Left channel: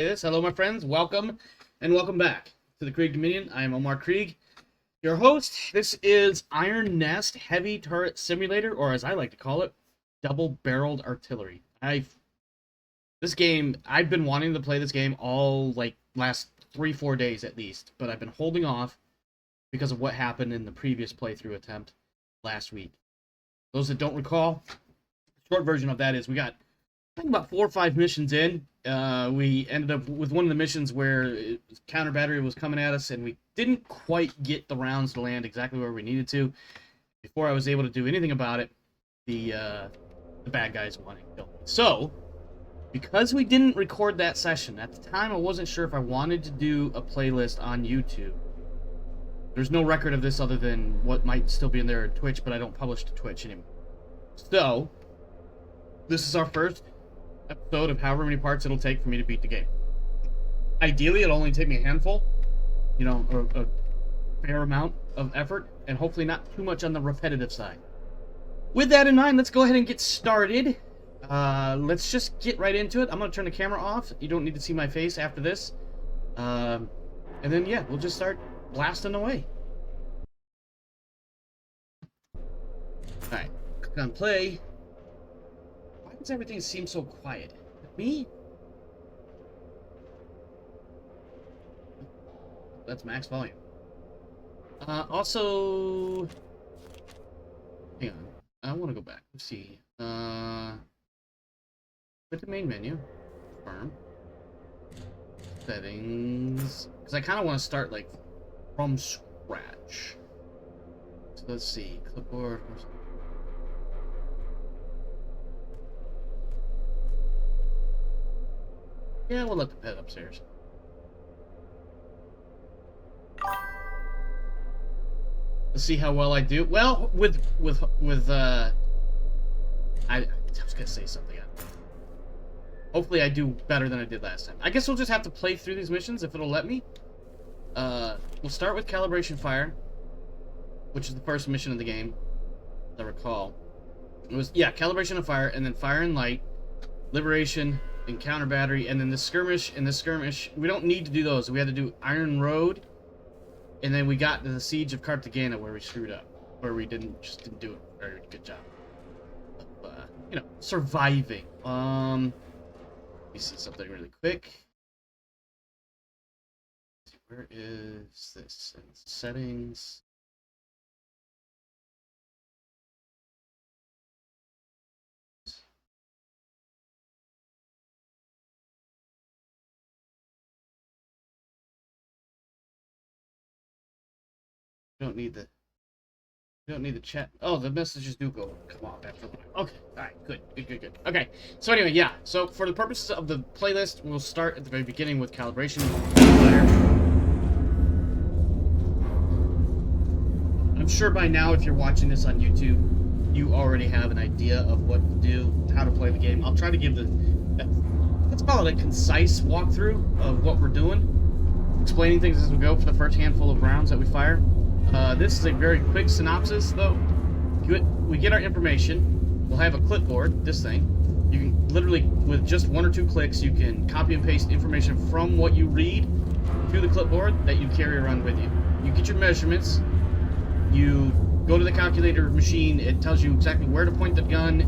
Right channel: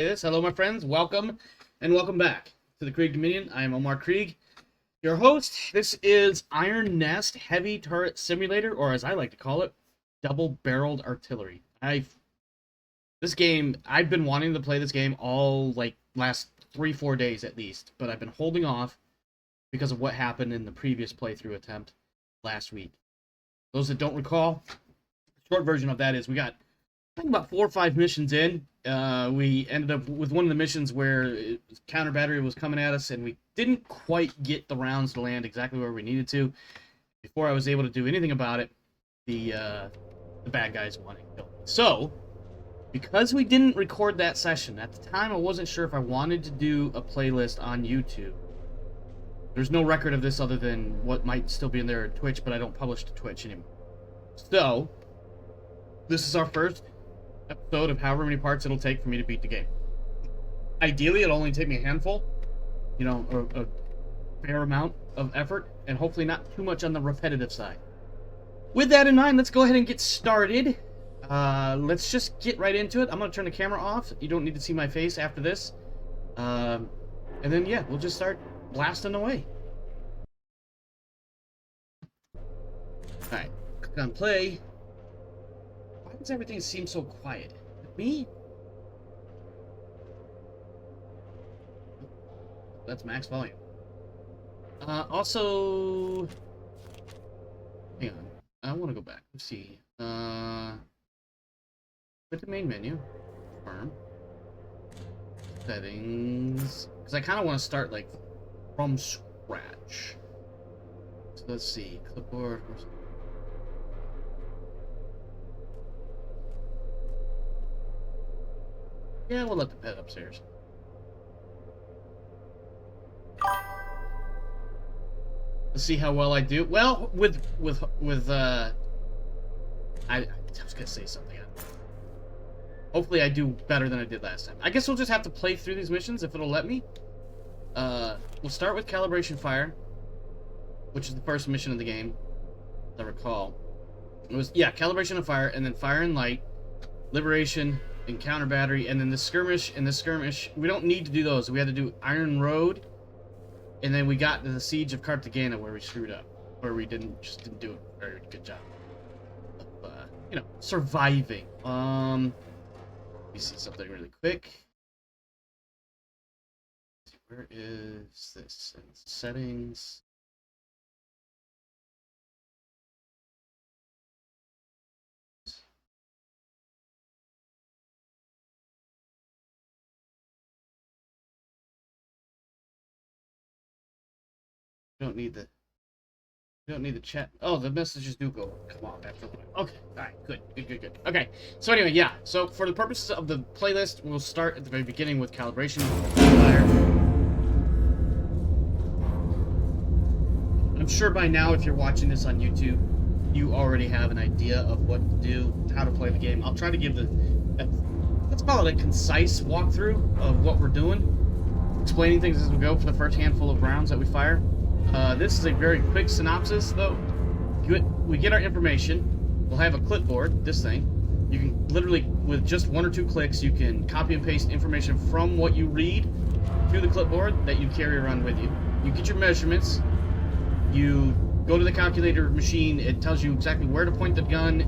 Hello, my friends. Welcome and welcome back to the Krieg Dominion. I am Omar Krieg, your host. This is Iron Nest Heavy Turret Simulator, or as I like to call it, Double-Barreled Artillery. I've been wanting to play this game all last 3-4 days at least, but I've been holding off because of what happened in the previous playthrough attempt last week. Those that don't recall, the short version of that is we got about 4 or 5 missions in. We ended up with one of the missions where counter battery was coming at us, and we didn't quite get the rounds to land exactly where we needed to. Before I was able to do anything about it, the bad guys wanted to kill me. So, because we didn't record that session, at the time I wasn't sure if I wanted to do a playlist on YouTube. There's no record of this other than what might still be in there on Twitch, but I don't publish to Twitch anymore. So, this is our first episode of however many parts it'll take for me to beat the game. Ideally, it'll only take me a handful, a fair amount of effort, and hopefully not too much on the repetitive side. With that in mind, let's go ahead and get started. Let's just get right into it. I'm going to turn the camera off. You don't need to see my face after this. And then, yeah, we'll just start blasting away. Alright, click on play. Why does everything seem so quiet? Me? That's max volume. Also, hang on. I want to go back. Let's see. With the main menu, confirm settings, because I kind of want to start from scratch. So let's see. Clipboard. Yeah, we'll let the pet upstairs. Let's see how well I do. Well, I was gonna say something. Hopefully I do better than I did last time. I guess we'll just have to play through these missions if it'll let me. We'll start with calibration fire, which is the first mission of the game, as I recall. It was, yeah, calibration of fire, and then fire and light, liberation, and counter battery, and then the skirmish. And the skirmish, we don't need to do those. We had to do Iron Road, and then we got to the siege of Cartagena where we screwed up, where we didn't do a very good job of, surviving. Let me see something really quick. Where is this? In settings. Don't need the chat. Oh, the messages do come off after a while. Okay, alright, good. Okay, so anyway, yeah. So for the purposes of the playlist, we'll start at the very beginning with calibration fire. I'm sure by now, if you're watching this on YouTube, you already have an idea of what to do, how to play the game. I'll try to give let's call it a concise walkthrough of what we're doing, explaining things as we go for the first handful of rounds that we fire. This is a very quick synopsis, though. We get our information. We'll have a clipboard, this thing. You can literally, with just 1 or 2 clicks, you can copy and paste information from what you read to the clipboard that you carry around with you. You get your measurements. You go to the calculator machine. It tells you exactly where to point the gun.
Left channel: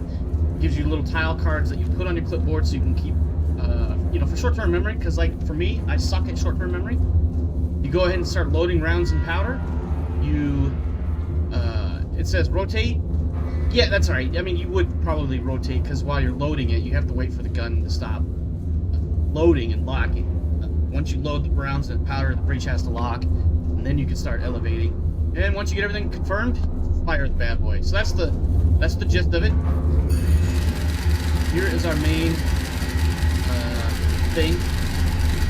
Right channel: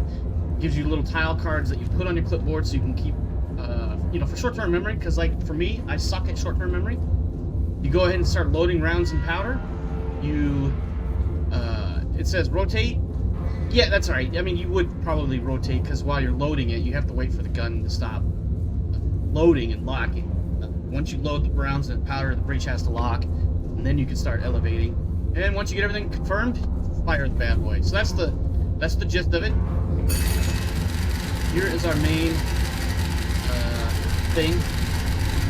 Gives you little tile cards that you put on your clipboard so you can keep, for short-term memory. Because, for me, I suck at short-term memory. You go ahead and start loading rounds and powder. It says rotate. Yeah, that's alright. I mean, you would probably rotate, because while you're loading it, you have to wait for the gun to stop loading and locking. Once you load the rounds and powder, the breech has to lock, and then you can start elevating. And once you get everything confirmed, fire the bad boy. So that's the gist of it. Here is our main thing.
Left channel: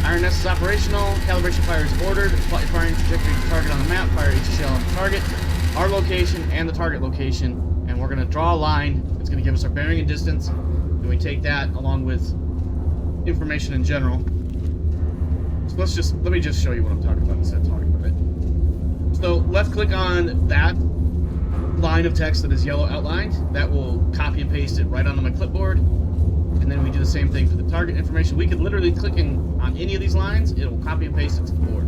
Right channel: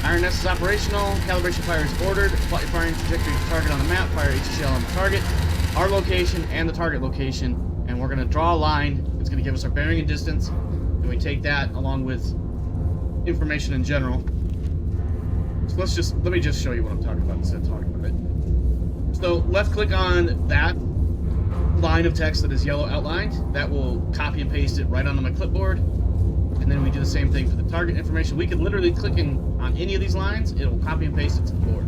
Iron Nest is operational. Calibration fire is ordered. Plot your firing trajectory to target on the map. Fire each shell on the target, our location, and the target location. And we're going to draw a line. It's going to give us our bearing and distance. And we take that along with information in general. So let me just show you what I'm talking about instead of talking about it. So left click on that line of text that is yellow outlined. That will copy and paste it right onto my clipboard. and then we do the same thing for the target information. We could literally click on any of these lines, it'll copy and paste it to the board.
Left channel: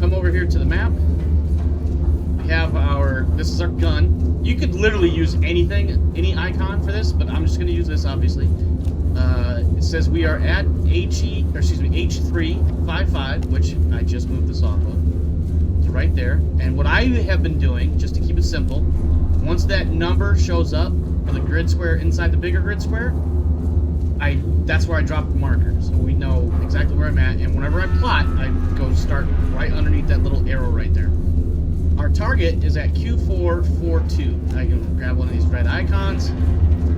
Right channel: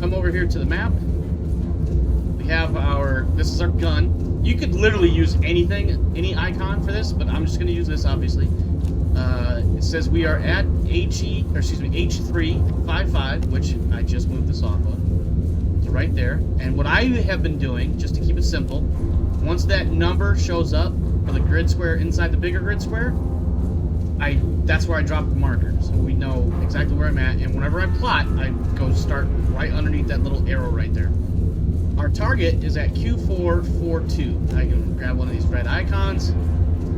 Come over here to the map. We have this is our gun. You could literally use anything, any icon for this, but I'm just going to use this, obviously. It says we are at H355, which I just moved this off of. So right there. And what I have been doing, just to keep it simple, once that number shows up for the grid square inside the bigger grid square, that's where I drop the marker, so we know exactly where I'm at. And whenever I plot, I go start right underneath that little arrow right there. Our target is at Q442. I can grab one of these red icons.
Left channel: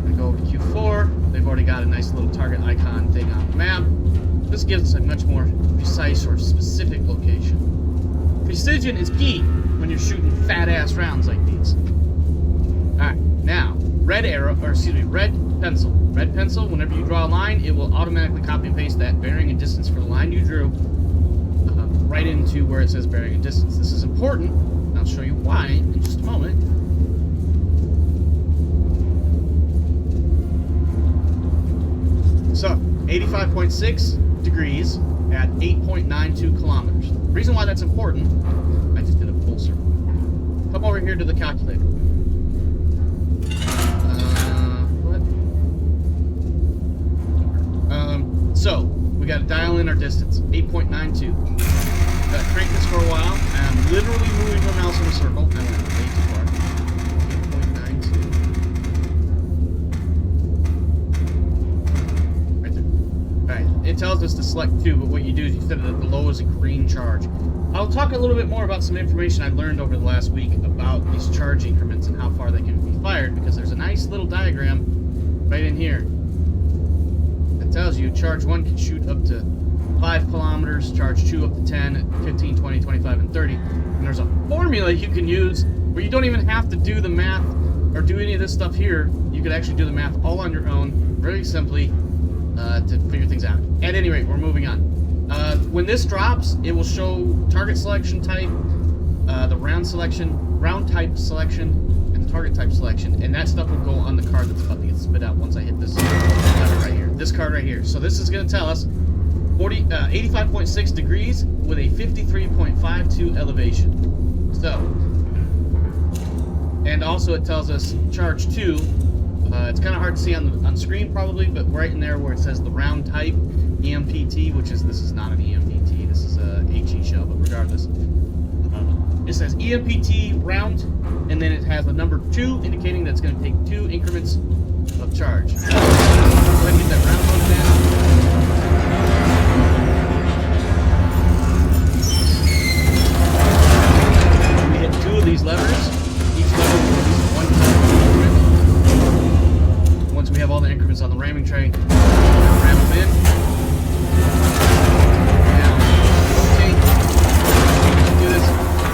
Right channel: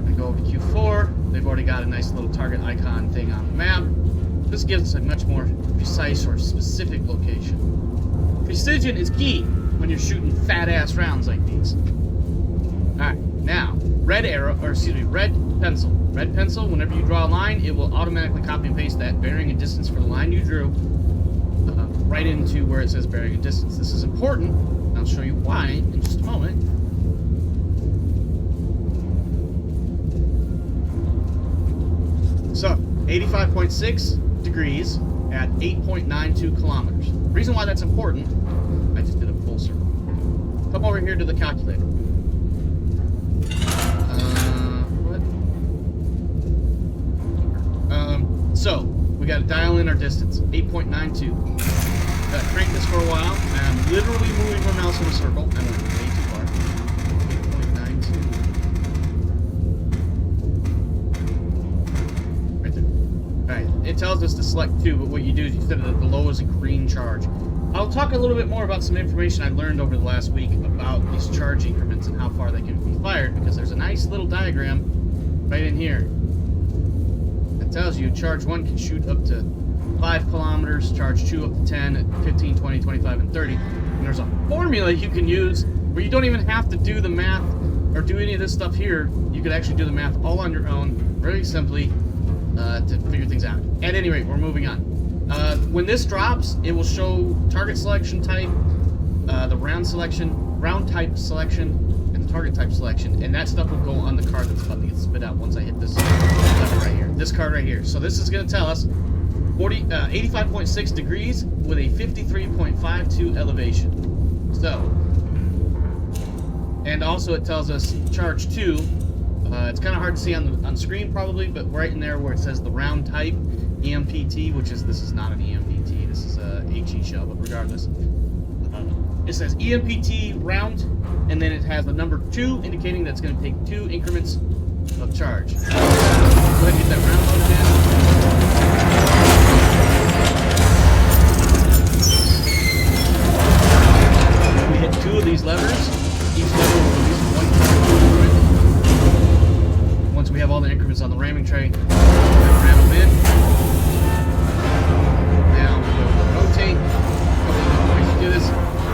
I go over to Q4. They've already got a nice little target icon thing on the map. This gives us a much more precise or specific location. Precision is key when you're shooting fat-ass rounds like these. Alright, now, red pencil. Red pencil, whenever you draw a line, it will automatically copy and paste that bearing and distance for the line you drew right into where it says bearing and distance. This is important, and I'll show you why in just a moment. So, 85.6 degrees at 8.92 kilometers. The reason why that's important, I just did a full circle. Come over here to the calculator. So, we got to dial in our distance, 8.92. Got to crank this for a while. I'm literally moving my mouse in a circle. I went way too far. 8.92. Right there. Alright, it tells us to select 2, but what you do is you set it at the lowest green charge. I'll talk a little bit more about some information I learned over the last week about these charge increments and how far they can be fired, because there's a nice little diagram right in here. It tells you charge 1 can shoot up to 5 kilometers, charge 2 up to 10, 15, 20, 25, and 30. And there's a formula you can use where you don't even have to do the math or do any of this stuff here. You could actually do the math all on your own, very simply, to figure things out. At any rate, we're moving on. When this drops, it will show target selection type, the round type selection, and the target type selection, and that stuff will go on the card that's about to get spit out once I hit this lever right here. This card right here. So this is going to tell us 85.6 degrees with a 53.52 elevation. So, and also it tells us charge 2. It's kind of hard to see on the screen probably, but right in there where it says the round type EMPT, this is not an EMPT, this is a HE shell, but regardless. It says EMPT round, and then it has the number 2, indicating that it's going to take 2 increments of charge. Go ahead and get that round loaded in. We hit 2 of these levers. Each lever will release 1 charge increment. Once we have all the increments on the ramming tray, ram them in. Now, rotate. We should do this.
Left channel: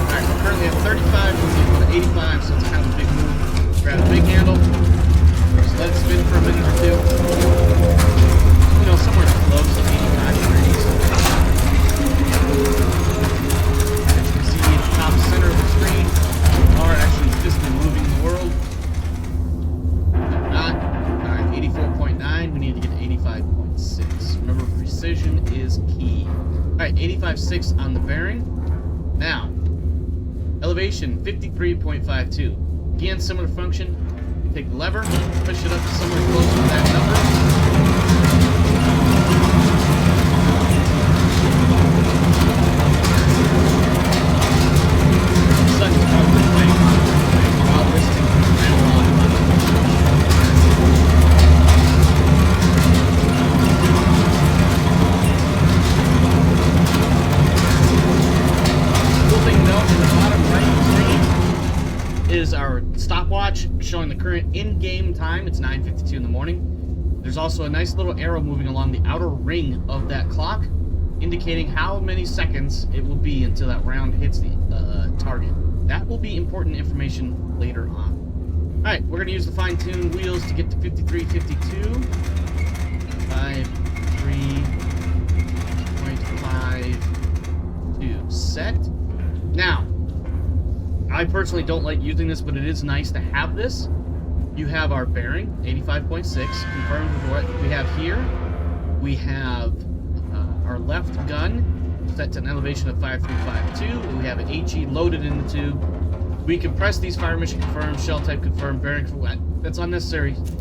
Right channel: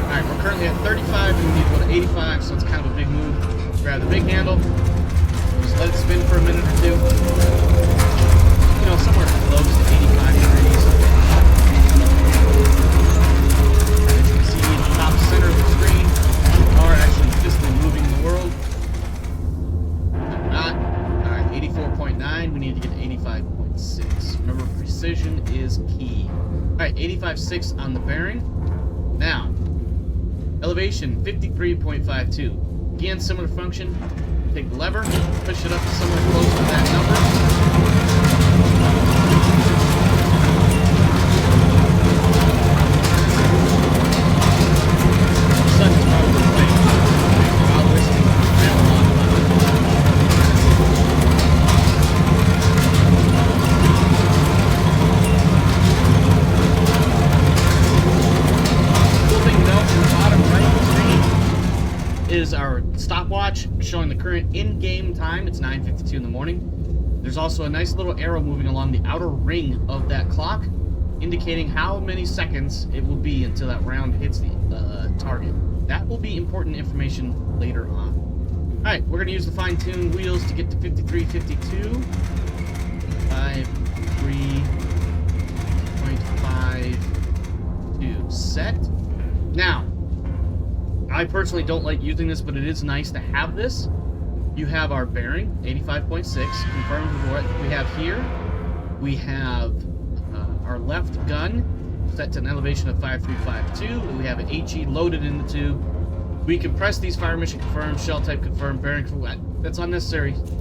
Alright, we're currently at 35, and we need to go to 85, so it's kind of a big move. Grab the big handle, just let it spin for a minute or 2. You know, somewhere close to 85 degrees. As you can see in the top center of the screen, we are actually physically moving the world. If not, alright, 84.9, we need to get to 85.6. Remember, precision is key. Alright, 85.6 on the bearing. Now, elevation 53.52. Again, similar function. Take the lever, push it up to somewhere close to that number. The sun is probably playing while listening to me ramble on about it. Cool thing to note in the bottom right screen is our stopwatch showing the current in-game time. It's 9:52 in the morning. There's also a nice little arrow moving along the outer ring of that clock, indicating how many seconds it will be until that round hits the target. That will be important information later on. Alright, we're going to use the fine-tuned wheels to get to 53.52. 53.52 set. Now, I personally don't like using this, but it is nice to have this. you have our bearing, 85.6, confirmed with what we have here. We have our left gun set to an elevation of 5352. We have an HE loaded in the tube. We compress these fire mission confirmed, shell type confirmed, bearing for what? That's unnecessary. Just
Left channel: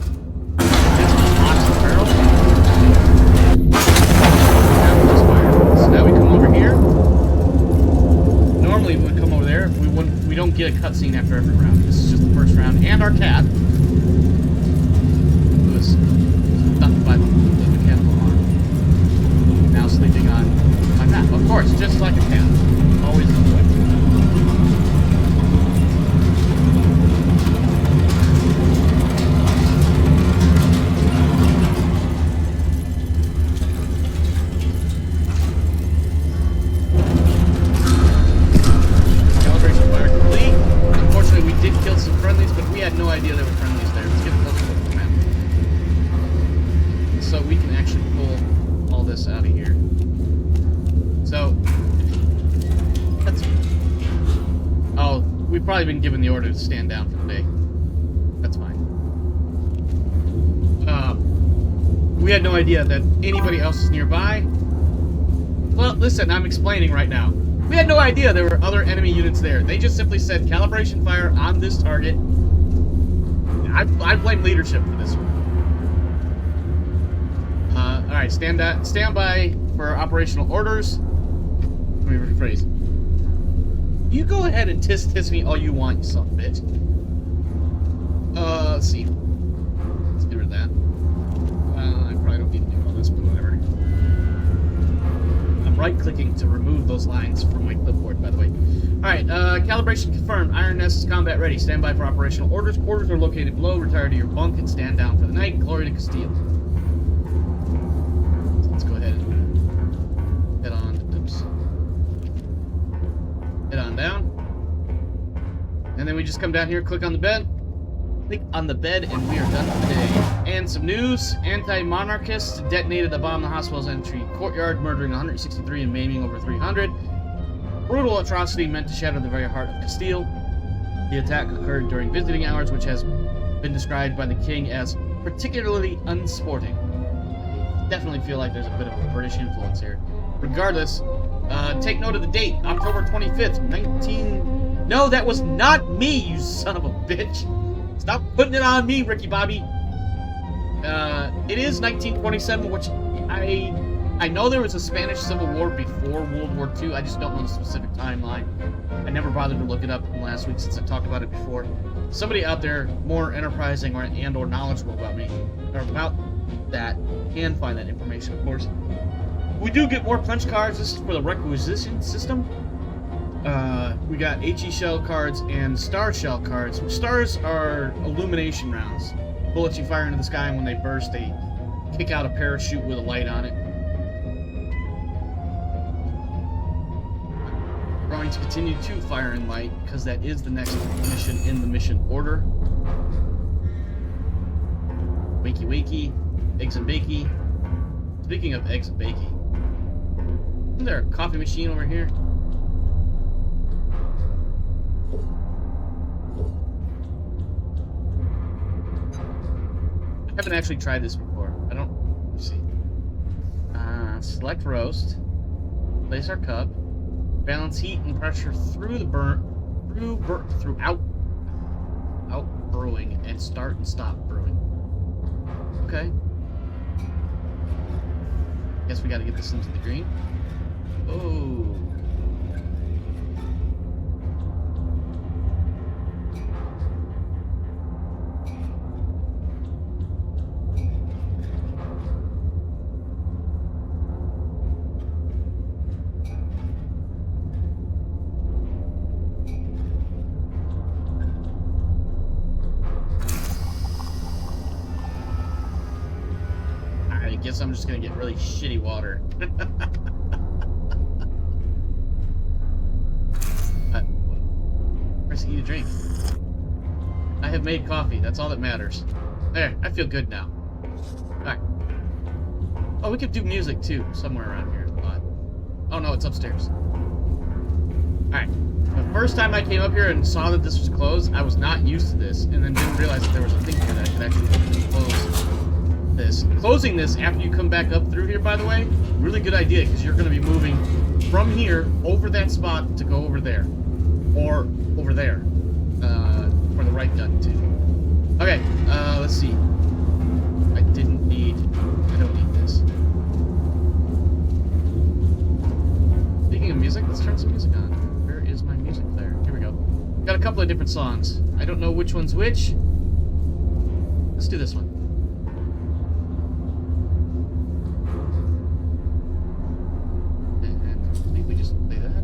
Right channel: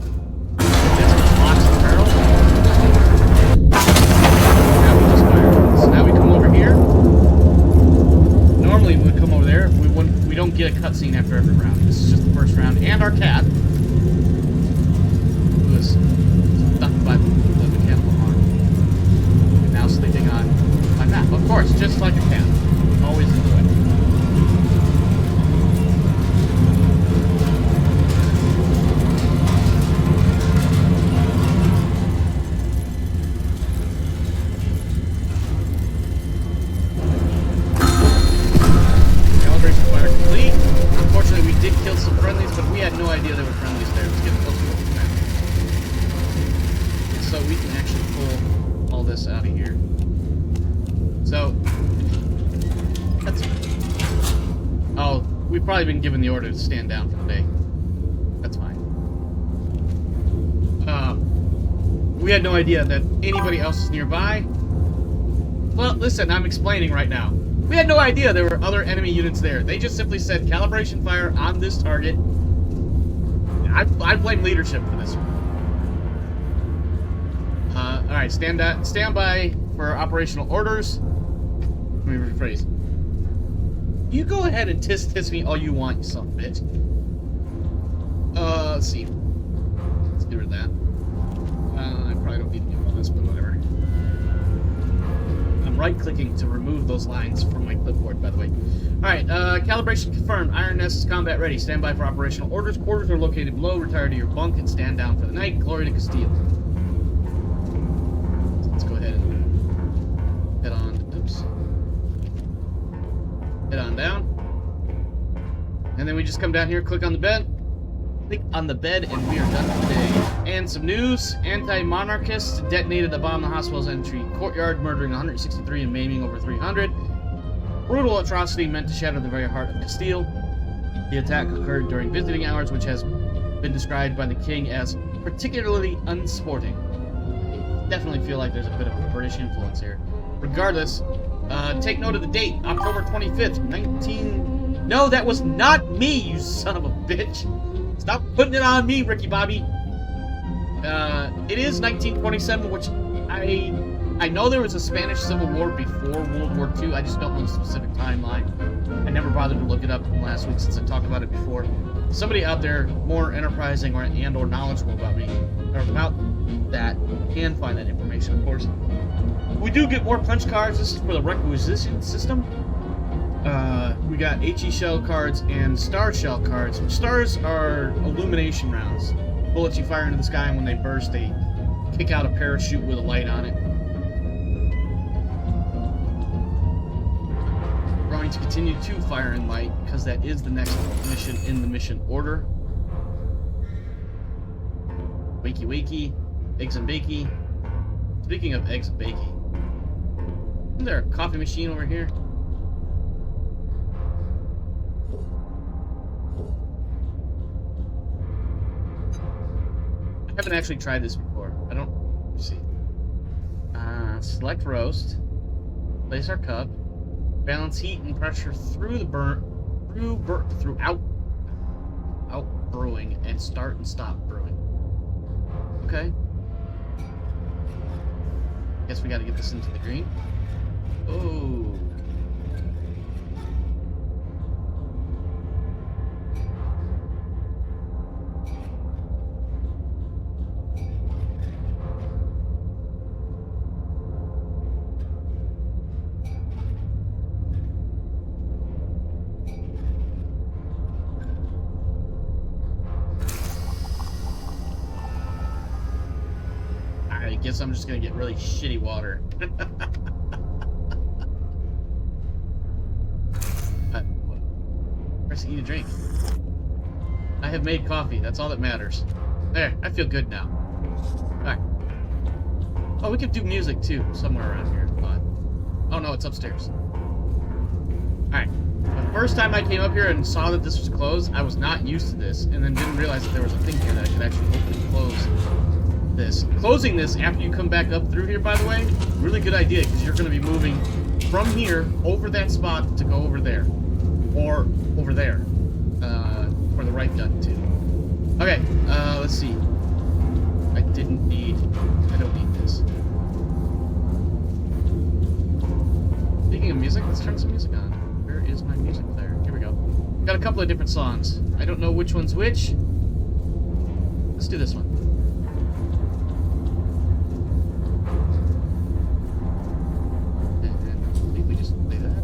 locks the barrel. Now we just fire. So now we come over here. Normally we would come over there. We don't get a cutscene after every round. This is just the first round. And our cat, who is stuck by the mechanical arm, now sleeping on my map. Of course, just like a cat, always in the way. Did kill some friendlies, but we had no idea there were friendlies there. Let's get a closer look at the map. So we can actually pull all this out of here. So, that's... Oh, we've probably been given the order to stand down for the day. That's fine. We had no idea that anybody else is nearby. Well, listen, I'm explaining right now. We had no idea there were other enemy units there. They just simply said calibration fire on this target. I blame leadership for this one. Alright, stand by for operational orders. Let me rephrase. You go ahead and tisk me all you want, you son of a bitch. Let's see. Let's get rid of that. I probably don't need to do all this, but whatever. I'm right-clicking to remove those lines from my clipboard, by the way. Alright, calibration confirmed. Iron Nest is combat ready. Stand by for operational orders. Quarters are located below. Retire to your bunk and stand down for the night. Glory to Castile. So let's go ahead and head on. Oops. Head on down. And then we just come down here, click on the bed. Click on the bed, and we are done for the day. And some news. Anti-Monarchists detonated a bomb in the hospital's entry courtyard, murdering 163 and maiming over 300. Brutal atrocity meant to shatter the very heart of Castile. The attack occurred during visiting hours, which has been described by the king as particularly unsporting. I definitely feel like there's a bit of a British influence here. Regardless, take note of the date, October 25th, 19... No, that was not me, you son of a bitch! Stop putting it on me, Ricky Bobby. It is 1927, which I know there was a Spanish Civil War before World War II. I just don't know the specific timeline. I never bothered to look it up last week since I talked about it before. Somebody out there more enterprising or knowledgeable about me or about that can find that information, of course. We do get more punch cards. This is for the requisition system. We got HE shell cards and star shell cards. Stars are illumination rounds. Bullets you fire into the sky, and when they burst, they kick out a parachute with a light on it. We're going to continue to fire in light, because that is the next mission in the mission order. Wakey wakey. Eggs and bakey. Speaking of eggs and bakey, isn't there a coffee machine over here? I haven't actually tried this before. I don't... Let's see. Select roast. Place our cup. Balance heat and pressure through the throughout brewing, and start and stop brewing. Okay. Guess we gotta get this into the green. Oh. I guess I'm just gonna get really shitty water. Press E to drink. I have made coffee. That's all that matters. There, I feel good now. Alright. Oh, we could do music too, somewhere around here. Oh no, it's upstairs. Alright. first time I came up here and saw that this was closed, I was not used to this, and then didn't realize that there was a thing here that I could actually open and close this. Closing this after you come back up through here, by the way, really good idea, because you're going to be moving from here over that spot to go over there. Or over there. For the right gun, too. Okay, let's see. I don't need this. Speaking of music, let's turn some music on. Where is my music player? Here we go. Got a couple of different songs. I don't know which one's which. Let's do this one. And I believe we just play that.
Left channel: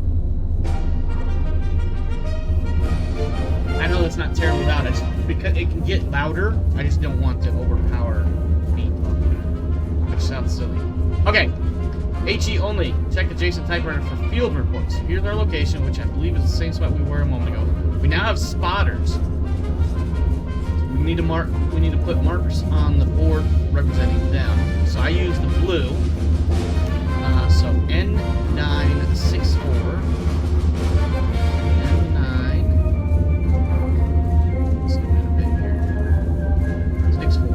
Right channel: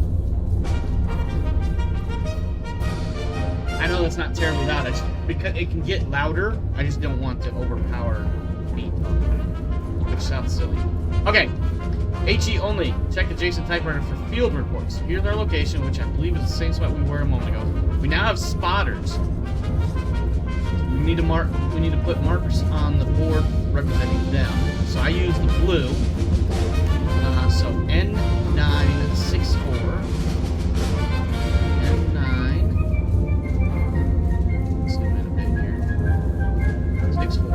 I know that's not terribly loud. I just, because it can get louder, I just don't want to overpower beat, which sounds silly. Okay. HE only. Check adjacent typewriter for field reports. Here's our location, which I believe is the same spot we were a moment ago. We now have spotters. We need to put markers on the board representing them. So I use the blue. So N964. N9. Let's zoom in a bit here. 64.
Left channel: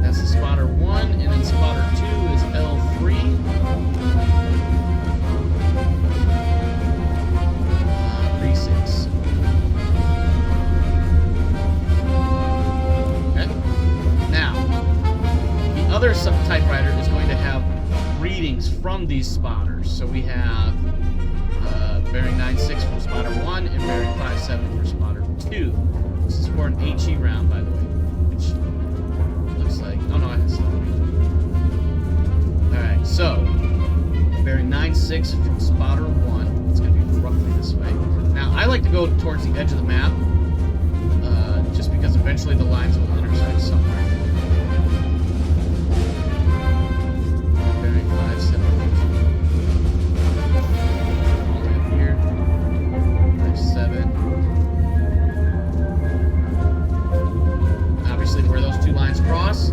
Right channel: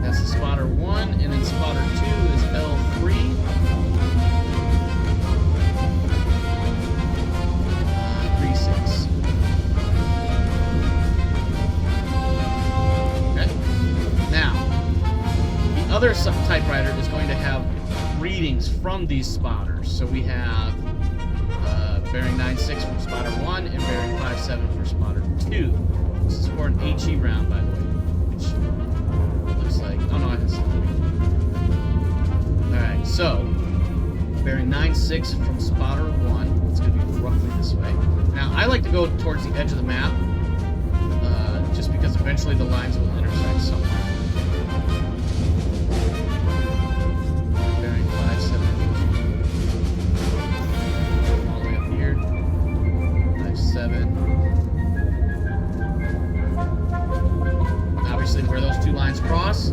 That's the spotter 1, and then spotter 2 is L3. 36. Okay. Now, the other typewriter is going to have readings from these spotters. So we have bearing 9.6 from spotter 1 and bearing 5.7 for spotter 2. This is for an HE round, by the way, which looks like... Oh, no, I have stuff. Alright, so bearing 9.6 from spotter 1. It's going to be roughly this way. Now, I like to go towards the edge of the map, just because eventually the lines will intersect somewhere. Bearing 5.7. All the way up here. 5.7. Obviously, where those two lines cross,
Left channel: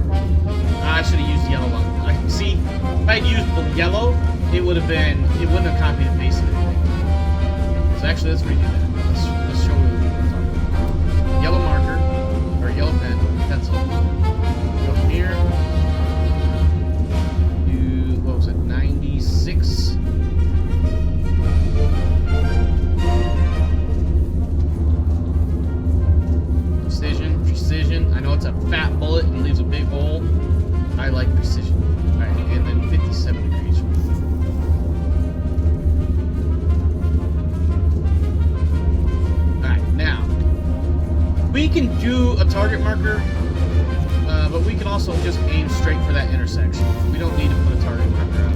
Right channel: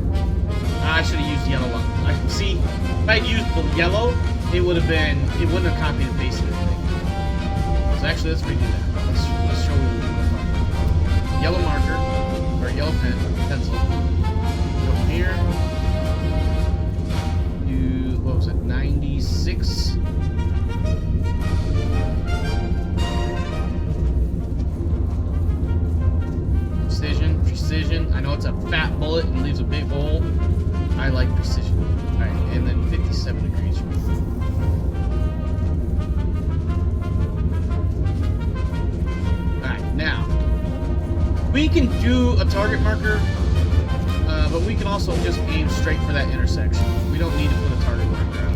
I should have used yellow one. See, if I had used the yellow, it wouldn't have copied and pasted anything. So actually, let's redo that. Let's show you what we're talking about. Yellow marker, or yellow pencil. Go from here to, what was it, 96. Precision. I know it's a fat bullet and leaves a big hole. I like precision. Alright, and then 57 degrees. Alright, now, we can do a target marker, but we can also just aim straight for that intersection. We don't need to put a target marker out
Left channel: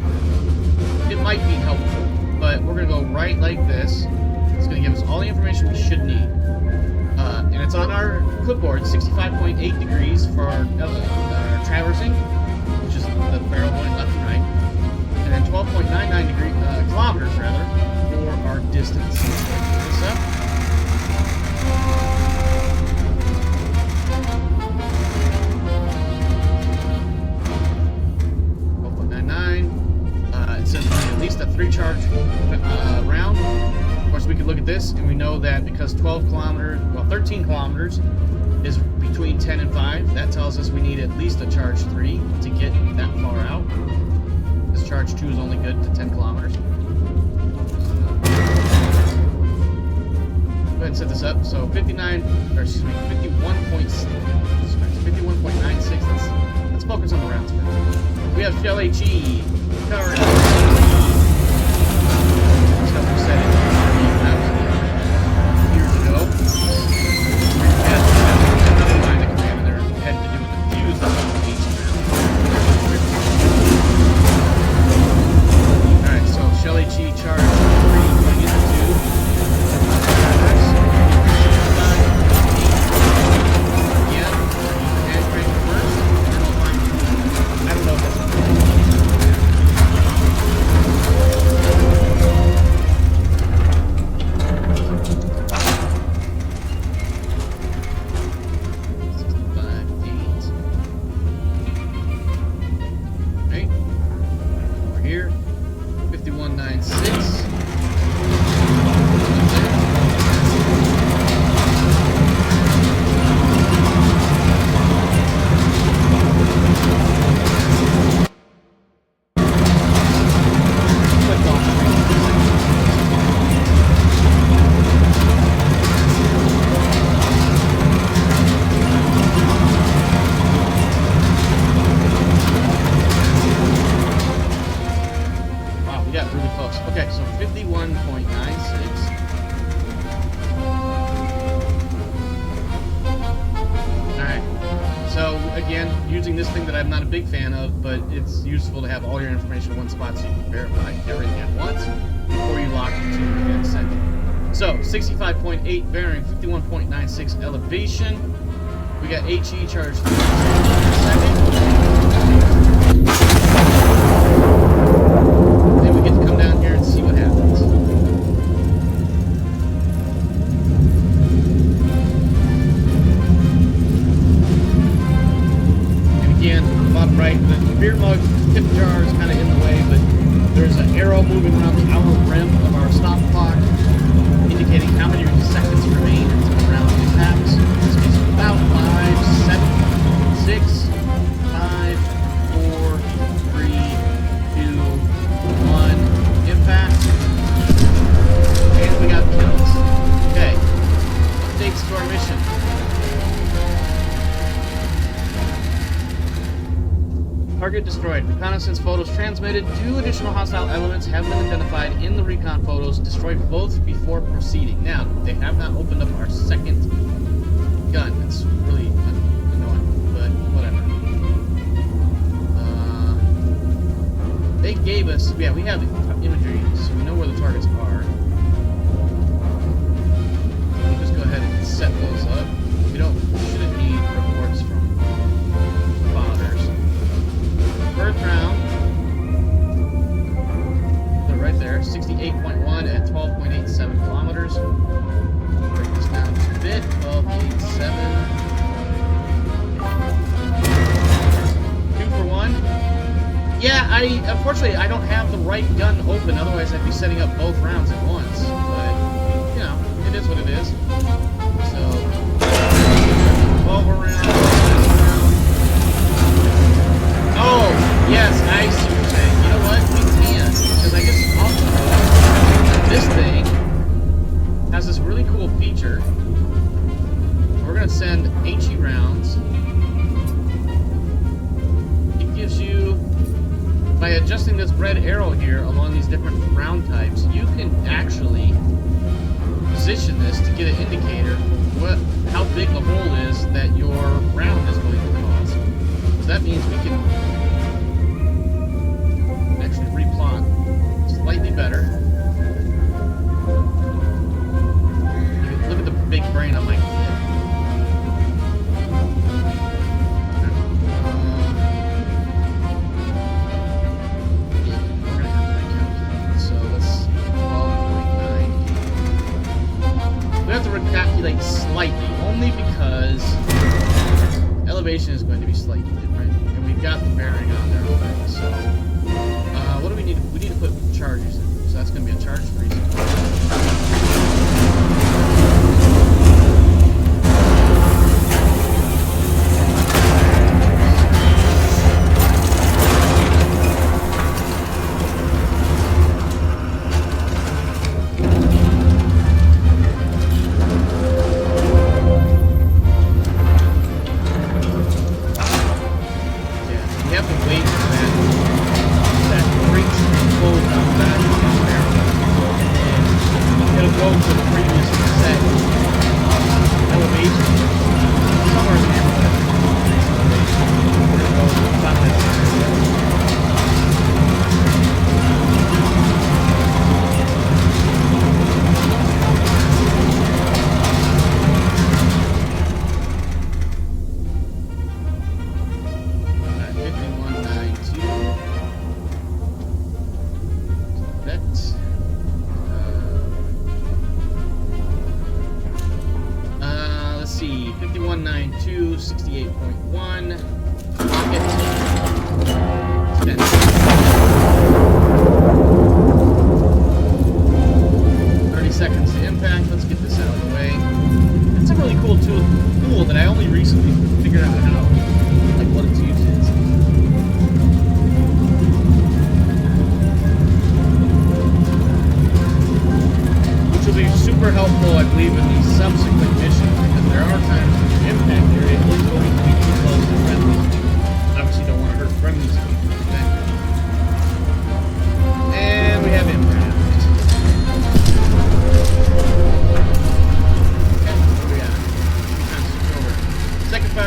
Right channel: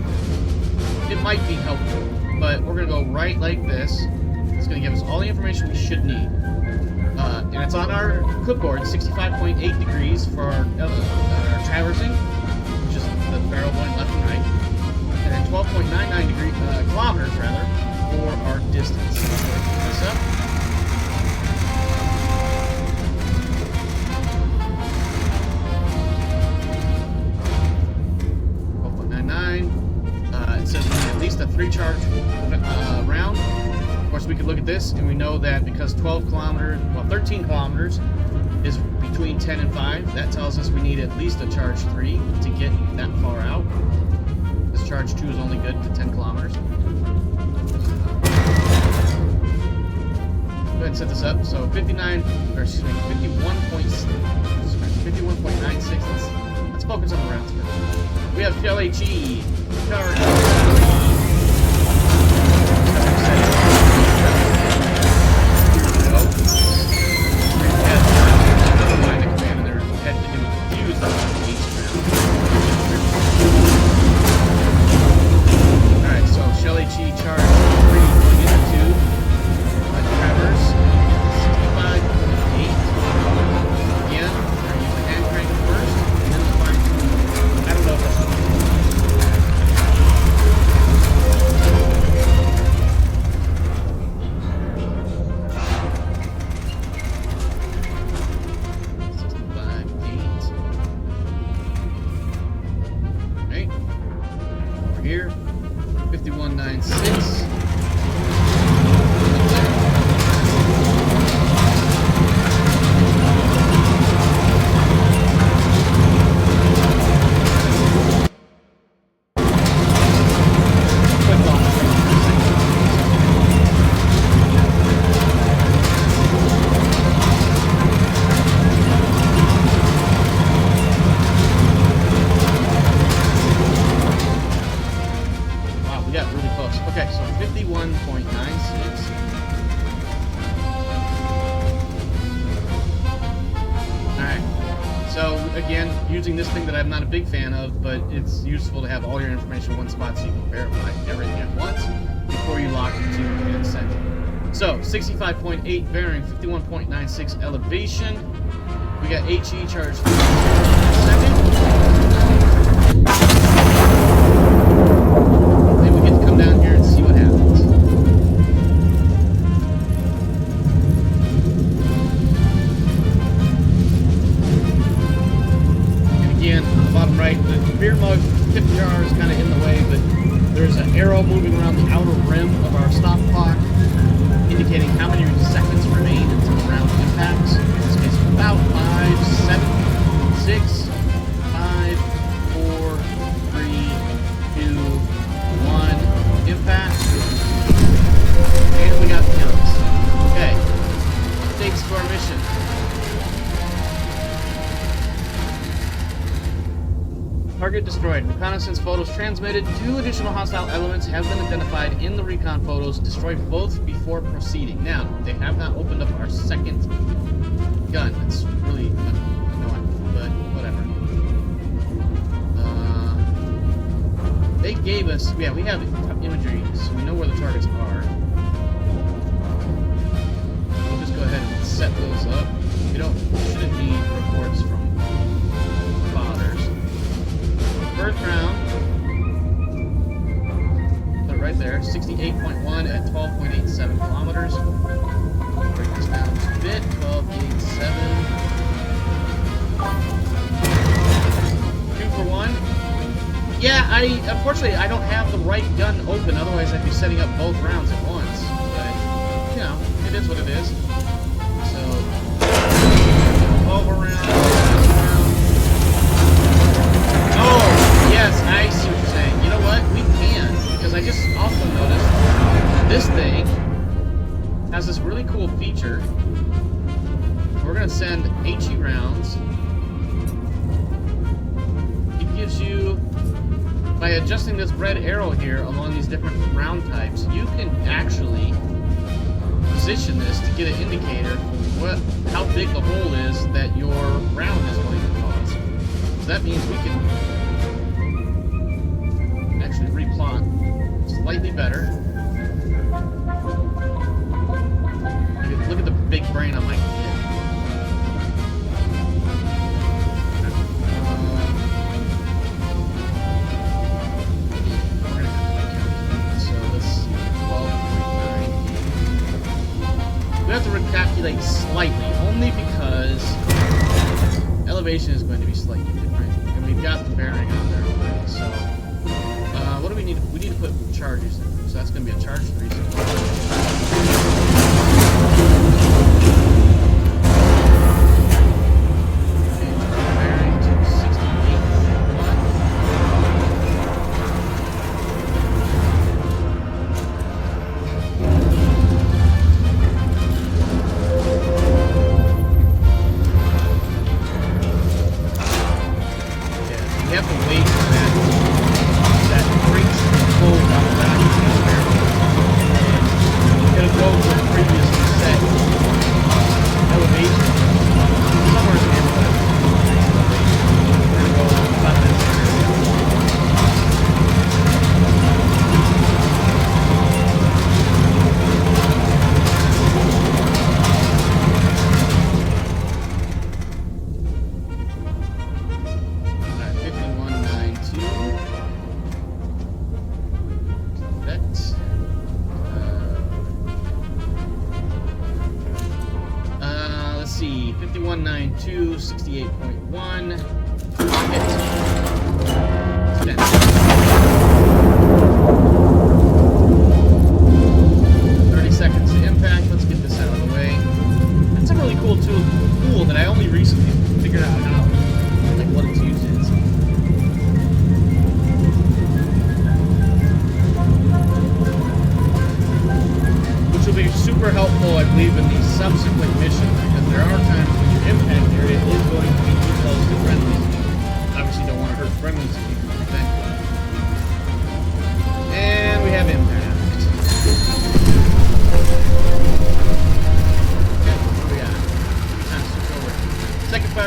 there. It might be helpful, but we're going to go right like this. It's going to give us all the information we should need. And it's on our clipboard, 65.8 degrees for our traversing, which is the barrel going left and right, and then 12.99 kilometers rather, for our distance. So let's pick this up. It says we need at least a 3-charge round. Of course, we could look at this, and we know that because 13 kilometers is between 10 and 5, that tells us we need at least a charge 3 to get that far out. This charge 2 is only good to 10 kilometers. Go ahead and set this up. So 51.96. Let's focus on the rounds first. We have shell HE. Charge 3. Years ago. We had another line of command in there had to do with the fuse that was on the H round. Alright, so shell HE charge 3 going into 2. Traverse. 65.8. Again, we're going to use the hand crank first, and then we'll find. I don't know if that's what we're doing. Here, 51.96. we got really close. Okay, so 51.96. Alright. So, again, using this thing that I'm not a big fan of, but it's useful to have all your information in one spot so you can verify everything at once before you lock into and send it. So, 65.8 bearing, 51.96 elevation. We got HE charge for a second. Then we get to come down here and see what happens. And again, on the bottom right, the beer mug tip jar is kind of in the way, but there's an arrow moving around the outer rim of our stop clock, indicating how many seconds remain until the round impacts. In this case, about 5, 7, 6, 5, 4, 3, 2, 1, impact. And we got kills. Okay. Updates to our mission. Target destroyed. Reconnaissance photos transmitted. 2 additional hostile elements have been identified in the recon photos. Destroy both before proceeding. Now, they have not opened up our second gun. That's really annoying, but whatever. They gave us... Yeah, we have imagery, so we know where the targets are. We'll just go ahead and set those up. We shouldn't need reports from spotters. First round, put it right there, 68.1 at 12.87 kilometers. Break this down just a bit, 12.87. 2 for 1. Yeah, unfortunately, I don't have the right gun open, otherwise I'd be setting up both rounds at once. But, you know, it is what it is. So, 12 around. Oh, yes, I see what you're saying. You know what? We can, because I just also noticed this thing has this really cool feature. We're going to send HE rounds. It gives you, by adjusting this red arrow here along these different round types, you can actually position this to get an indicator for how big the hole is that your round is going to cause. So that means we can actually replot slightly better. Look at the big brain on my kid. We're gonna have to calculate. So let's see, 12.98. We have to recalculate slightly, only because elevation is going to be slightly different, and we've got the bearing on there already. So, what do we need? We need to put charges in. So that's going to be a charge 3. Let's see, 5192, 68.1. Pocket. 30 seconds to impact. Let's get this out of the way. That's a really cool tool that I only recently figured out how, like, what its use is. Which will be super helpful, I believe, in the subsequent missions, because there are times when your impact area is going to be too close to friendlies. Obviously, don't want to hurt friendlies if you can prevent it. And we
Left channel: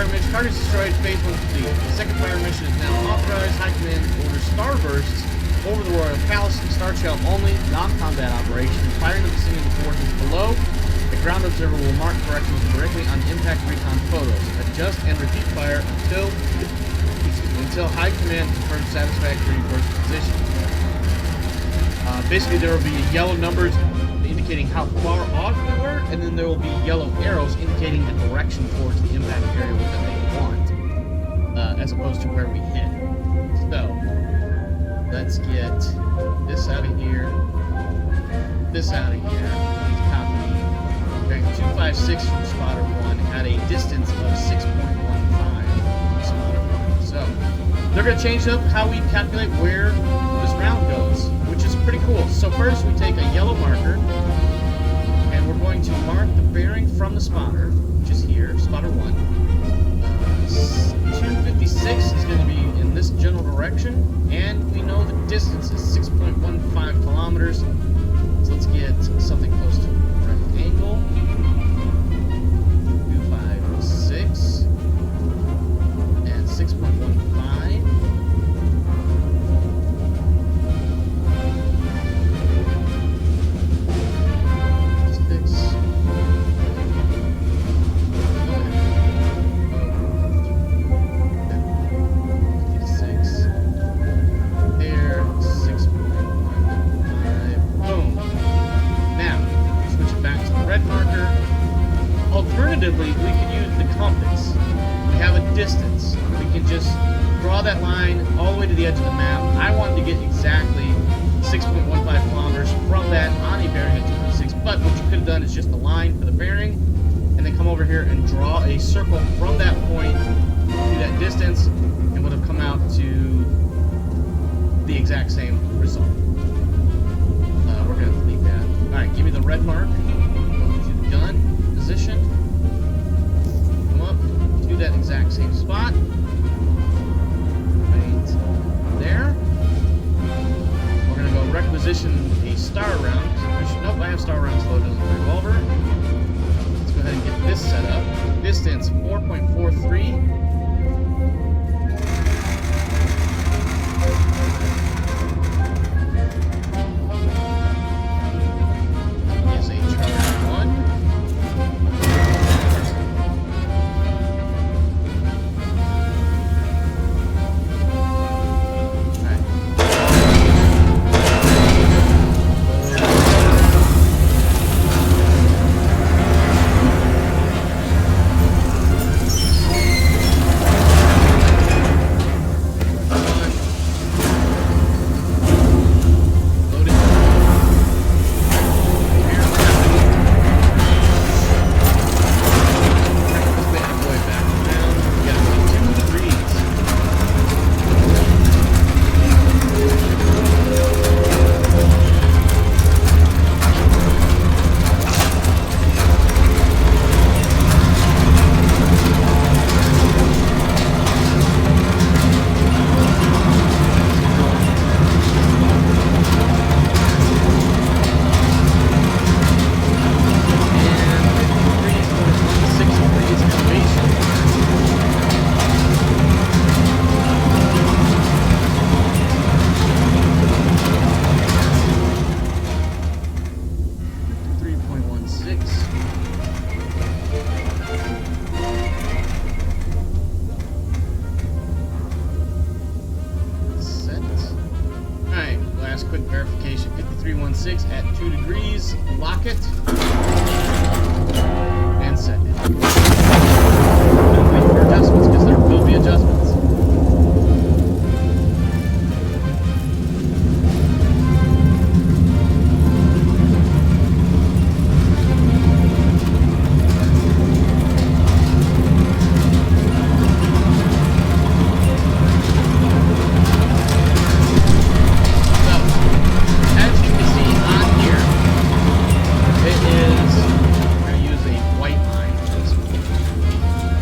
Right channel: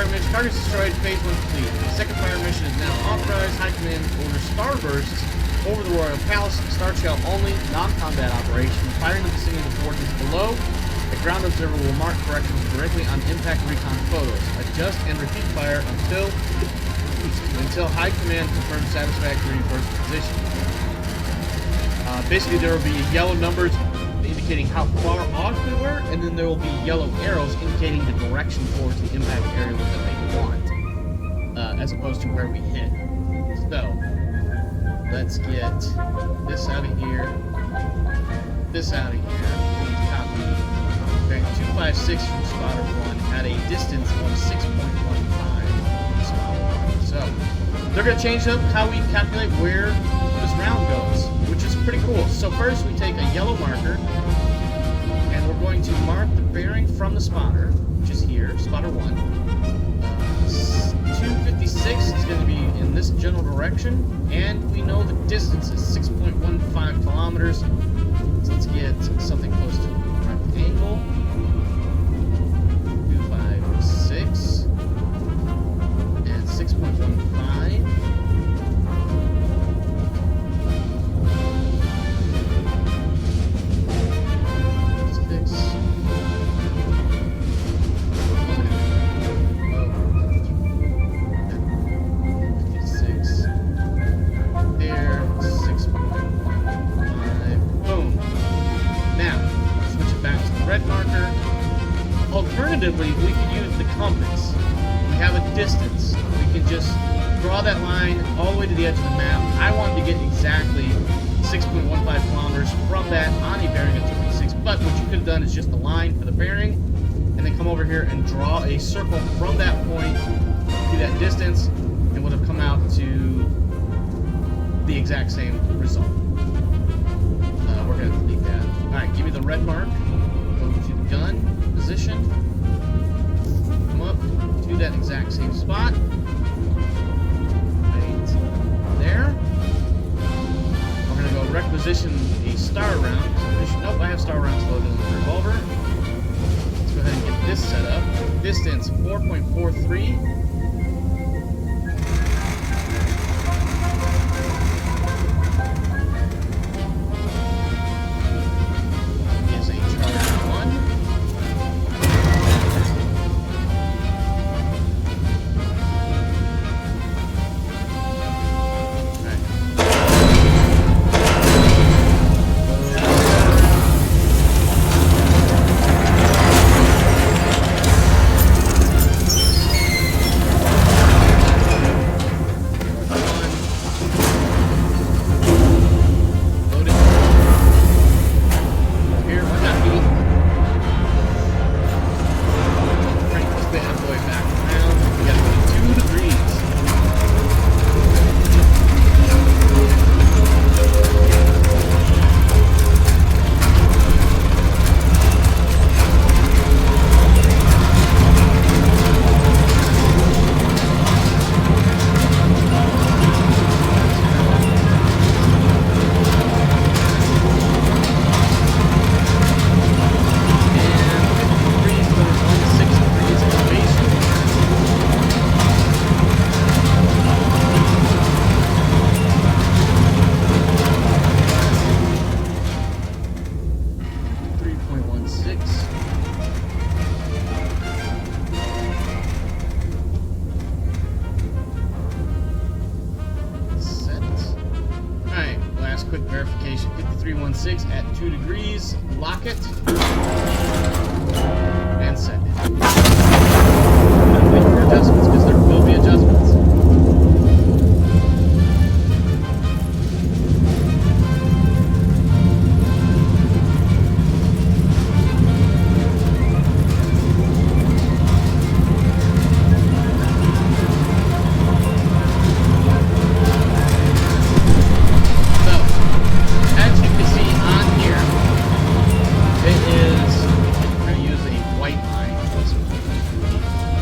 fire mission. Targets destroyed. Phase 1 complete. The second fire mission is now authorized. High Command orders starbursts over the Royal Palace. Star Shell only. Non-combat operation. Firing the vicinity of the fortress below. The ground observer will mark corrections directly on impact recon photos. Adjust and repeat fire until High Command confirms satisfactory first position. Basically, there will be yellow numbers indicating how far off we were, and then there will be yellow arrows indicating the direction towards the impact area that they want, as opposed to where we hit. So, let's get this out of here, this out of here. We need to copy bearing 256 from spotter 1 at a distance of 6.15 from spotter 1. So, they're going to change up how we calculate where this round goes, which is pretty cool. So first we take a yellow marker, and we're going to mark the bearing from the spotter, which is here, spotter 1. 256 is going to be in this general direction, and we know the distance is 6.15 kilometers. So let's get something close to the right angle. 256 and 6.15. Alternatively, we could use the compass. We have a distance. We can just draw that line all the way to the edge of the map. I wanted to get exactly 6.15 kilometers from that on a bearing of 256, but what you could have done is just the line for the bearing, and then come over here and draw a circle from that point to that distance, and would have come out to the exact same result. We're going to delete that. Alright, give me the red mark. Go to the gun position. Come up to that exact same spot. Right there. We're going to go requisition a star round. Nope, I have star rounds loaded on the revolver. Let's go ahead and get this set up. Distance 4.43. Quick verification, 5316 at 2 degrees, lock it, and set it. And wait for adjustments, because there will be adjustments.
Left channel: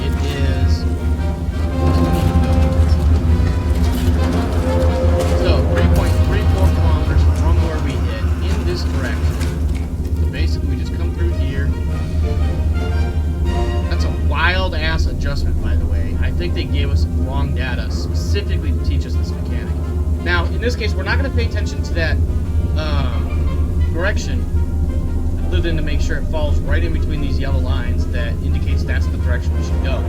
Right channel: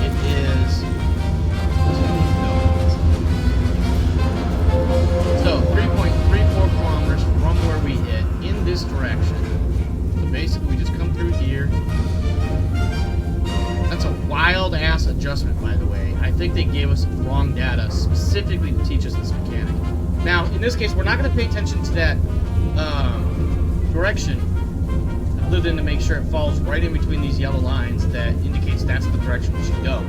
It is adjustment, by the way. I think they gave us wrong data specifically to teach us this mechanic. Now, in this case, we're not going to pay attention to that direction, other than to make sure it falls right in between these yellow lines that indicates that's the direction we should go.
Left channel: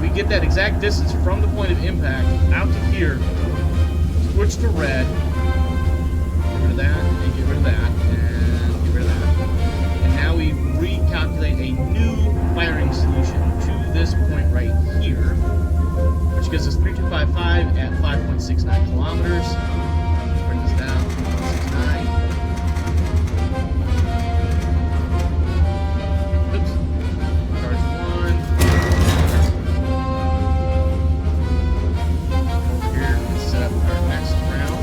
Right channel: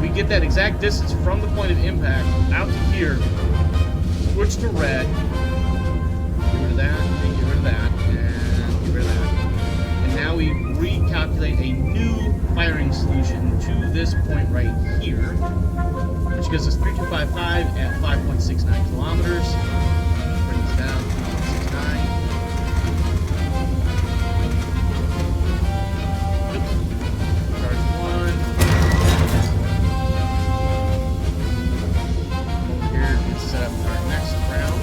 We get that exact distance from the point of impact out to here, switch to red, get rid of that, and get rid of that, and get rid of that. And now we recalculate a new firing solution to this point right here, which gives us 3255 at 5.69 kilometers. Bring this down to 5.69. Oops. Charge 1. Over here and set up our next round.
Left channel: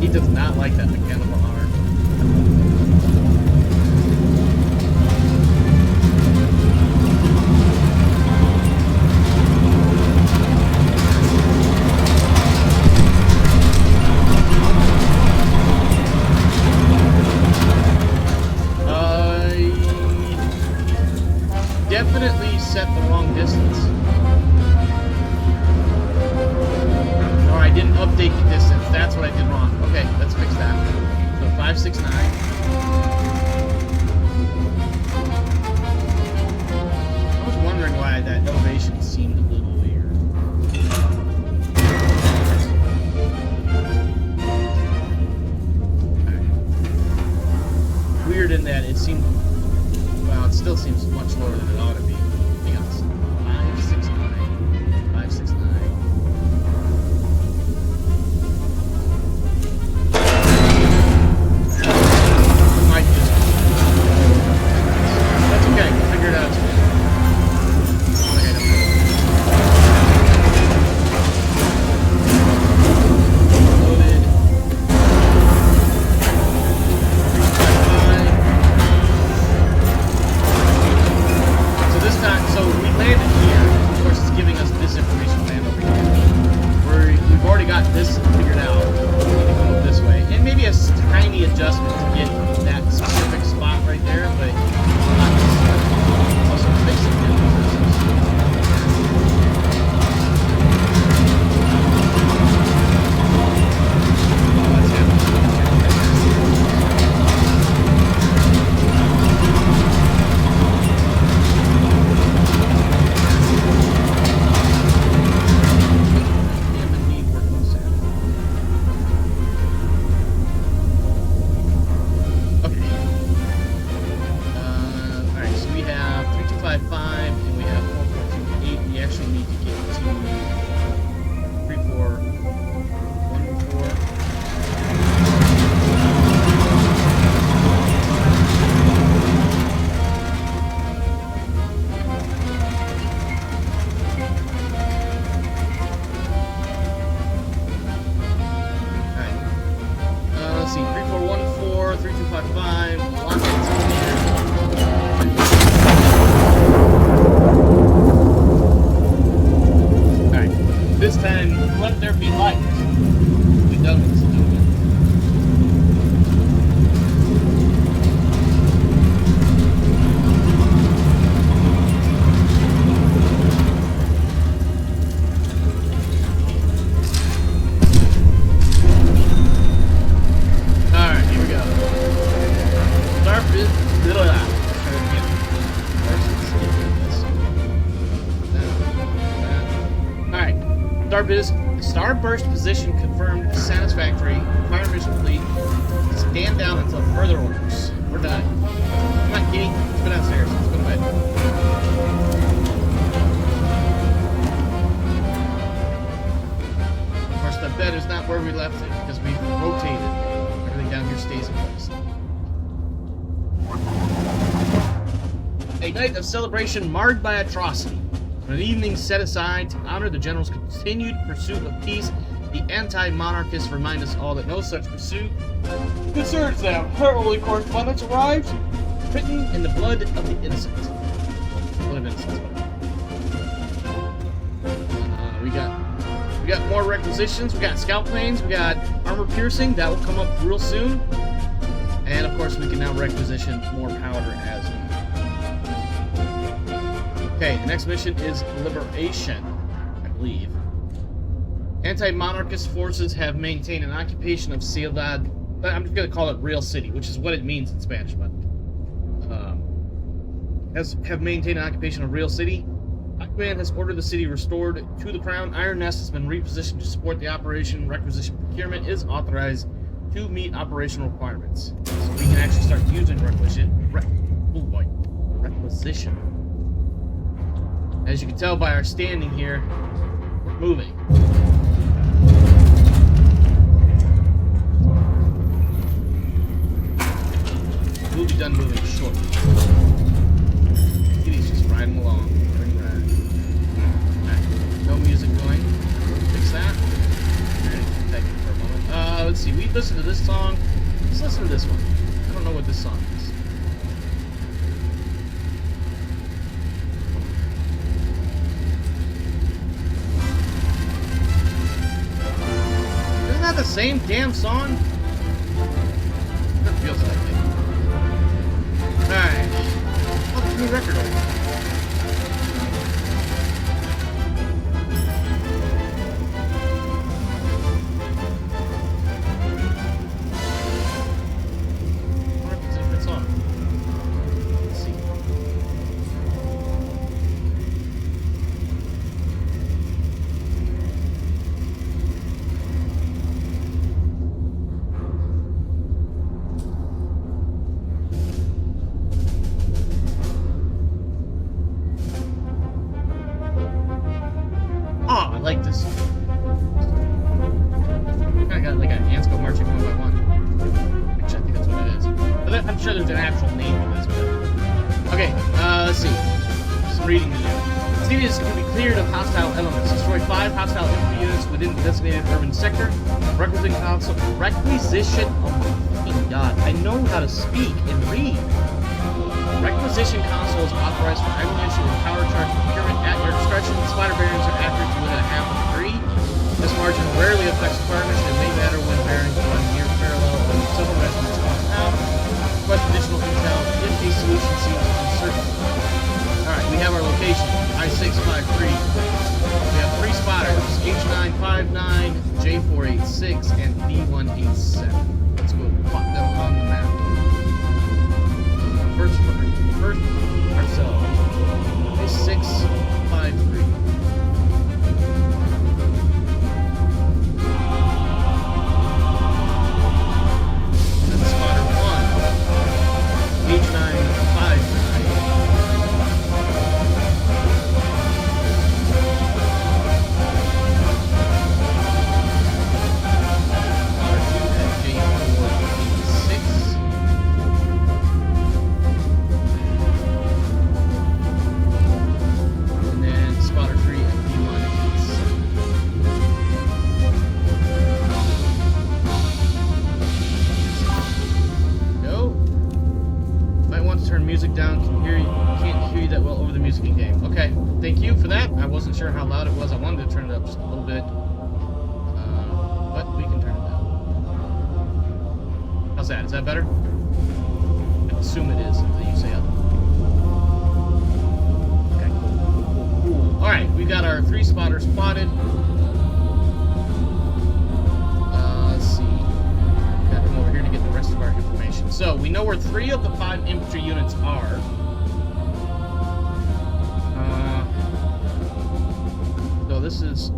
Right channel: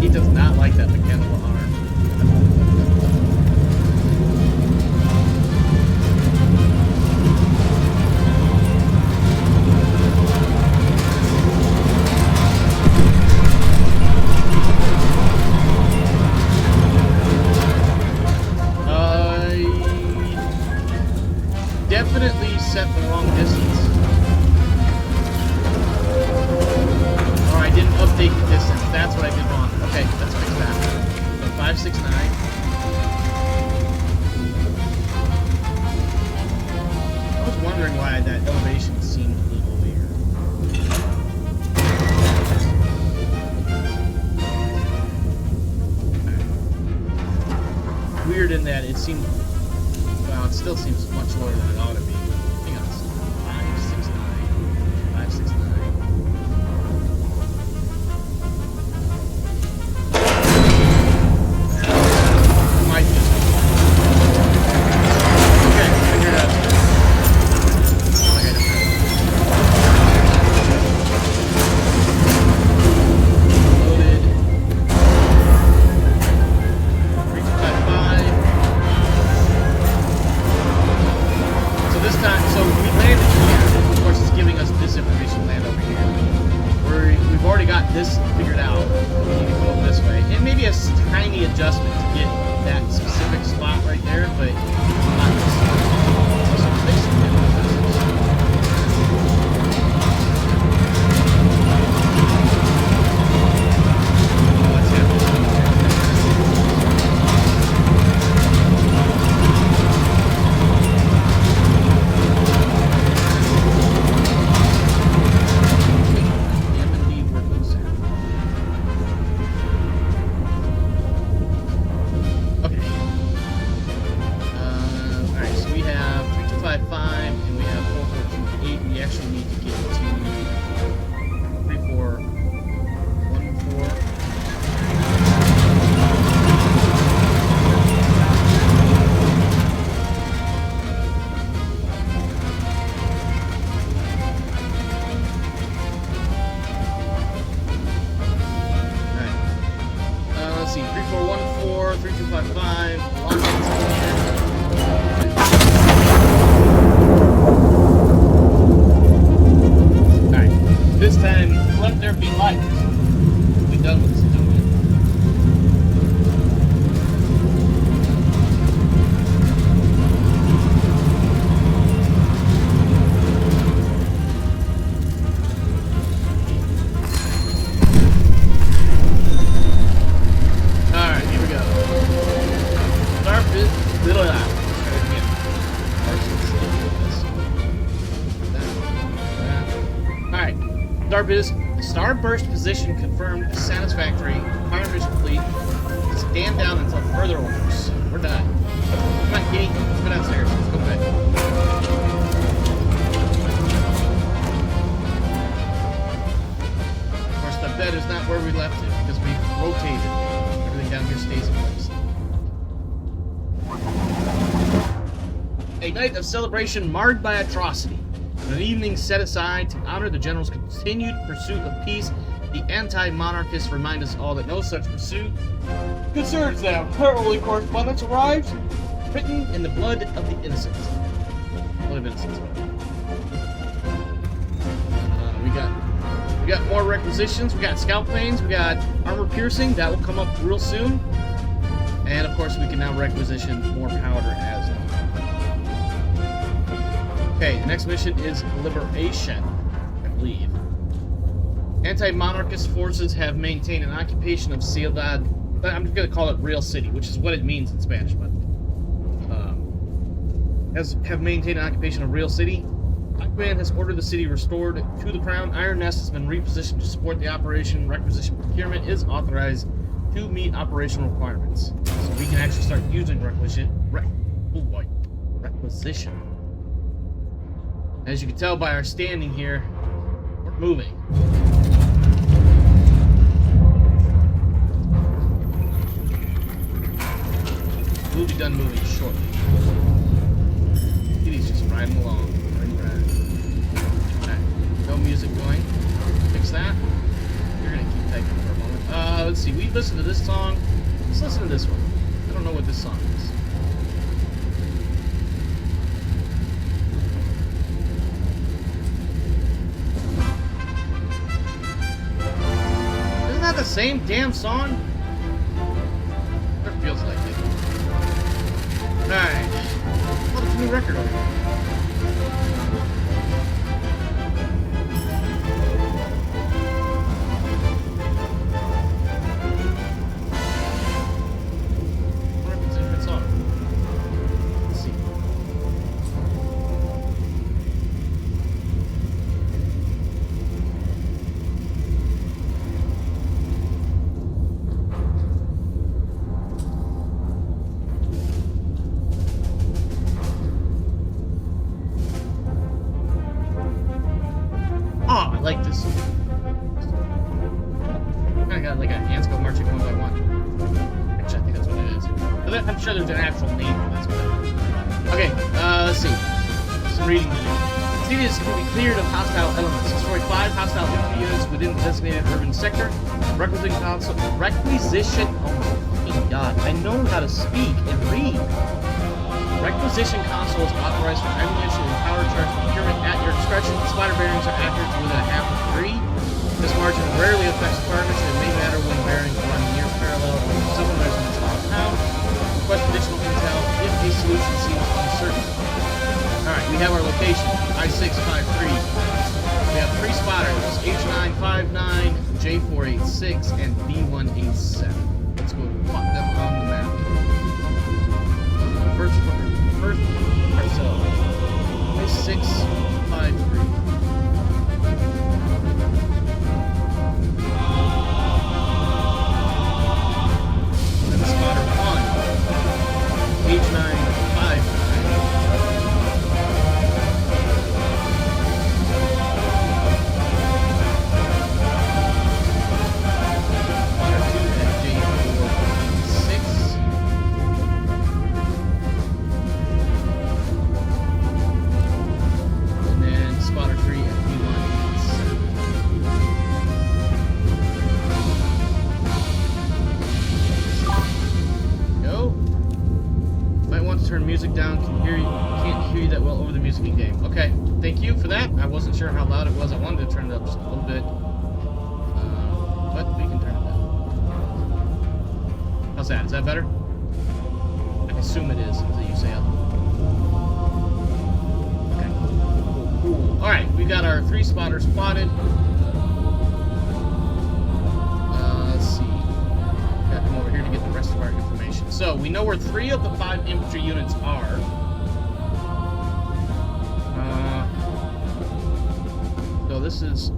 He does not like that mechanical arm. Definitely set the wrong distance. Or I didn't update the distance. That's what I did wrong. Okay, let's fix that. So 569. I was wondering why that elevation seemed a little weird. Okay. Weird in that it seemed, well, it still seems much lower than it ought to be. Hang on. 569. 569. Adjustment to get that specific spot right there, but not necessarily. Also fixing it. That's happening. Damn indeed, working sound. And we have 4428. We actually need to get to 3414. Alright. Let's see. 3414, 3255. Lock it here. This time, let there be light. We're done with this doing Starburst position confirmed satisfactory. Fire mission complete. Stand down until further orders. We're done. Come on, Kitty. Let's go downstairs. Let's go to bed. Of course, the bed is not where we left it because we've rotated. Everything down here stays in place. A night of celebration marred by atrocity. An evening set aside to honor the general's continued pursuit of peace, the anti-monarchists remind us all that no such pursuit concerns them. Her early correspondence arrived, written in the blood of the innocent. Blood of innocence, whatever. We got more requisitions. We got scout planes. We got armor piercing. That will come up real soon. And of course, we can now requisition more powder as well. Okay, the next mission is Liberation, I believe. Anti-monarchist forces have maintained an occupation of Ciudad. I'm just going to call it Real City, which is what it means in Spanish, but have maintained an occupation of Real City. Aquaman has ordered the city restored to the crown. Iron Nest has been repositioned to support the operation. Requisition procurement is authorized to meet operational requirements, so we can actually start using requisition. As you can tell by our standing here, we're moving. We'll be done moving shortly. Kitty's just riding along. Alright, no music going. Fix that. We're gonna keep typing for a moment. Let's see, we listened to this song. Let's listen to this one. I don't know what this song is. Isn't that the same damn song? It feels like it. Alright. Oh, there's a new record over here. I like this. Kind of got like an ants go marching one by one. Actually, I think that's what it is. But I'm sure there's an actual name for this. But... okay, let's see. Some reading to do. The city is to be cleared of hostile elements. Destroy 5 hostile infantry units within the designated urban sector. Requisition. Oh my fucking god! I know how to speak and read. Requisition console is authorized for ammunition and power charge procurement at your discretion. Splatter bearings are accurate to within a half a degree. This margin rarely affects the fire mission. It may matter when bearings run near parallel or several measurements off pound. Request additional intel if a solution seems uncertain. Alright, we have our location. I-653. We have 3 spotters. H959, J486, and B187. Let's go plot them on the map. First ourselves. I-653. And then spotter 1. H959. Spotter 2 at J486. Spotter 3 at B187. Go. Might want to turn music down. Can't hear you that well over the music in game. Okay, thank you for that. I wasn't sure how loud it was. I wanted to turn it up just a little bit, but we can turn it down. How's that? Is that better? I assume it is until you say otherwise. Alright, we got our 3 spotters spotted. Let's see. Got them over here to get the rest of our information. So, we know where 3 of the 5 infantry units are. So this is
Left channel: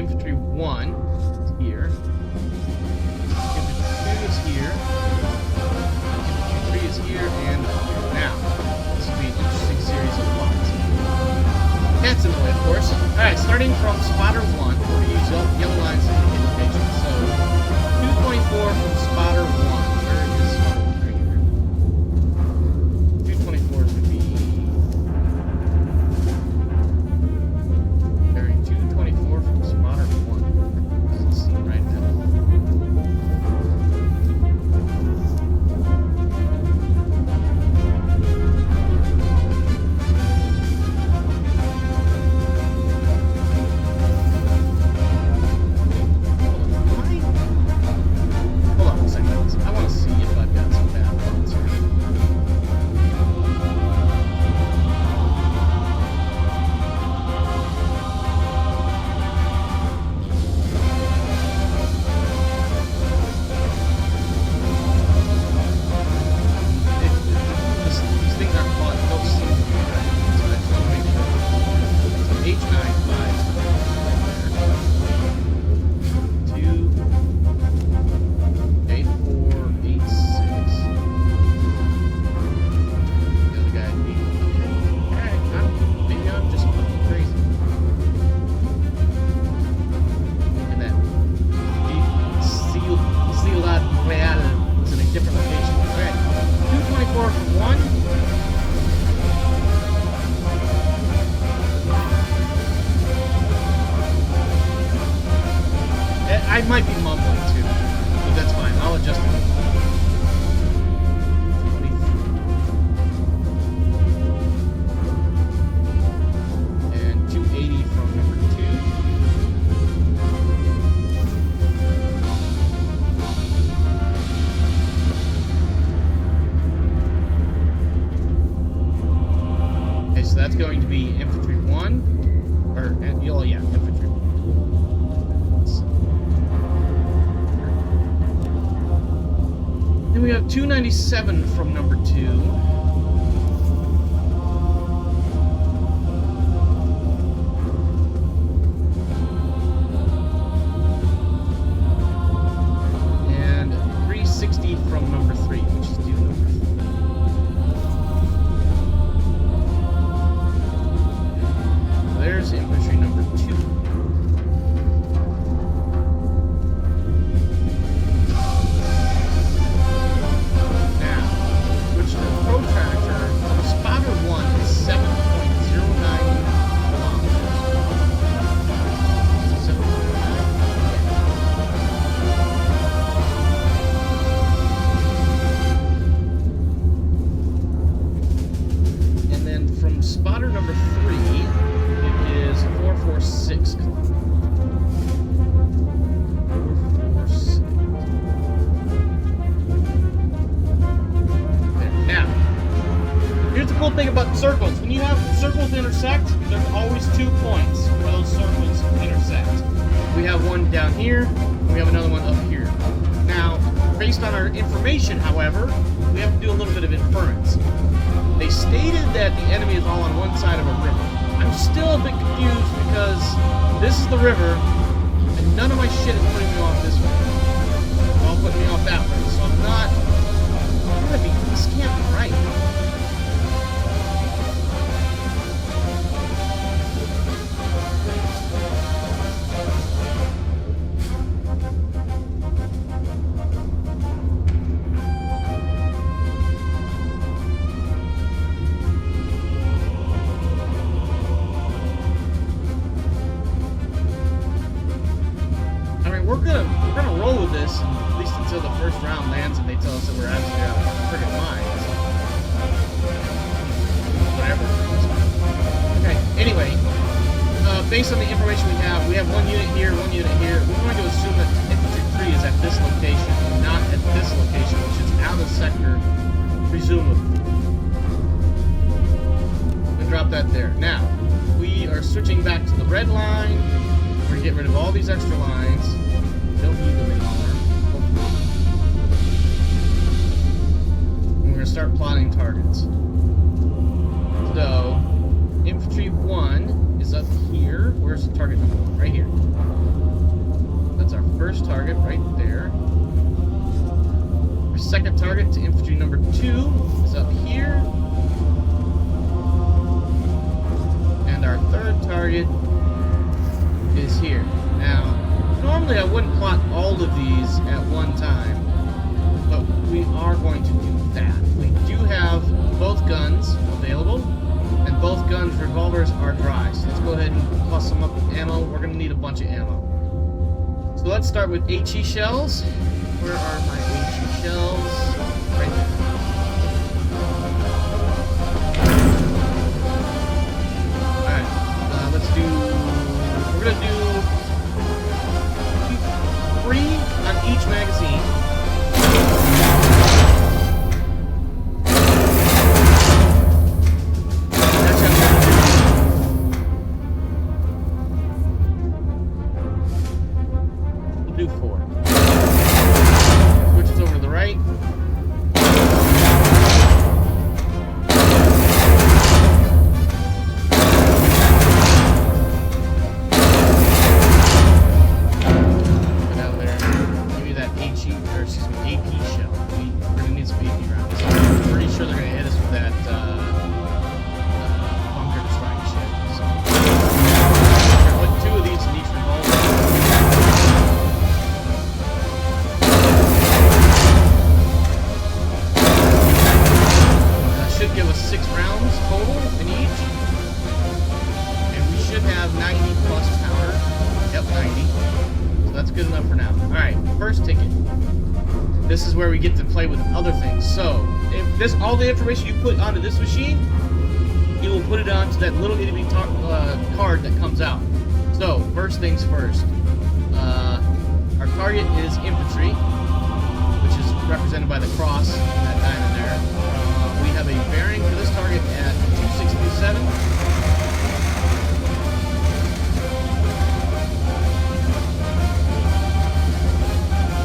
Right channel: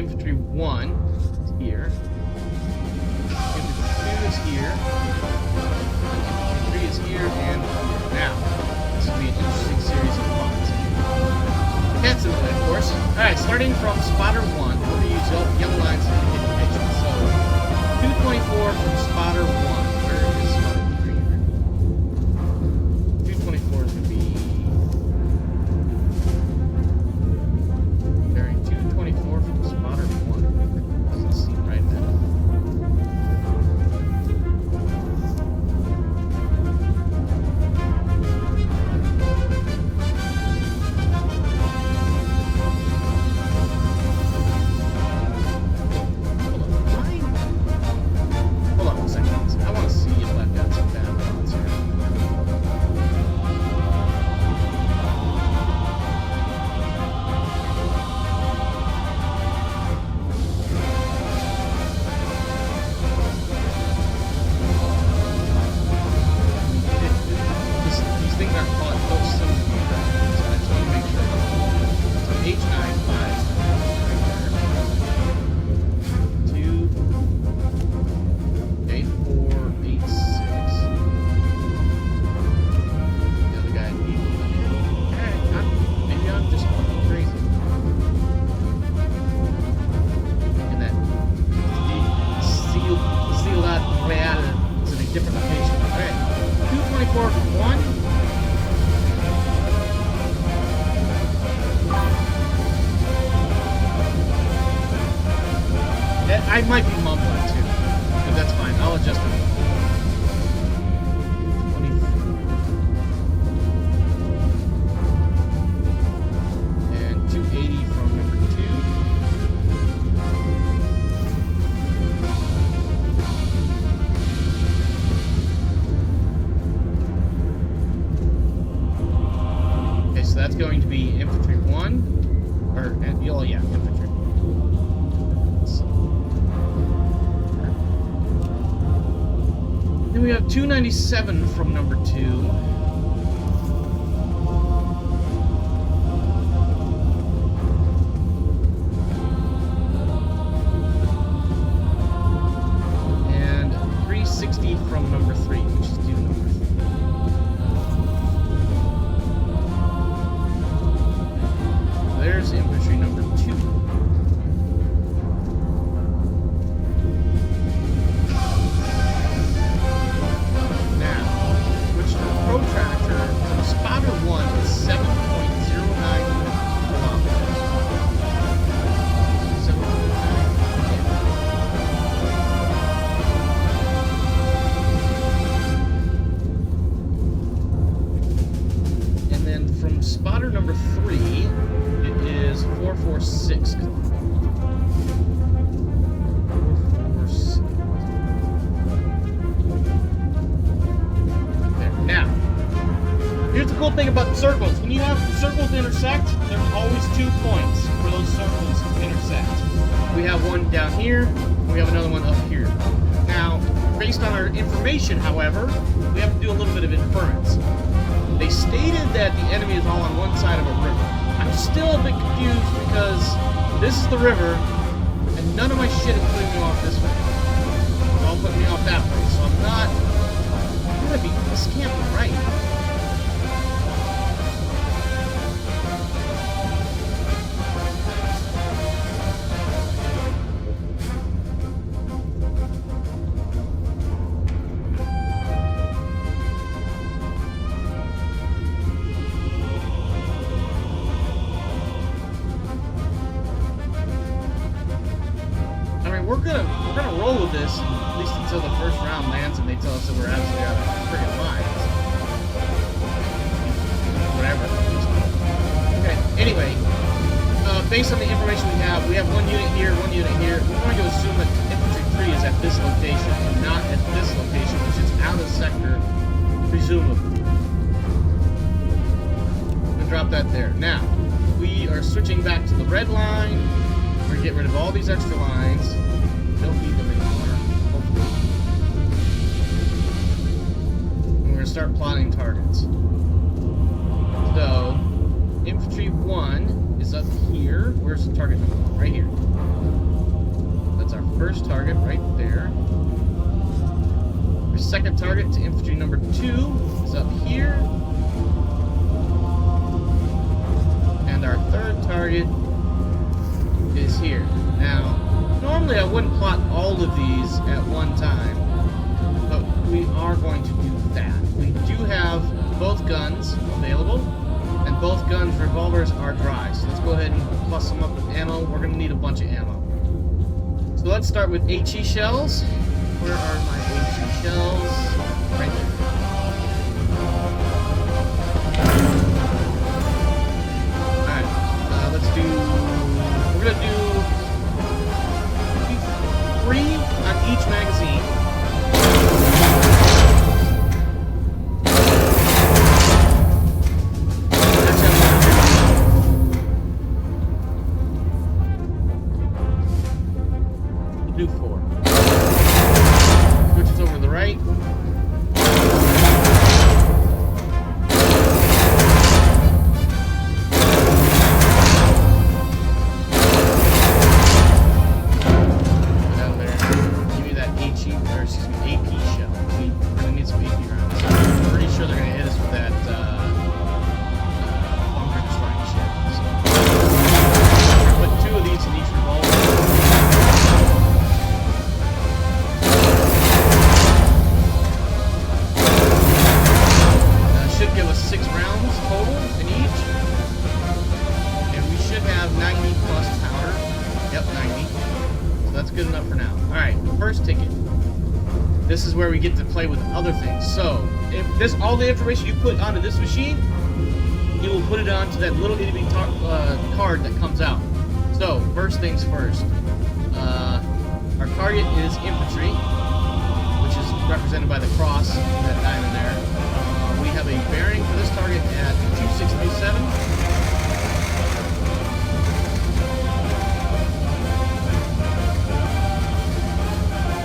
infantry 1 is here. Infantry 2 is here. Infantry 3 is here and here. Now, this will be an interesting series of plots. Cats in the way, of course. Alright, starting from spotter 1, we're going to use yellow lines to indicate location. So, 224 from spotter 1. Where is spotter 1 right here? 224 is going to be... bearing 224 from spotter 1. Doesn't seem right now. I might be mumbling too, but that's fine. I'll adjust it. And 280 from number 2. Okay, so that's going to be infantry 1, or yeah, infantry. Then we have 297 from number 2. And 360 from number 3, which is due number 3. There's infantry number 2. Spotter number 3, it is 446 kilometers. 446. There. Now, here's the cool thing about circles. When you have circles intersect, there's always 2 points where those circles intersect. We have one down here, and we have another one up here. Now, based on our information, however, we have to do a little bit of inference. They stated that the enemy is all on one side of a river. I'm still a bit confused because this is the river, and none of my shit is putting me off this way. It's all putting me off that way, so I'm not... This can't be right. We're gonna roll with this, at least until the first round lands and they tell us that we're absolutely out of friggin' minds. Whatever. Okay, anyway, based on the information we have one unit here, one unit here. We're going to assume that infantry 3 is at this location and not at this location, which is out of sector, presumably. I'm gonna drop that there. Now, we are switching back to the red line. We're gonna get rid of all these extra lines. Don't need them anymore, hopefully. And we're going to start plotting targets. So, infantry 1 is up here. Where's the target number 1? Right here. first target right there. Our second target to infantry number 2 is up here. And our third target is here. Now, normally I wouldn't plot all of these at one time, but we are going to do that. We do have both guns available, and both guns' revolvers are dry. So let's go ahead and plus them up with ammo. We're going to need a bunch of ammo. So let's start with HE shells. Where are my HE shells? Right there. Alright, let's do... We're going to do 3 on each magazine. Do 4. Switches over to the right. Get out there. Give me that HE, or excuse me, AP shell. We're gonna need some AP rounds. I'm pretty sure they're gonna hit us with that bunker destroying shit. So we're gonna put 2 of these in each revolver. Should give us 6 rounds total in each, and we should have 90 plus powder. Yep, 90. So that's good enough for now. Alright, first ticket. This is where we get to play with other things. So, if this all the information you put onto this machine, you will put it onto that little itty card that comes out. So, first things first. Our target is infantry, which is represented by the cross in that diamond there. We have a bearing for this target at 2637.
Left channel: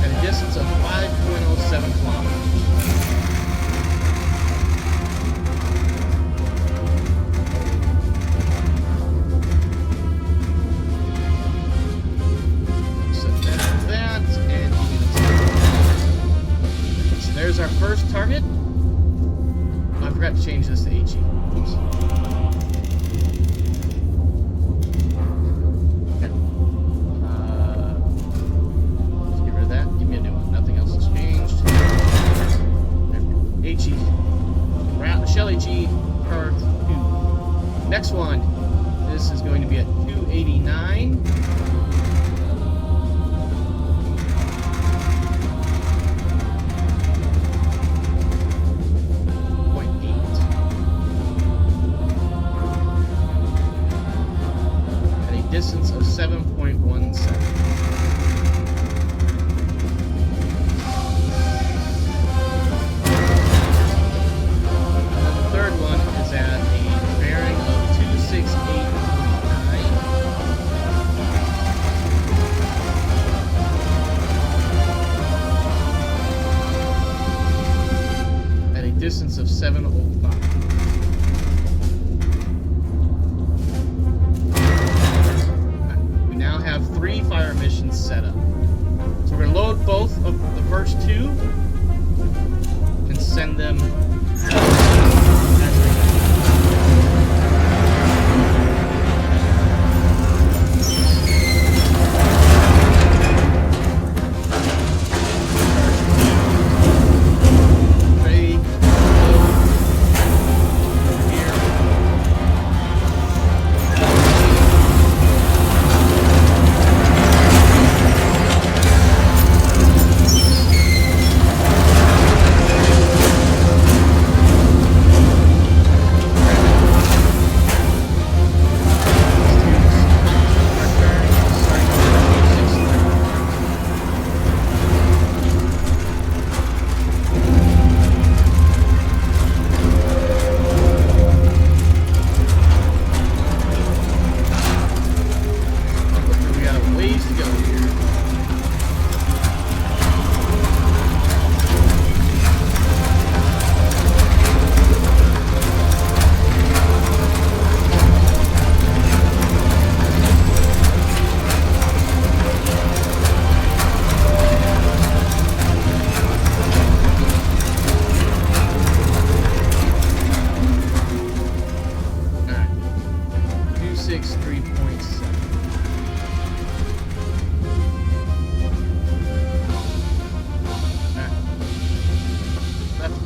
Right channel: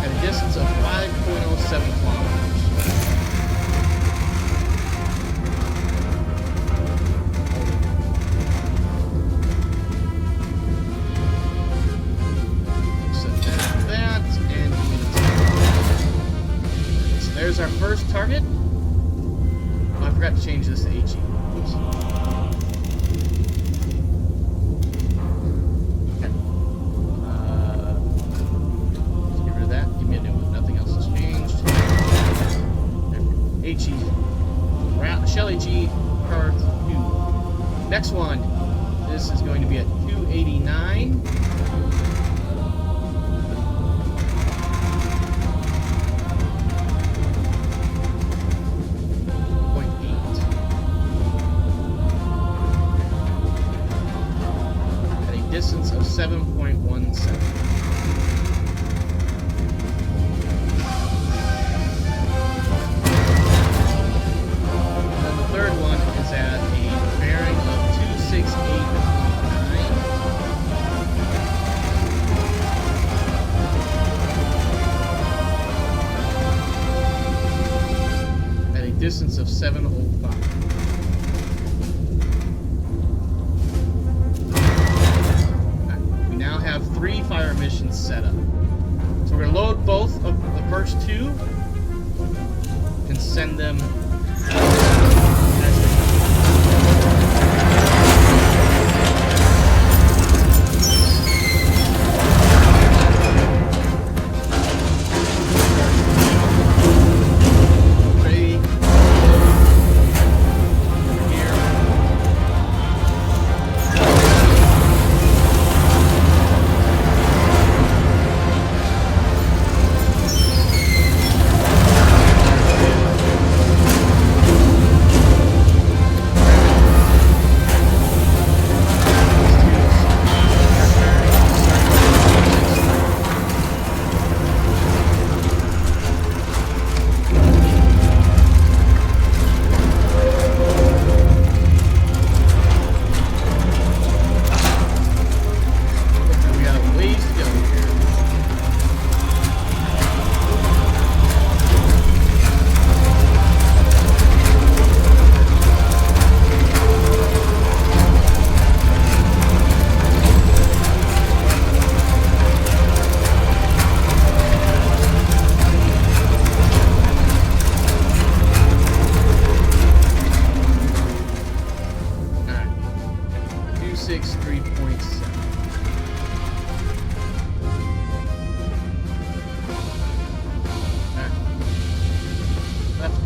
At a distance of 5.07 kilometers. Set that, and give me the target. So there's our first target. I forgot to change this to HE. Oops. Okay. Let's get rid of that. Give me a new one. Nothing else has changed. HE. Shell HE card 2. Next one. This is going to be at 289. Distance of 7.17. And then the third one is at a bearing of 268.9. At a distance of 705. Have 3 fire missions set up. So we're going to load both of the first 2 and send them as they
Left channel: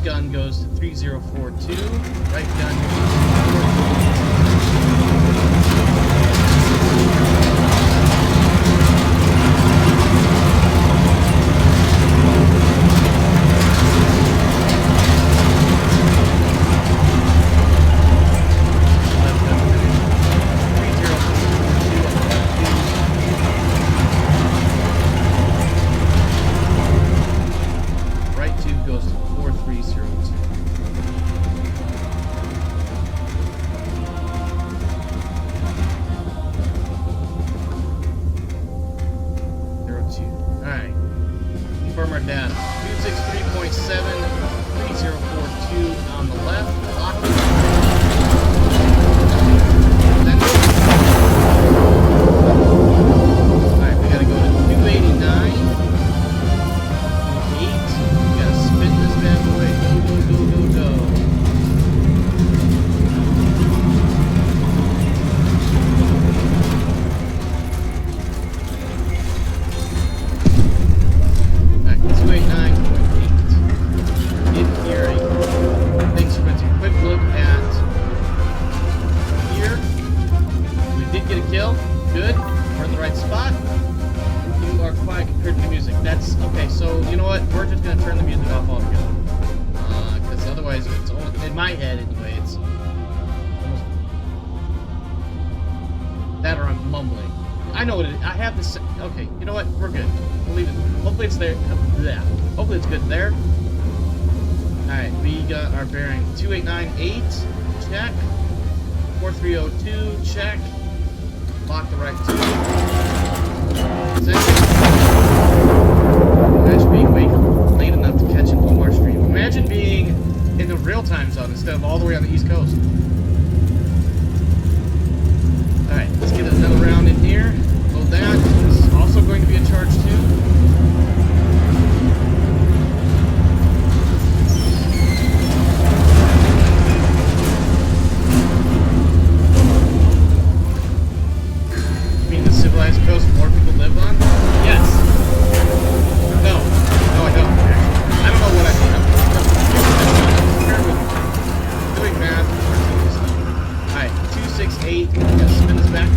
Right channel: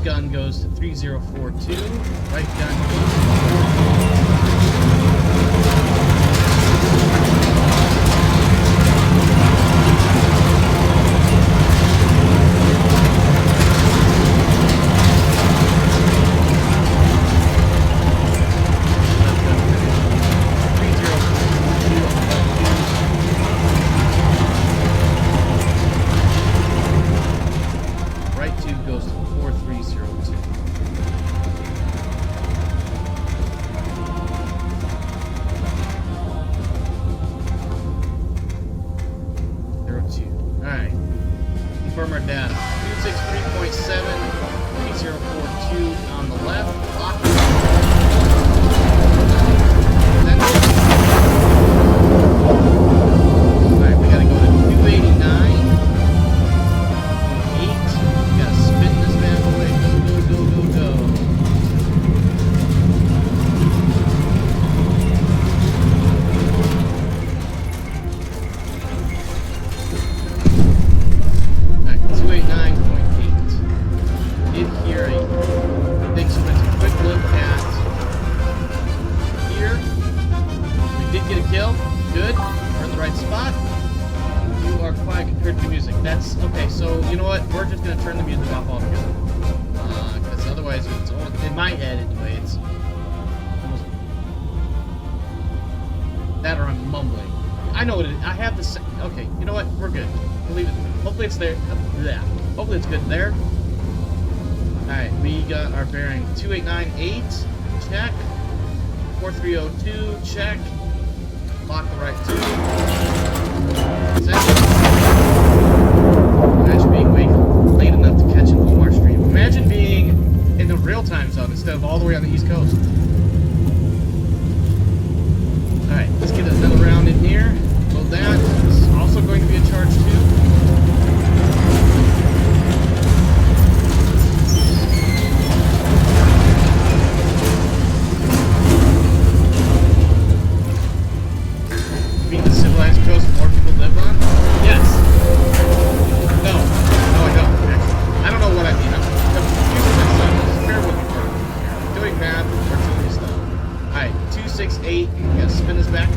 gun goes to 3042. Right gun goes to 4. Confirm our data. 263.7, 3042 on the left. Lock. Alright, we gotta go to 289. 8. We gotta spin this bad boy. Go, go, go, go, go. Kill. Good. We're in the right spot. You are quiet compared to the music. That's okay. So you know what? We're just gonna turn the music off altogether. Because otherwise, it's almost, in my head anyway. It's almost that, or I'm mumbling. I know what it is. I have this. Okay. You know what? We're good. We'll leave it. Hopefully it's there. Yeah. Hopefully it's good there. All right. We got our bearing 2898. Check. 4302. Check. Lock the right 2. Imagine being late enough to catch an Omar stream. Imagine being in the real time zone instead of all the way on the East Coast. Alright, let's get another round in here. Load that. This is also going to be a charge too. Civilized coast more people live on? Yes. No. No, I don't, actually. I don't know what I mean. I'm confusing this stuff. Bear with me. I'm doing math or doing stuff. Alright, 268. We gotta spin this back.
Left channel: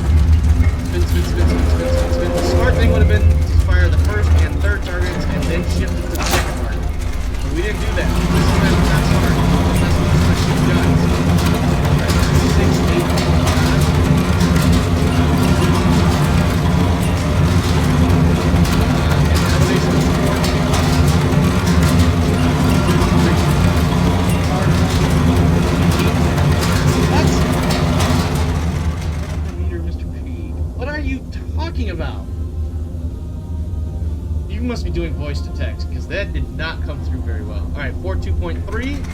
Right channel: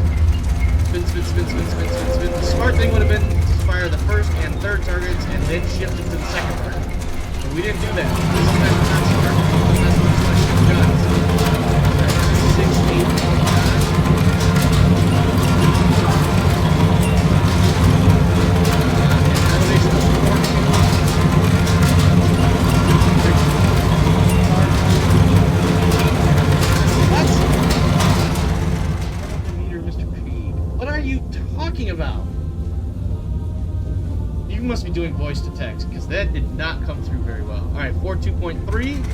Spin, spin, spin, spin, spin, spin, spin. The smart thing would have been to fire the first and third targets and then shift it to the second target. But we didn't do that. This is not smart. That's what I shoot guns. Alright, 268.9. About? You must be doing voice to text because that did not come through very well. Alright, 42.3.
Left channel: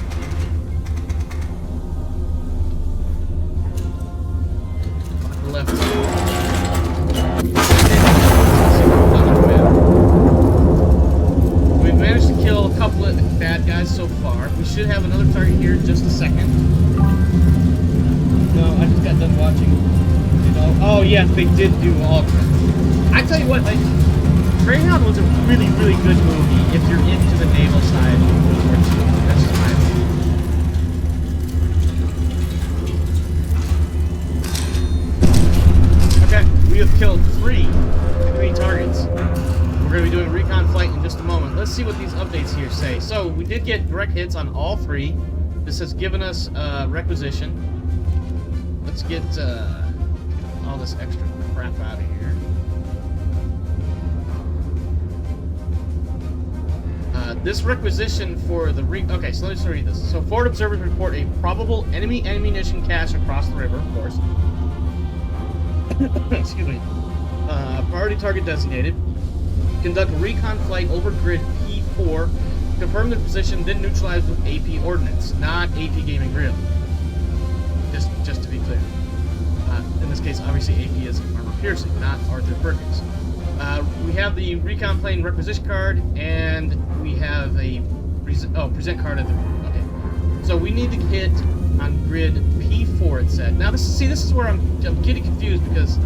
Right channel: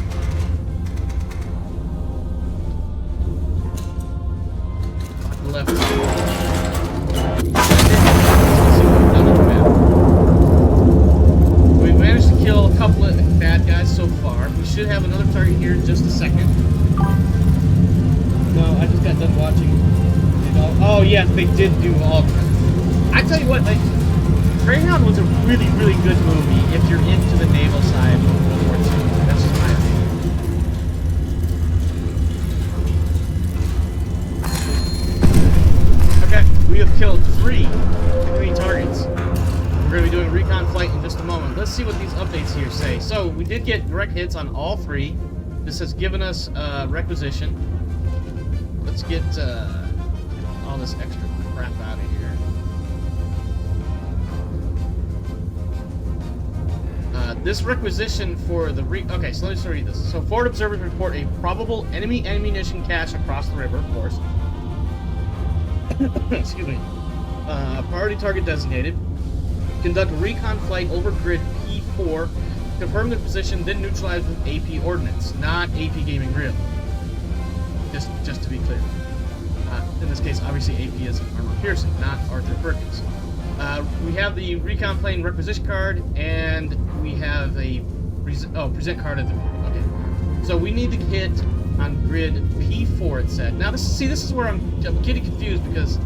Lock the left 2. Let's see what we've done on the map. We've managed to kill a couple of bad guys so far. We should have another target here in just a second. No, I just got done watching. Oh yes, they did do all. I tell you what, like, Greyhound was a really, really good movie if you're into the naval side of World War II. That's just my opinion. Okay, we have killed three targets. We're going to be doing a recon flight in just a moment. Let's see what these updates here say. So, we did get direct hits on all 3. This has given us requisition. Let's get all this extra crap out of here. This requisition for the okay, so let me just read this. So, forward observers report a probable enemy ammunition cache across the river, of course. Excuse me. Priority target designated. Conduct a recon flight over grid P4. Confirm the position, then neutralize with AP ordnance, not AP gaming real. Just to be clear. In this case, obviously AP is armor piercing, not Arthur Perkins. We have the recon plane requisition card, and we have a present card of the. Okay, so we need to hit on grid P4. It said. Now this is where I'm getting confused because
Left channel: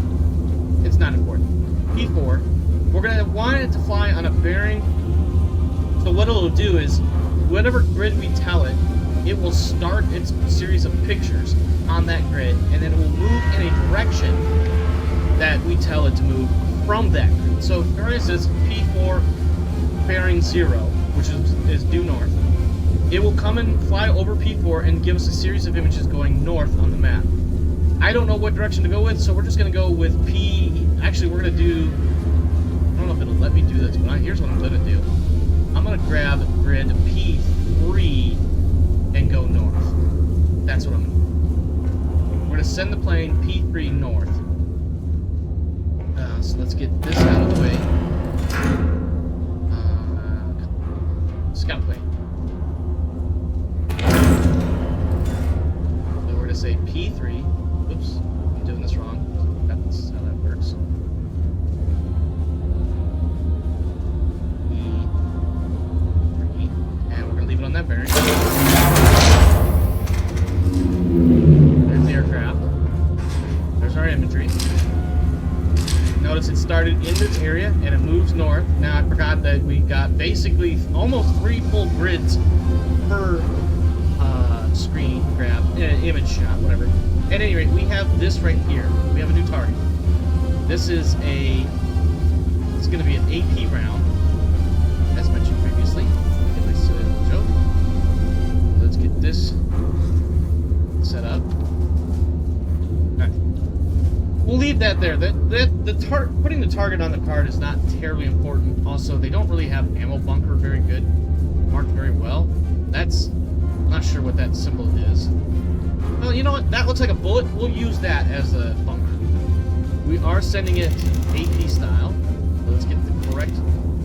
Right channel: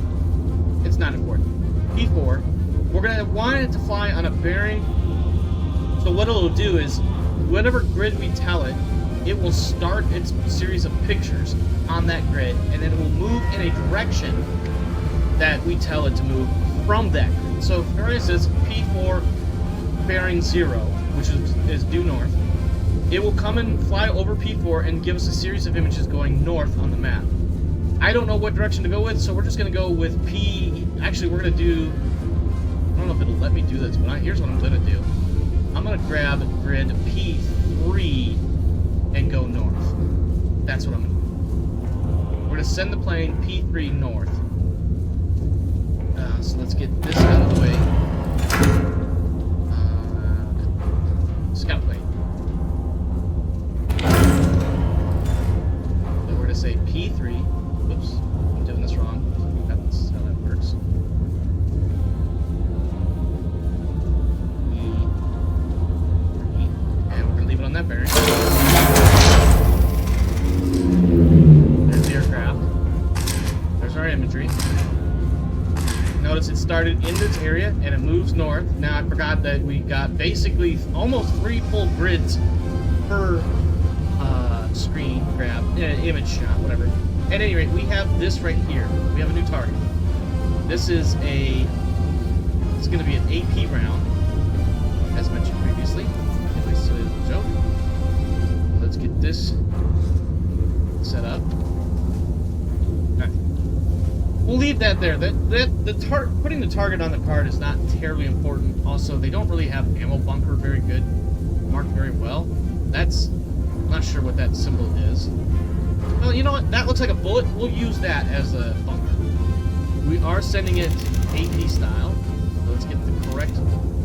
it's not important. P4. We're gonna want it to fly on a bearing. So what it'll do is whatever grid we tell it, it will start its series of pictures on that grid, and then it will move in a direction that we tell it to move from that grid. So, for instance, P4 bearing 0, which is due north, it will come and fly over P4 and give us a series of images going north on the map. I don't know what direction to go with, so we're just going to go with P... Actually, we're going to do... I don't know if it'll let me do this, but here's what I'm going to do. I'm going to grab grid P3 and go north. That's what I'm going to do. We're going to send the plane P3 north. So let's get this out of the way. Scout plane. So we're going to say P3. Whoops, I'm doing this wrong. That's how that works. P3. And we're going to leave it on that bearing. There's the aircraft. There's our imagery. Notice it started in this area and it moves north. Now I forgot that we got basically almost 3 full grids per screen grab, image shot, whatever. At any rate, we have this right here. We have a new target. This is it's going to be an AP round, as mentioned previously. Get my silly little joke. Let's get this set up. Alright. We'll leave that there. Putting the target on the card is not terribly important. Also, they don't really have ammo bunker very good, marked very well. I'm not sure what that symbol is. Well, you know what? That looks like a bullet. We'll use that as a bunker. We are sending it AP style. So let's get the correct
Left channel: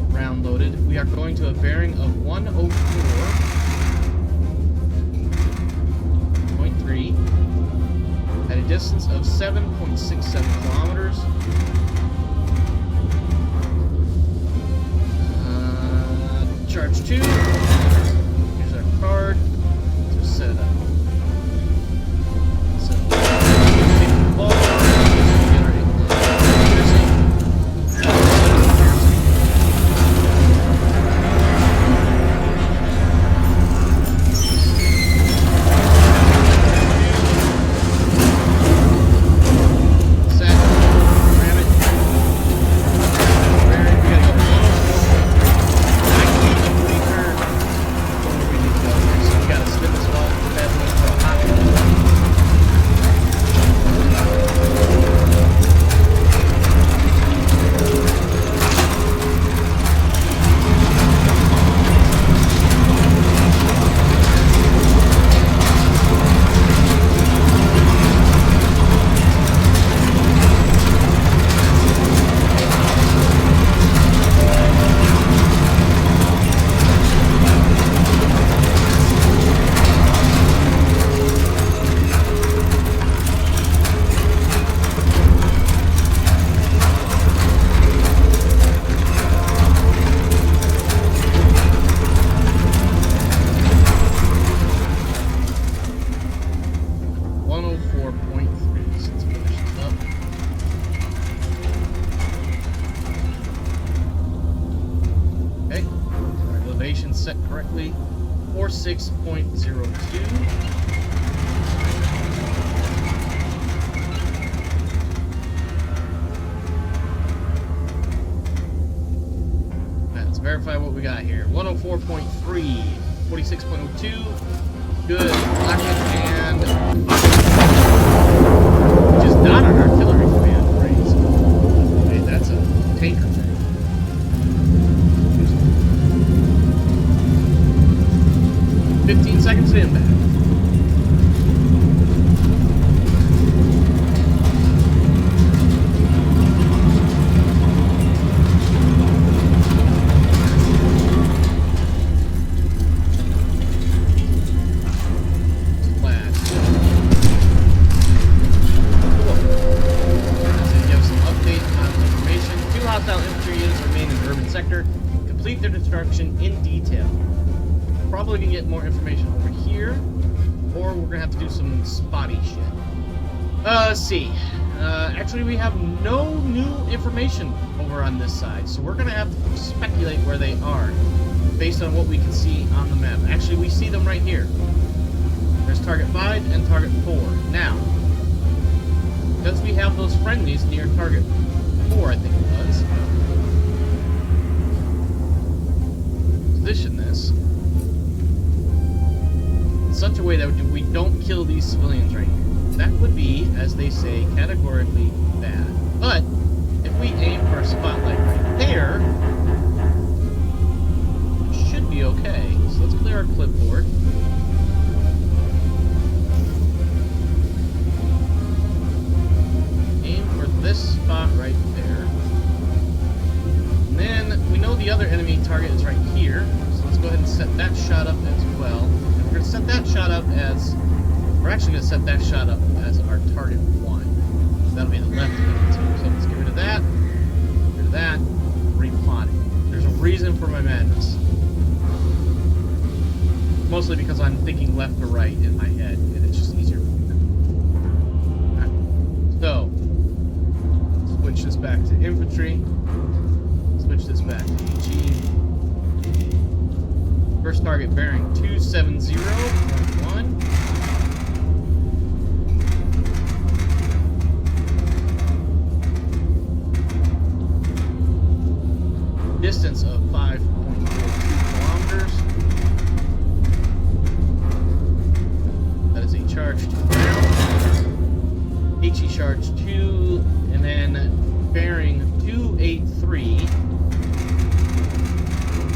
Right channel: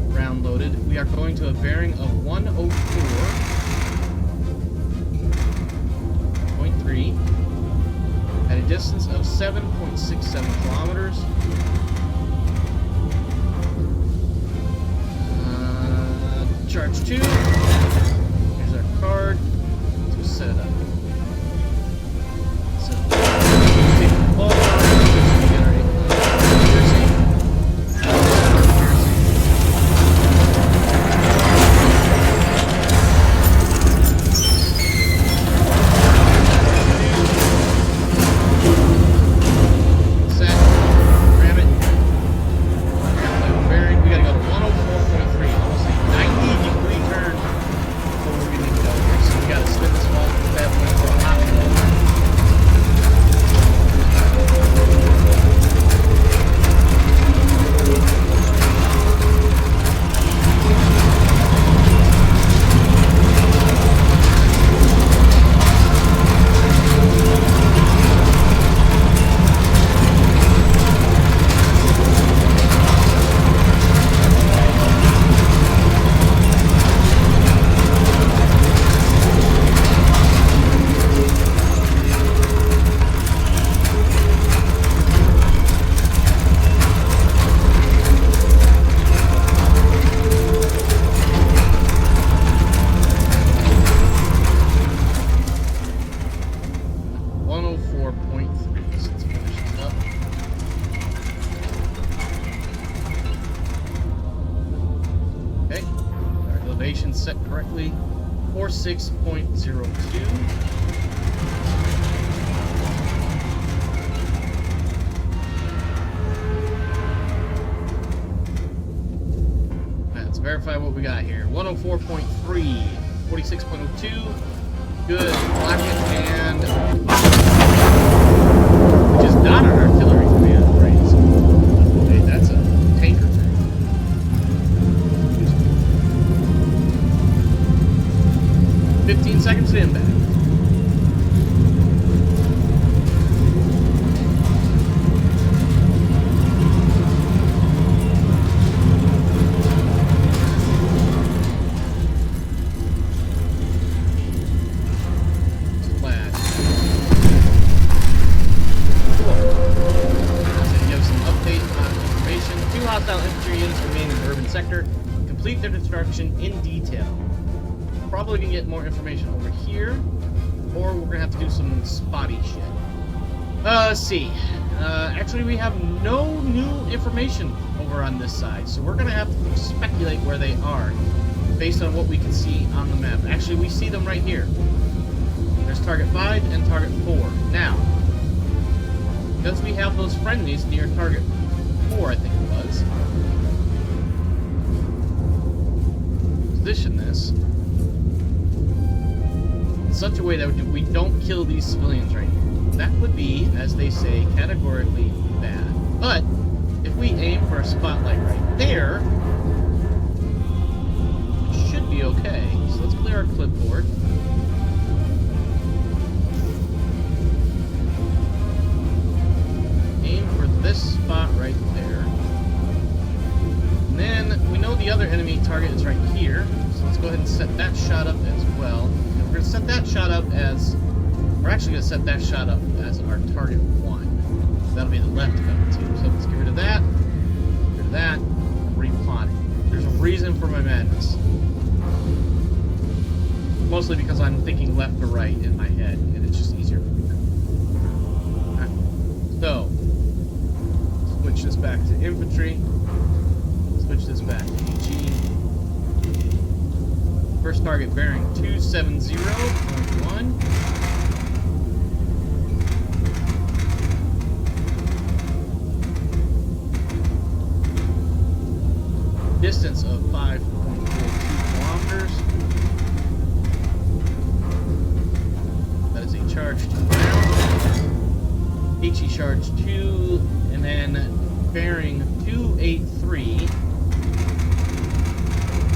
round loaded. We are going to a bearing of 104.3 at a distance of 7.67 kilometers. Charge 2. Here's our card. Let's set it up. So, take the ball, get our piercing. Set, ram it. Bearing, we gotta go to 104.3. 90-degree turn from where we need to go here. So we gotta spin this bad boy for a hot minute. Set correctly, 46.02. Let's verify what we got here. 104.3, 46.02. Good. Lock it and we just got an artillery command raise. Hey, that's a tanker thing. 15 seconds to impact. Flash. Cool. So to give some update on information. 2 hostile infantry units remain in the urban sector. Complete their destruction in detail. Probably gonna get more information over here, or we're gonna have to do some spotty shit. Let's see. Actually, we have no new information over on this side, so we're going to have to speculate where they are based on what we can see on the map. Actually, we see them right here. There's target 5 and target 4. Now, because we have those friendlies near target 4, I think it was, position this in such a way that we don't kill these civilians right here. That would be, as they say, categorically bad. But if we aim for a spotlight right there, it should be okay. So let's clear our clipboard. Aim for this spot right there. And then we know the other enemy target is right here. So let's go ahead and set that shot up as well. And we're going to set that shot up as... We're actually going to set that shot up as our target 1. That'll be the left of it too. So let's get rid of that. Get rid of that. Replot it. There's a reason for my madness. Mostly because I'm thinking left to right in my head, and it's just easier for me. Right. So, switch this back to infantry. Switch this back to AG. First target bearing 270.1. Distance of 5.42 kilometers. That is a charge to ground. HE charge 2, and then bearing 283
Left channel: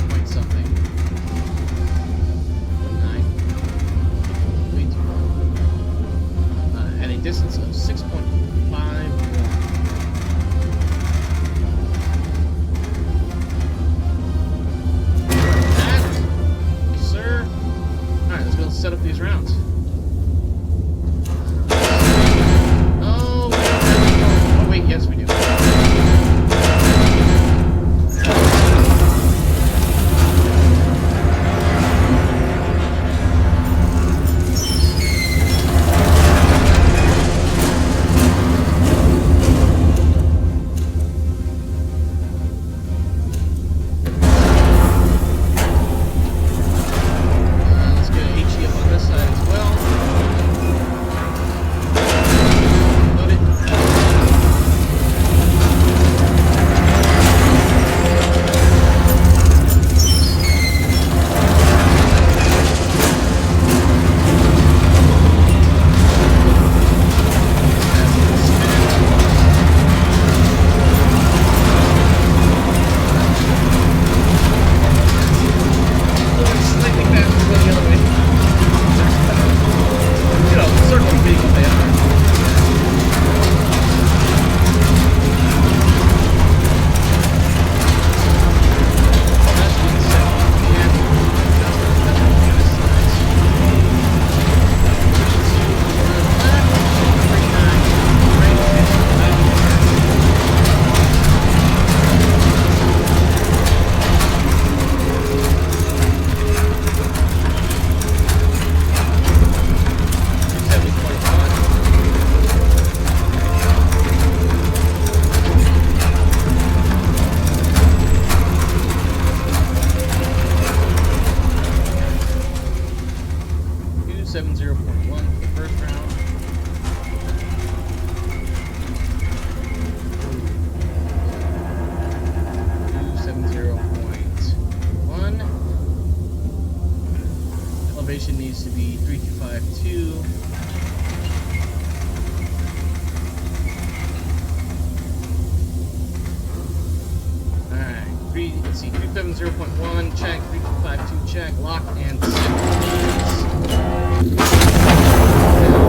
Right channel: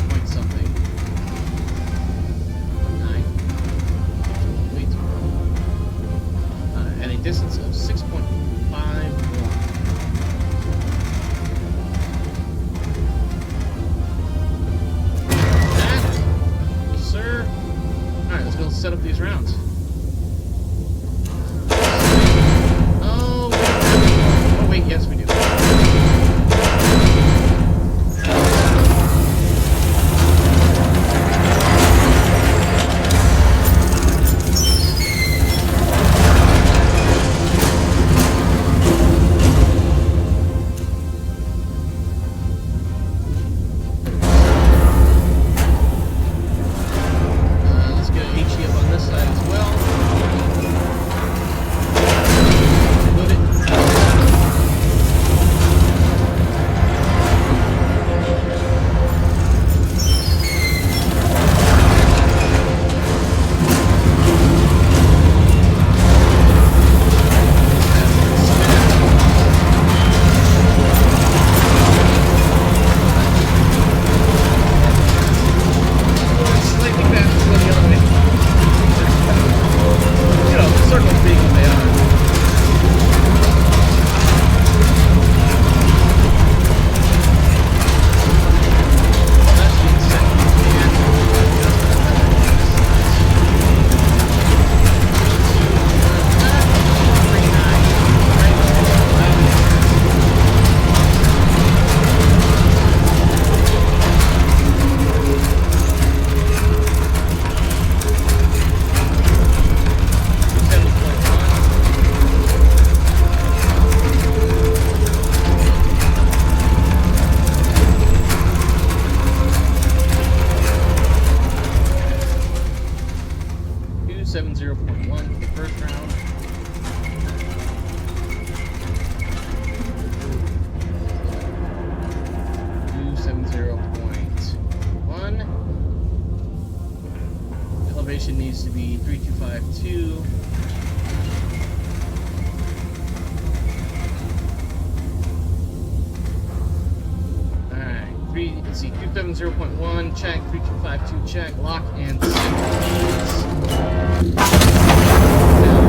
point something. 9. Wait. At a distance of 6.51. Alright, let's go set up these rounds. Oh, we don't have any more. Oh, wait, yes, we do. Needs to be 3252. Alright, let's see, 270.1 check, 3252 check, lock and set. Now,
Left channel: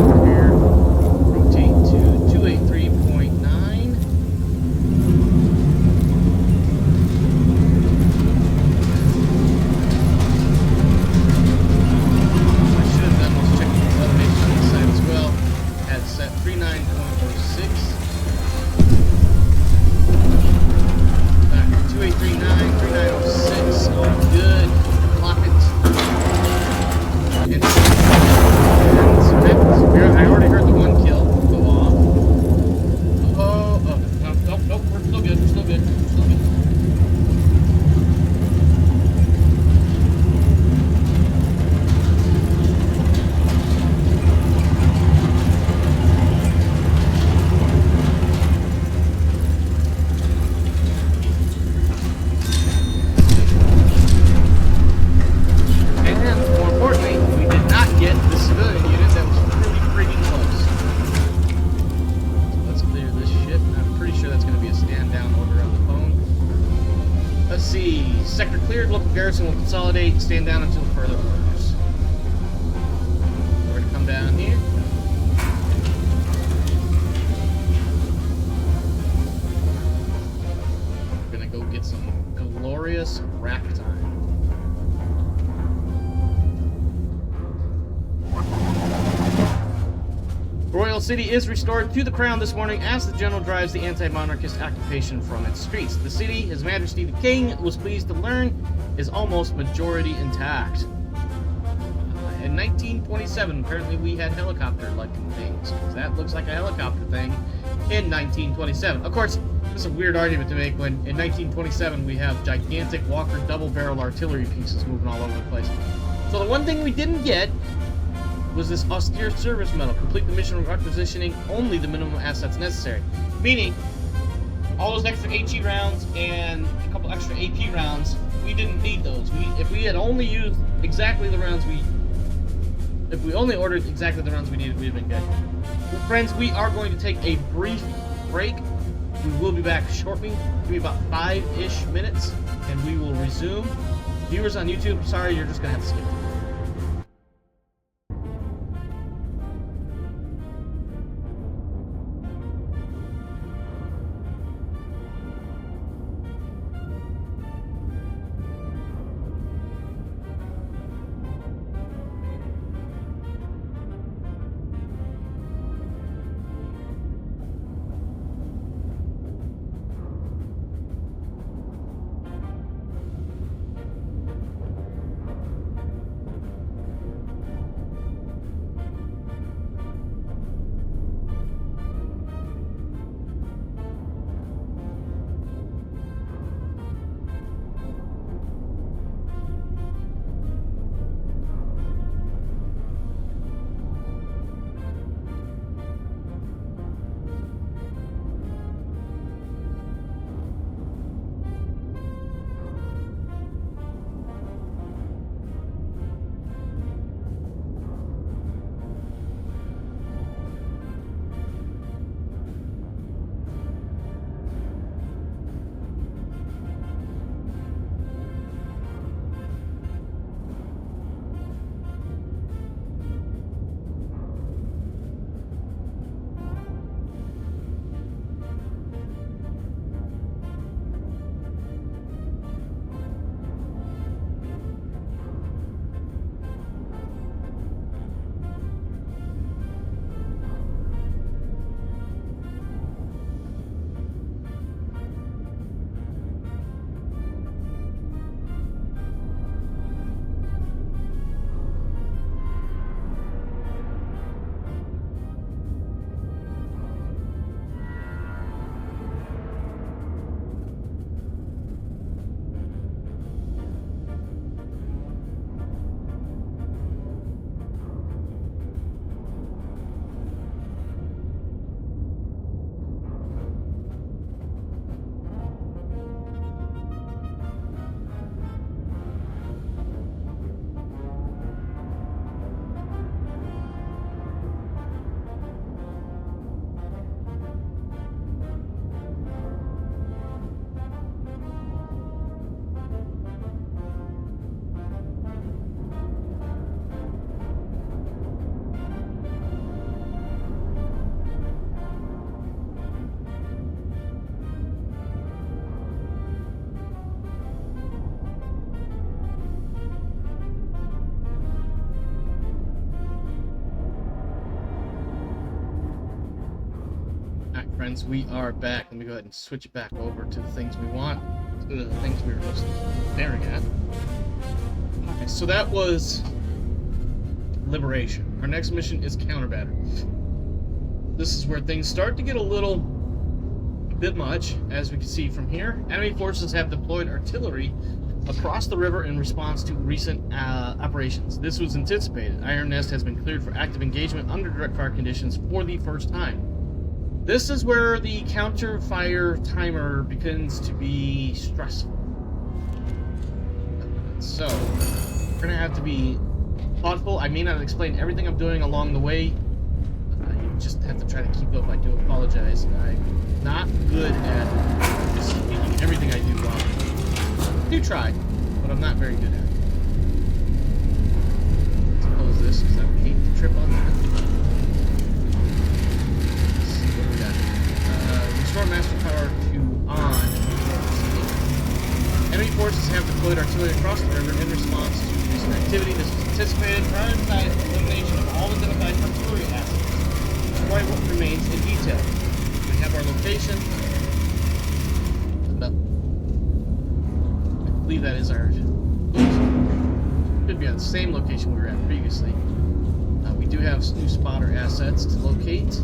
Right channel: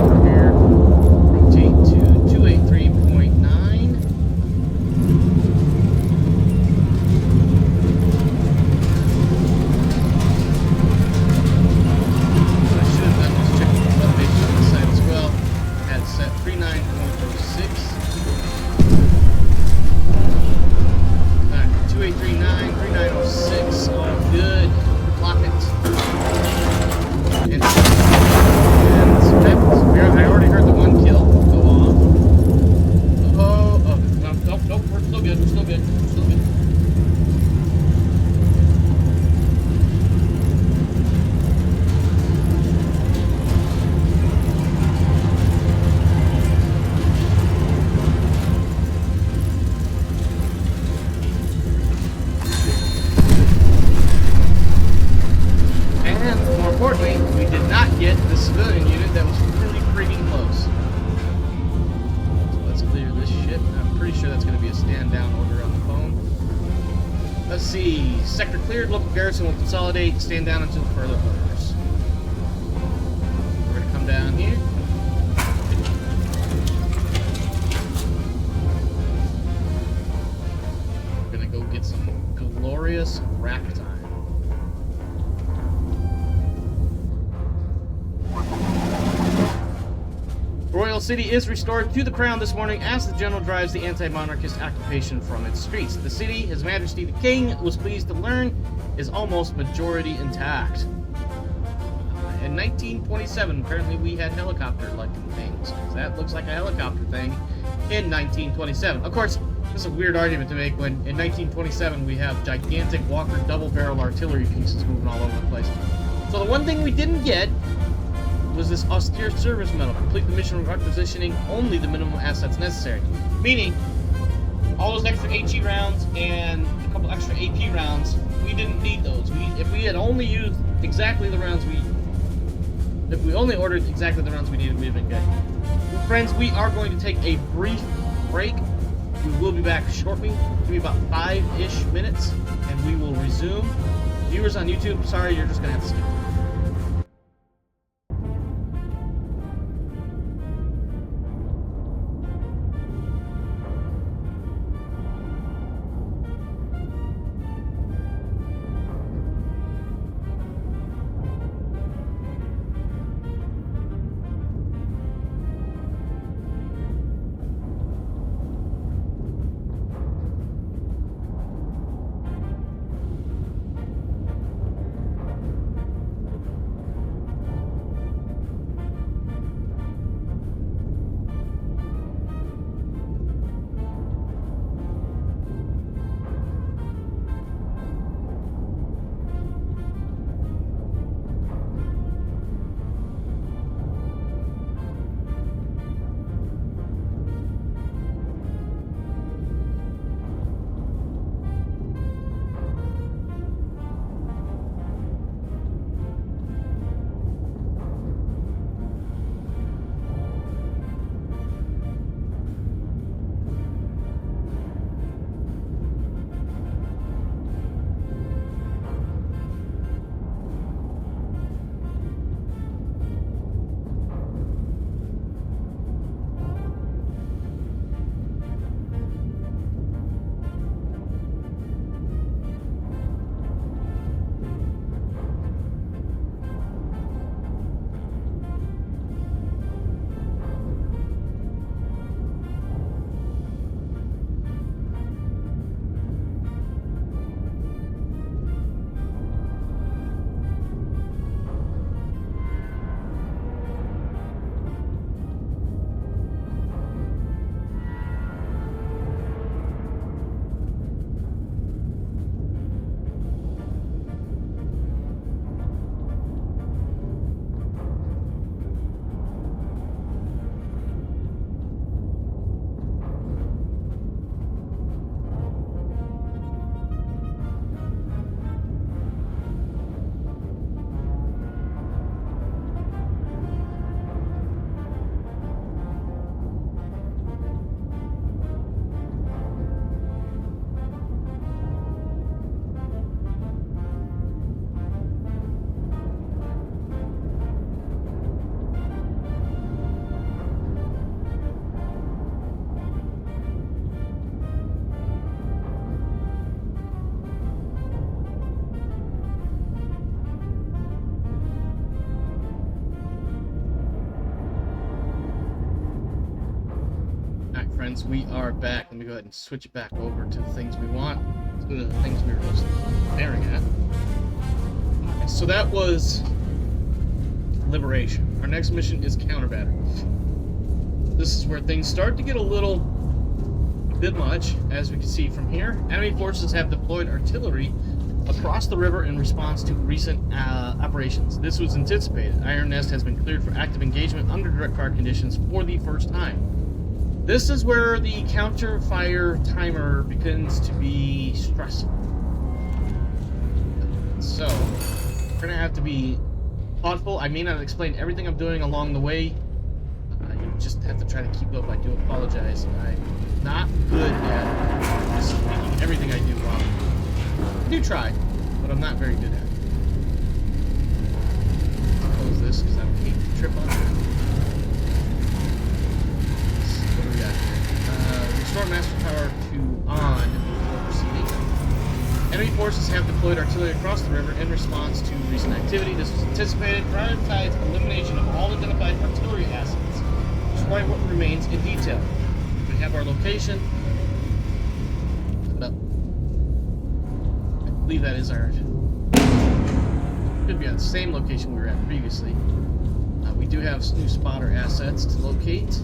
over here, rotate to 283.9. Set 39.06. 2839, 3906, all good. Lock it. And Let's see. Sector cleared. Local garrison will consolidate. Stand down until further orders. We're going to come down here. We're going to go get some glorious rack time. Royal City is restored to the crown this morning as the general drives the anti-monarchist occupation from its streets. The city, His Majesty the King, was pleased to learn, is almost majority intact. In 1927, apparently we had helicopter-looking things, because that looks like a helicopter thing in 1927. Of course, this is a weird argument to make when in 1927 we have gigantic Walker double-barrel artillery pieces moving all over the place. So the one thing we didn't get was this austere service medal. Complete the mission requisitioning only the minimum assets necessary. Meaning, all those extra HE rounds and a couple extra AP rounds, we didn't need those. If we had only used exactly the rounds if we only ordered exactly the rounds we needed, we'd have been good. Well, friends, we are going to take a brief break. We will be back shortly. Give me about 5-ish minutes, and we will resume. Viewers on YouTube, sorry, you're just going to have to skip through. Friends, we are back. Let me go ahead and switch it back over to the things we want. To the things we were just staring at. Okay, so that was liberation. Our next mission is counter-battery. This is where things start to get a bit much, as we can see from here. Enemy forces have deployed artillery across the river in response to recent operations. This was anticipated. Iron Nest has been cleared for active engagement under direct fire conditions for the first time. This is where the counter fire timer begins to be stressful. So, we're going to have to be thoughtful. I may not explain everything I'm doing along the way. You just have to try to keep up. I do apologize. I'm not good at speaking everything I do while do try, but I'm not very good at it. Let's close this because I would hate to trip on that. What do we got here? Restore master power to on before proceeding. Enemy forces have deployed artillery across the river in response to recent activity. This was anticipated. Prioritize elimination of all identified artillery assets. Destroy what remains in detail. We have our location. Look it up. I believe that is our... Should be on the same location we were at previously. We do have new spotter assets to locate.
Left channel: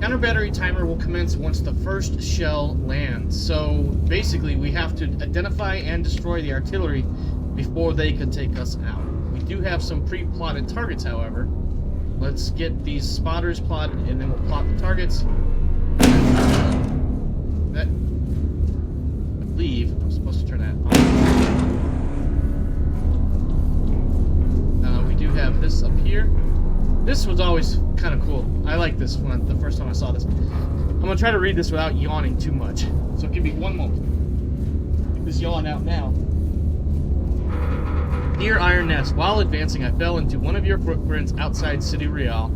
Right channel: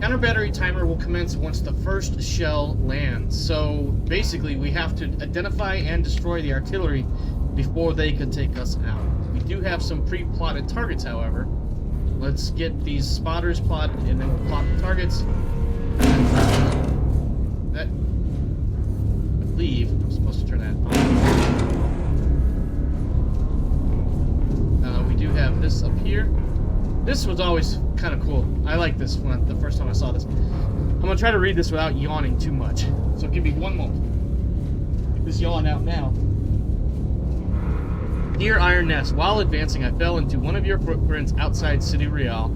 Counter battery timer will commence once the first shell lands. So basically we have to identify and destroy the artillery before they can take us out. We do have some pre-plotted targets, however. Let's get these spotters plotted and then we'll plot the targets. That, I believe I'm supposed to turn that on. We do have this up here. This was always kind of cool. I like this one the first time I saw this. I'm going to try to read this without yawning too much. So give me one moment. Get this yawn out now. Dear Iron Nest, while advancing, I fell into one of your footprints outside City Real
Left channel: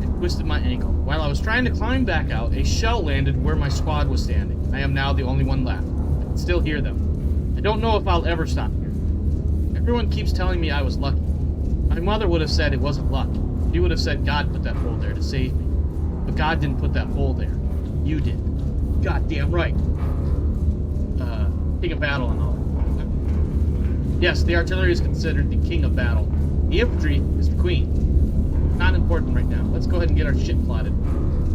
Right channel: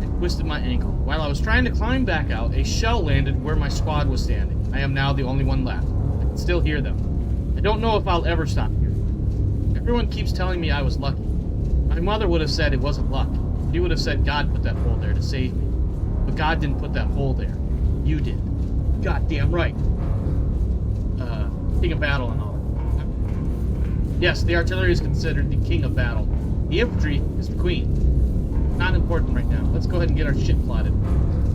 and twisted my ankle. While I was trying to climb back out, a shell landed where my squad was standing. I am now the only one left. I can still hear them. I don't know if I'll ever stop here. Everyone keeps telling me I was lucky. My mother would have said it wasn't luck. She would have said God put that hole there to save me. But God didn't put that hole there. You did. Goddamn right. King of battle and all that. Yes, the artillery is considered the king of battle. The infantry is the queen. Not important right now. Let's go ahead and get our shit plotted.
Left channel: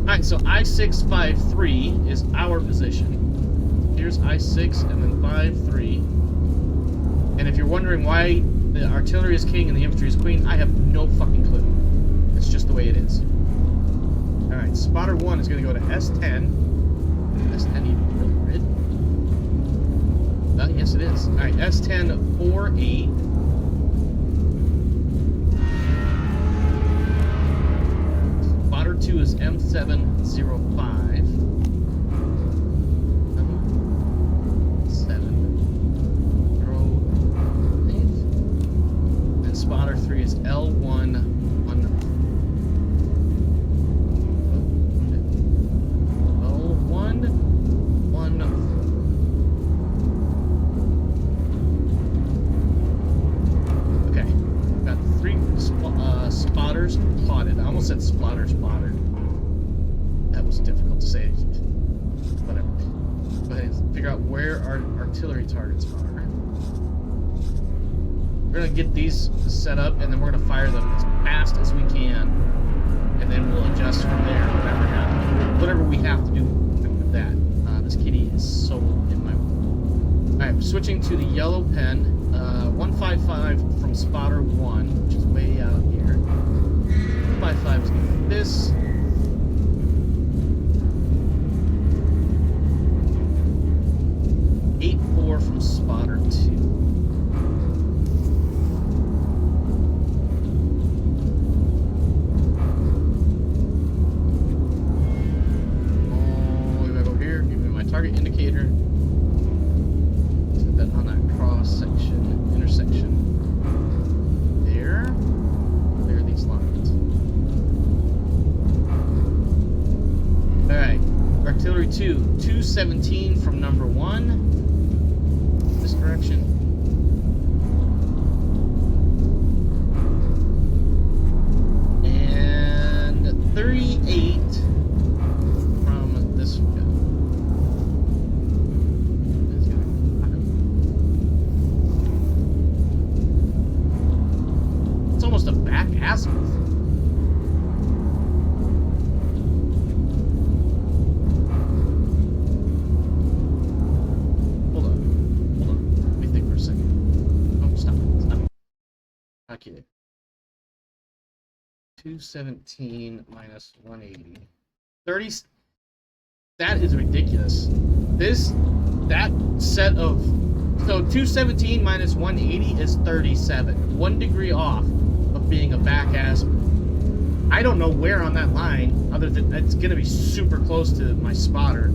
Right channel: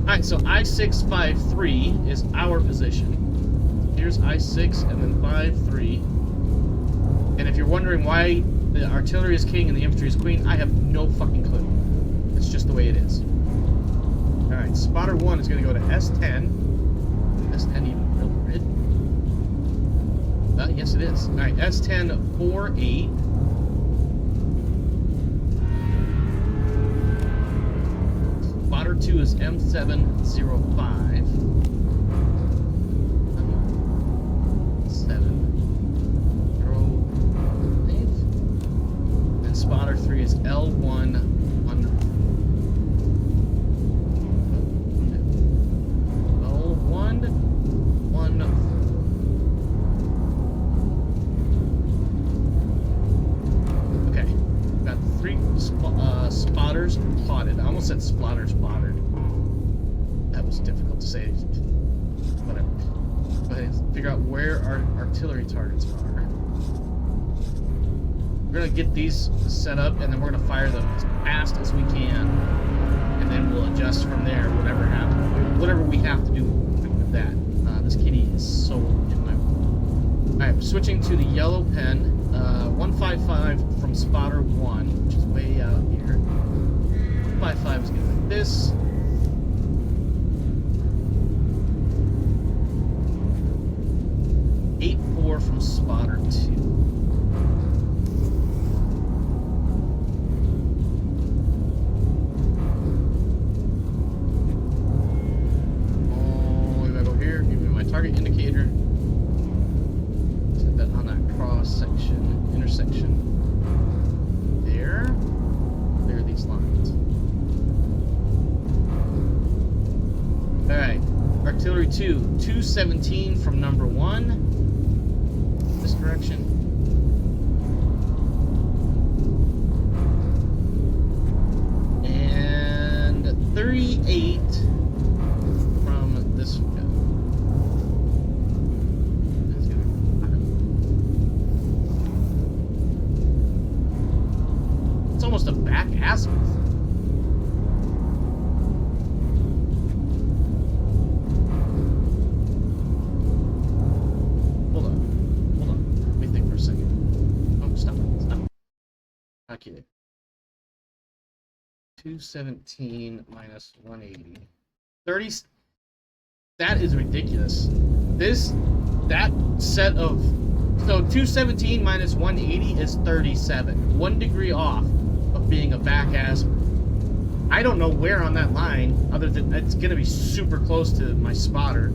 Alright, so I-653 is our position. Here's I-6 and then 5-3. And if you're wondering why the artillery is king and the infantry is queen, I have no fucking clue. It's just the way it is. Alright, spotter 1 is going to go to S10. S10 even real grid? Yes, it is. Alright, S10 4-8. Spotter 2 is M705. 7-0-8. And spotter 3 is L1-1. Okay, got 3 spotters plotted. I almost said splotters plotted. That was difficult to say. Whatever. Go ahead and figure out where our artillery targets are. We're gonna get these set up, and then we're gonna fire them as fast as we can, and then we'll adjust from there. Whatever happens, whatever we have to do with that. This kitty is so in my... Alright, we're switching to the yellow pen. 155 from spotter 1, which is way out here. 155 is going to be like this. .84 from spotter 2. Target indicator. Set that on that cross section, intersection. There. Clear these lines. Alright. Artillery 2. 217 from number 1. This direction. And 38 from this one. Almost a back azimuth. Hold on. Let me think for a second. Oh, stop it. Okay. 217 minus 180. 30. That is ridiculous. That set of... So 217 minus 180 is 37. 1 degree off of being a back azimuth. I don't know where on that line, other than it's going to be super close to my spotter,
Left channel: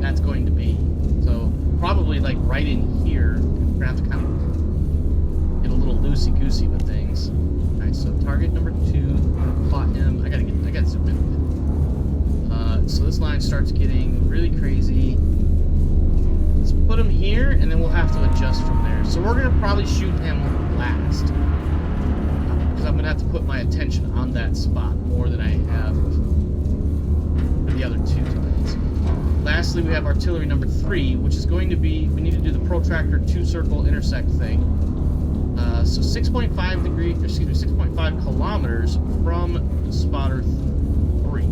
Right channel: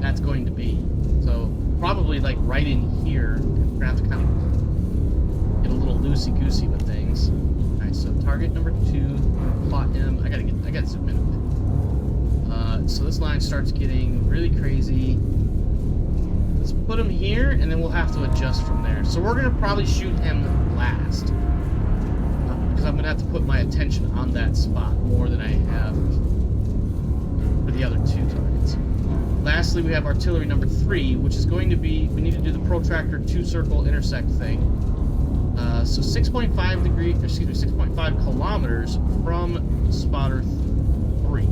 that's going to be. So probably like right in here. We're gonna have to kind of get a little loosey-goosey with things. Alright, so target number 2, we're gonna plot him. I gotta zoom in a bit. So this line starts getting really crazy. Let's put him here, and then we'll have to adjust from there. So we're gonna probably shoot him last. Because I'm gonna have to put my attention on that spot more than I have for the other 2 targets. Lastly, we have artillery number 3, which is going to be, we need to do the protractor 2-circle intersect thing. So 6.5 degrees, excuse me, 6.5 kilometers from spotter 3.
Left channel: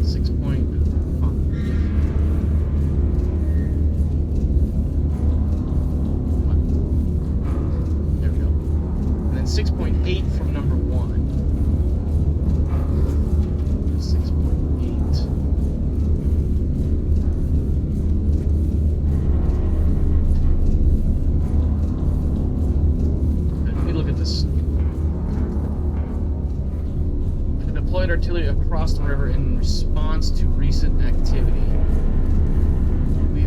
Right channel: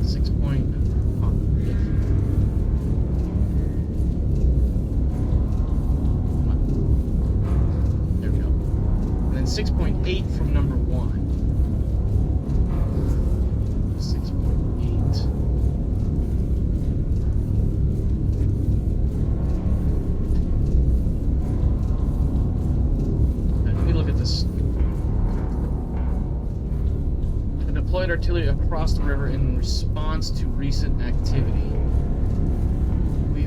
6.5. There we go. And then 6.8 from number 1. 6.8. Let me look at this. Deployed artillery across the river in response to recent activity.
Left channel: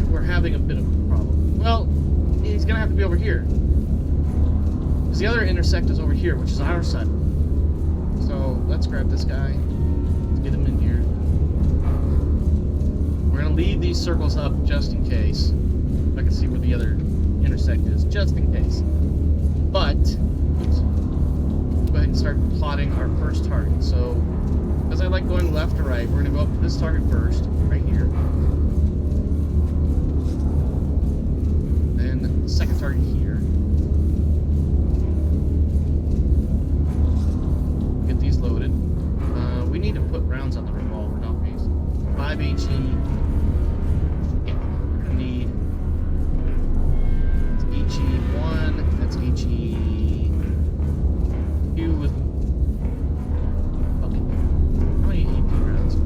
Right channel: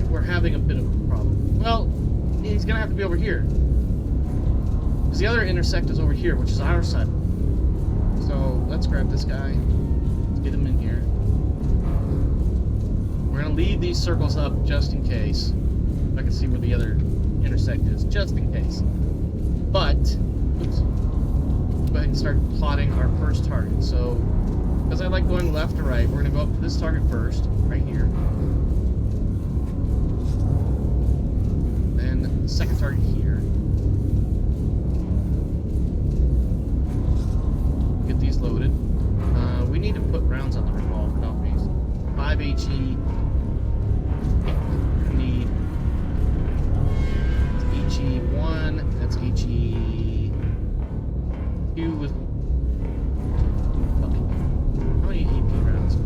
We're having a bit of a problem. Well, he's gonna have to be over here. Because the other intersect is over here, which is our side. So let's grab this guy. Let's get him in here. We're gonna leave these circles up just in case. If I can see where the other intersect is, just in case. But, oops. Go ahead and start plotting our first target. So, because I like going left to right, we're going to go up to this target first, right here. Then the second target here. Get these loaded. We need to put rounds on the revolver, don't we? 5 HE. Yeah, we're going to need HE1, that's HE2 with okay. How many AP rounds? 2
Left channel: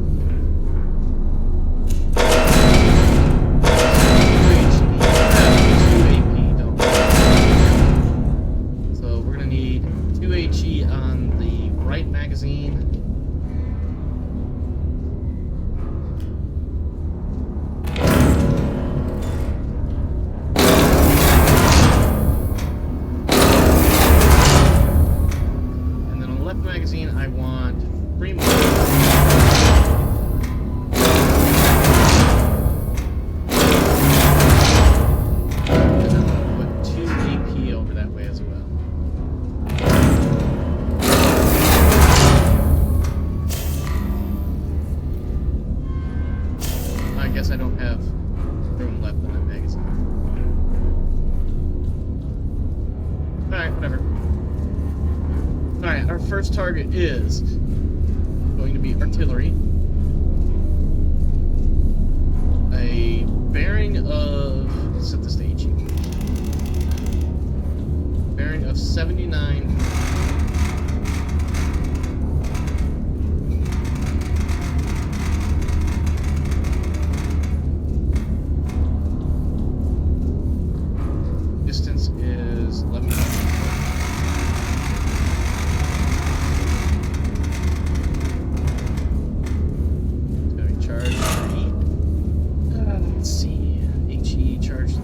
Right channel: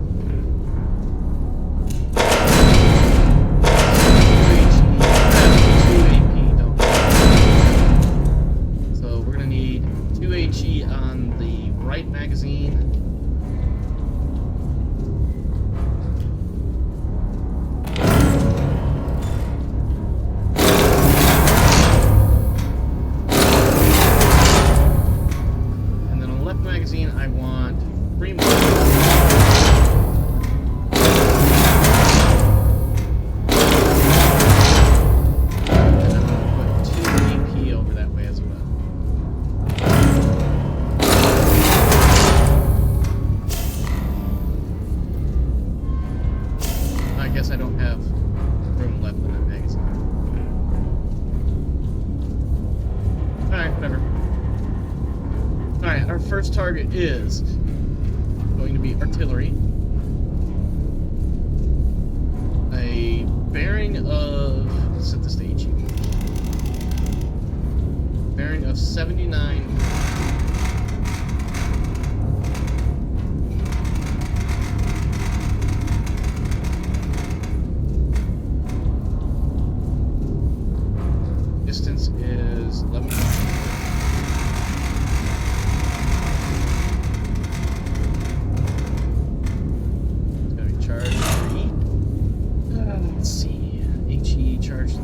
AP, don't we? So we're gonna need 2 HE on the right magazine. Magazine, I want 3 more. And I'm going to put 2 AP over that way as well. I guess I don't have room left in that magazine. Alright, whatever. Alright, our first target is going to be artillery. A bearing of, let's set this to HE. Bearing of 79. Distance is 11. Let's see. HE charge 3,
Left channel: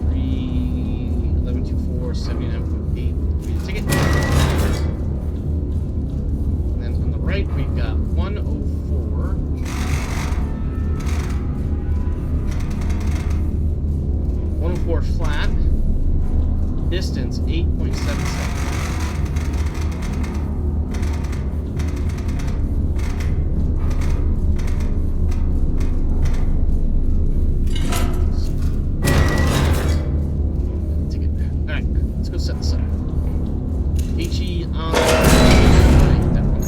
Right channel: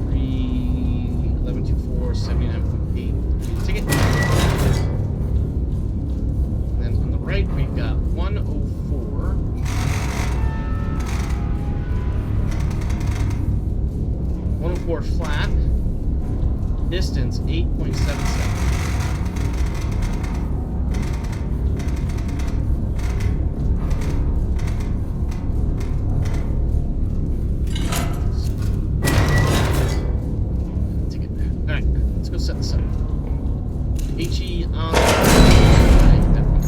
1124, 79.8. Ticket. And then on the right, we've got 104. 104 flat. Distance 8.77. Set this up. HE on the right, that one.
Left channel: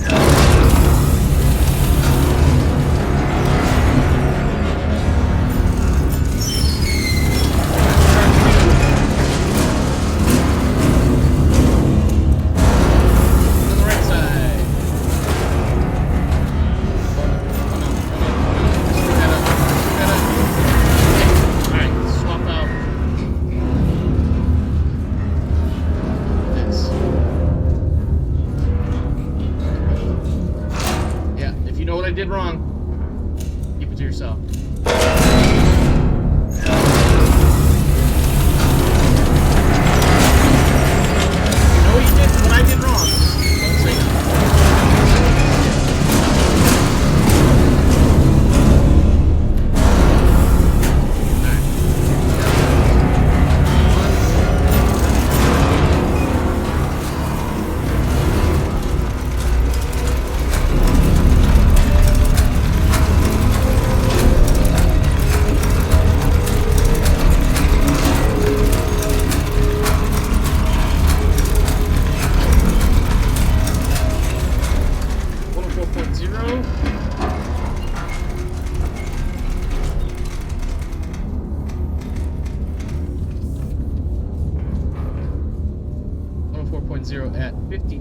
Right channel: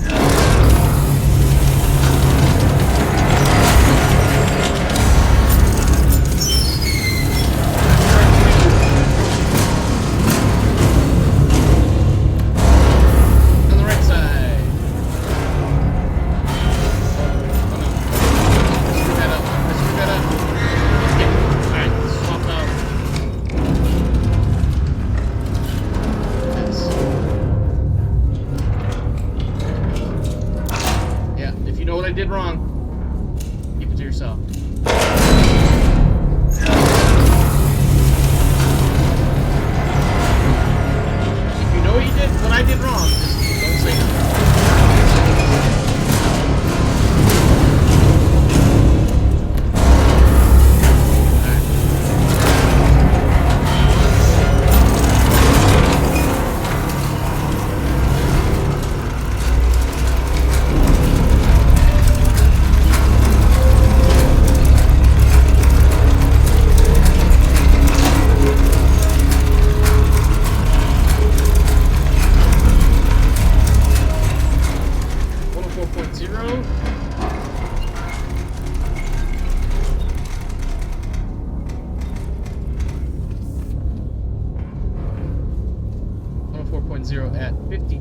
44.0 at 52.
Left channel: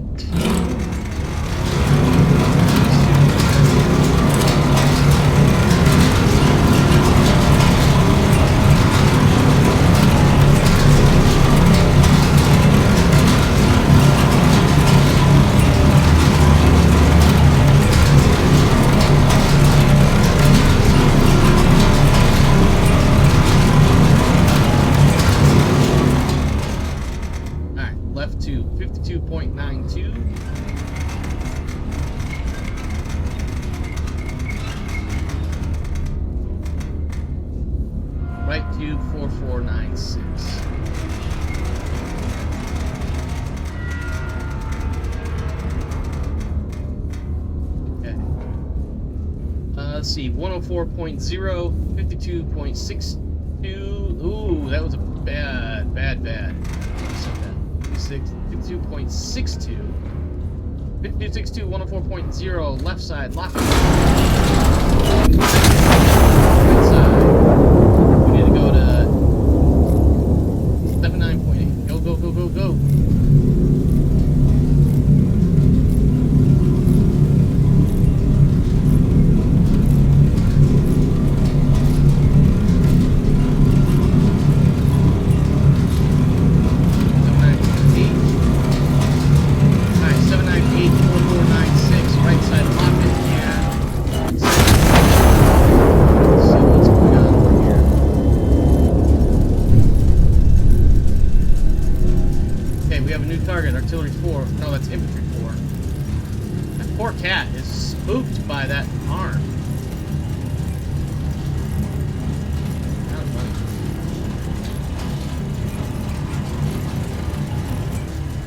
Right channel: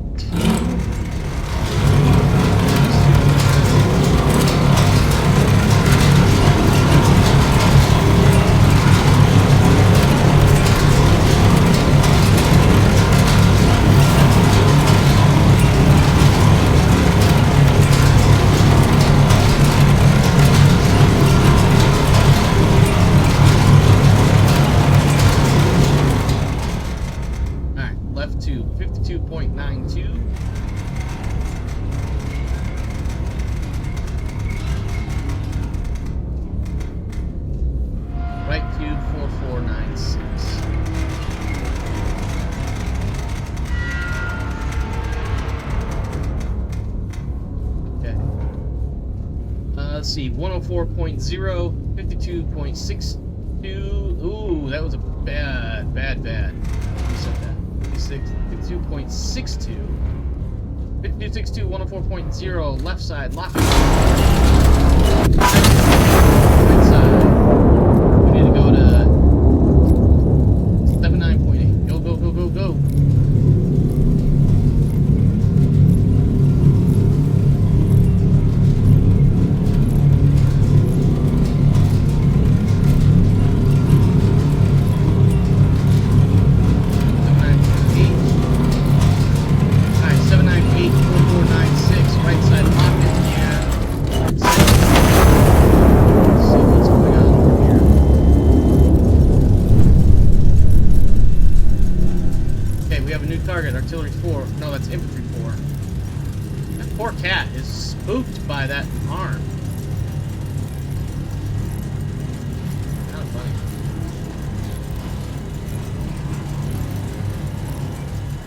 Left to 52.92. Right to 4496. Okay. Let's see, 104.0, 52.62. Ooh, that was a bad. Who said that? 52.62. 52.62, 104.0, left side, lock it. Right side. We need to go to 79.8. Go. Target, artillery 4. No, that's infantry 4. That poor cat is spooked by that arm. Kind of funny.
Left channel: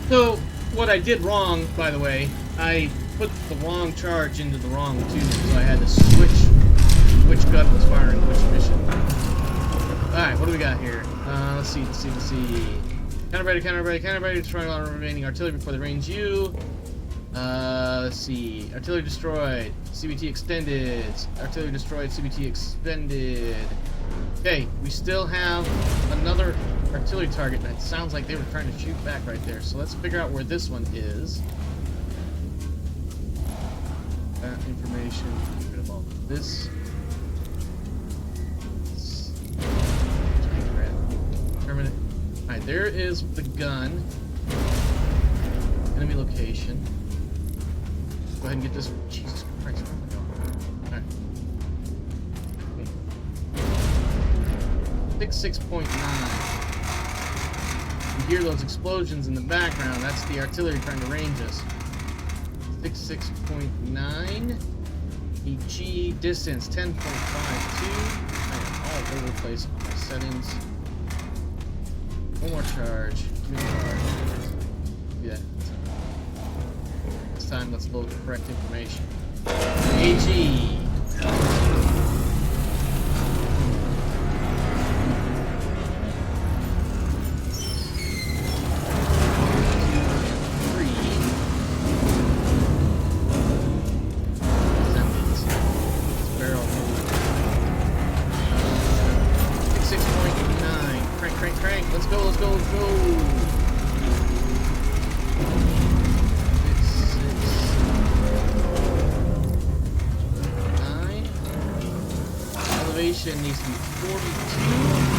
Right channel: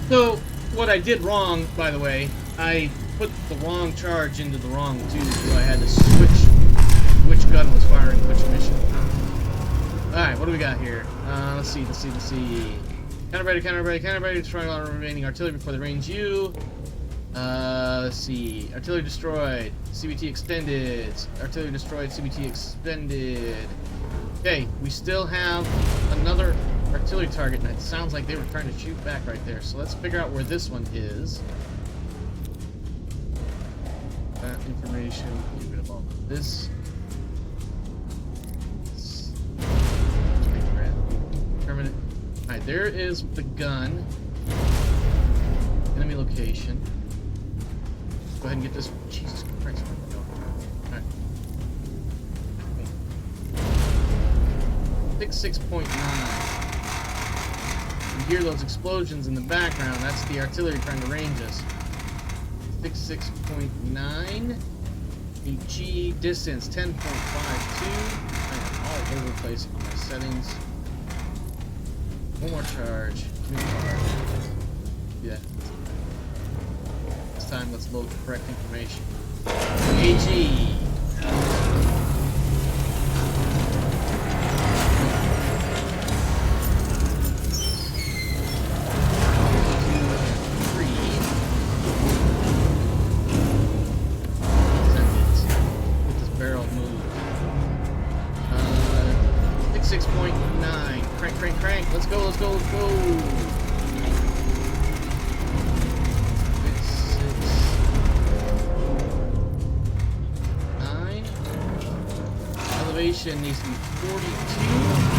So, what I did wrong, by the way, I put the wrong charge into the wrong tube, so I had to switch which gun was firing which mission. Alright, what do we got here? Let's see. Counter-ready, destroying all remaining artillery before they range you. Let's see. Artillery destroyed. CBT extended. Artillery destroyed. CBT expended. Okay, we still have another artillery target, and it sounds like they were trying to shoot back right there. So let's figure out where this one is. That information. Get rid of all of this. Terminate. Alright, there is the gun. Enemy location. Go ahead and get this. Jesus Christ, where am I going? Alright. 66.9. You hear those explosions in the background. That's the artillery trying to range us. 66.9. EG distance 10.52. I am all over the place on my settings. One more charge. Give me the card. Yeah. This time, let's load the correct information. AG. Let's go. 6, 9. Elevation needs to be 42.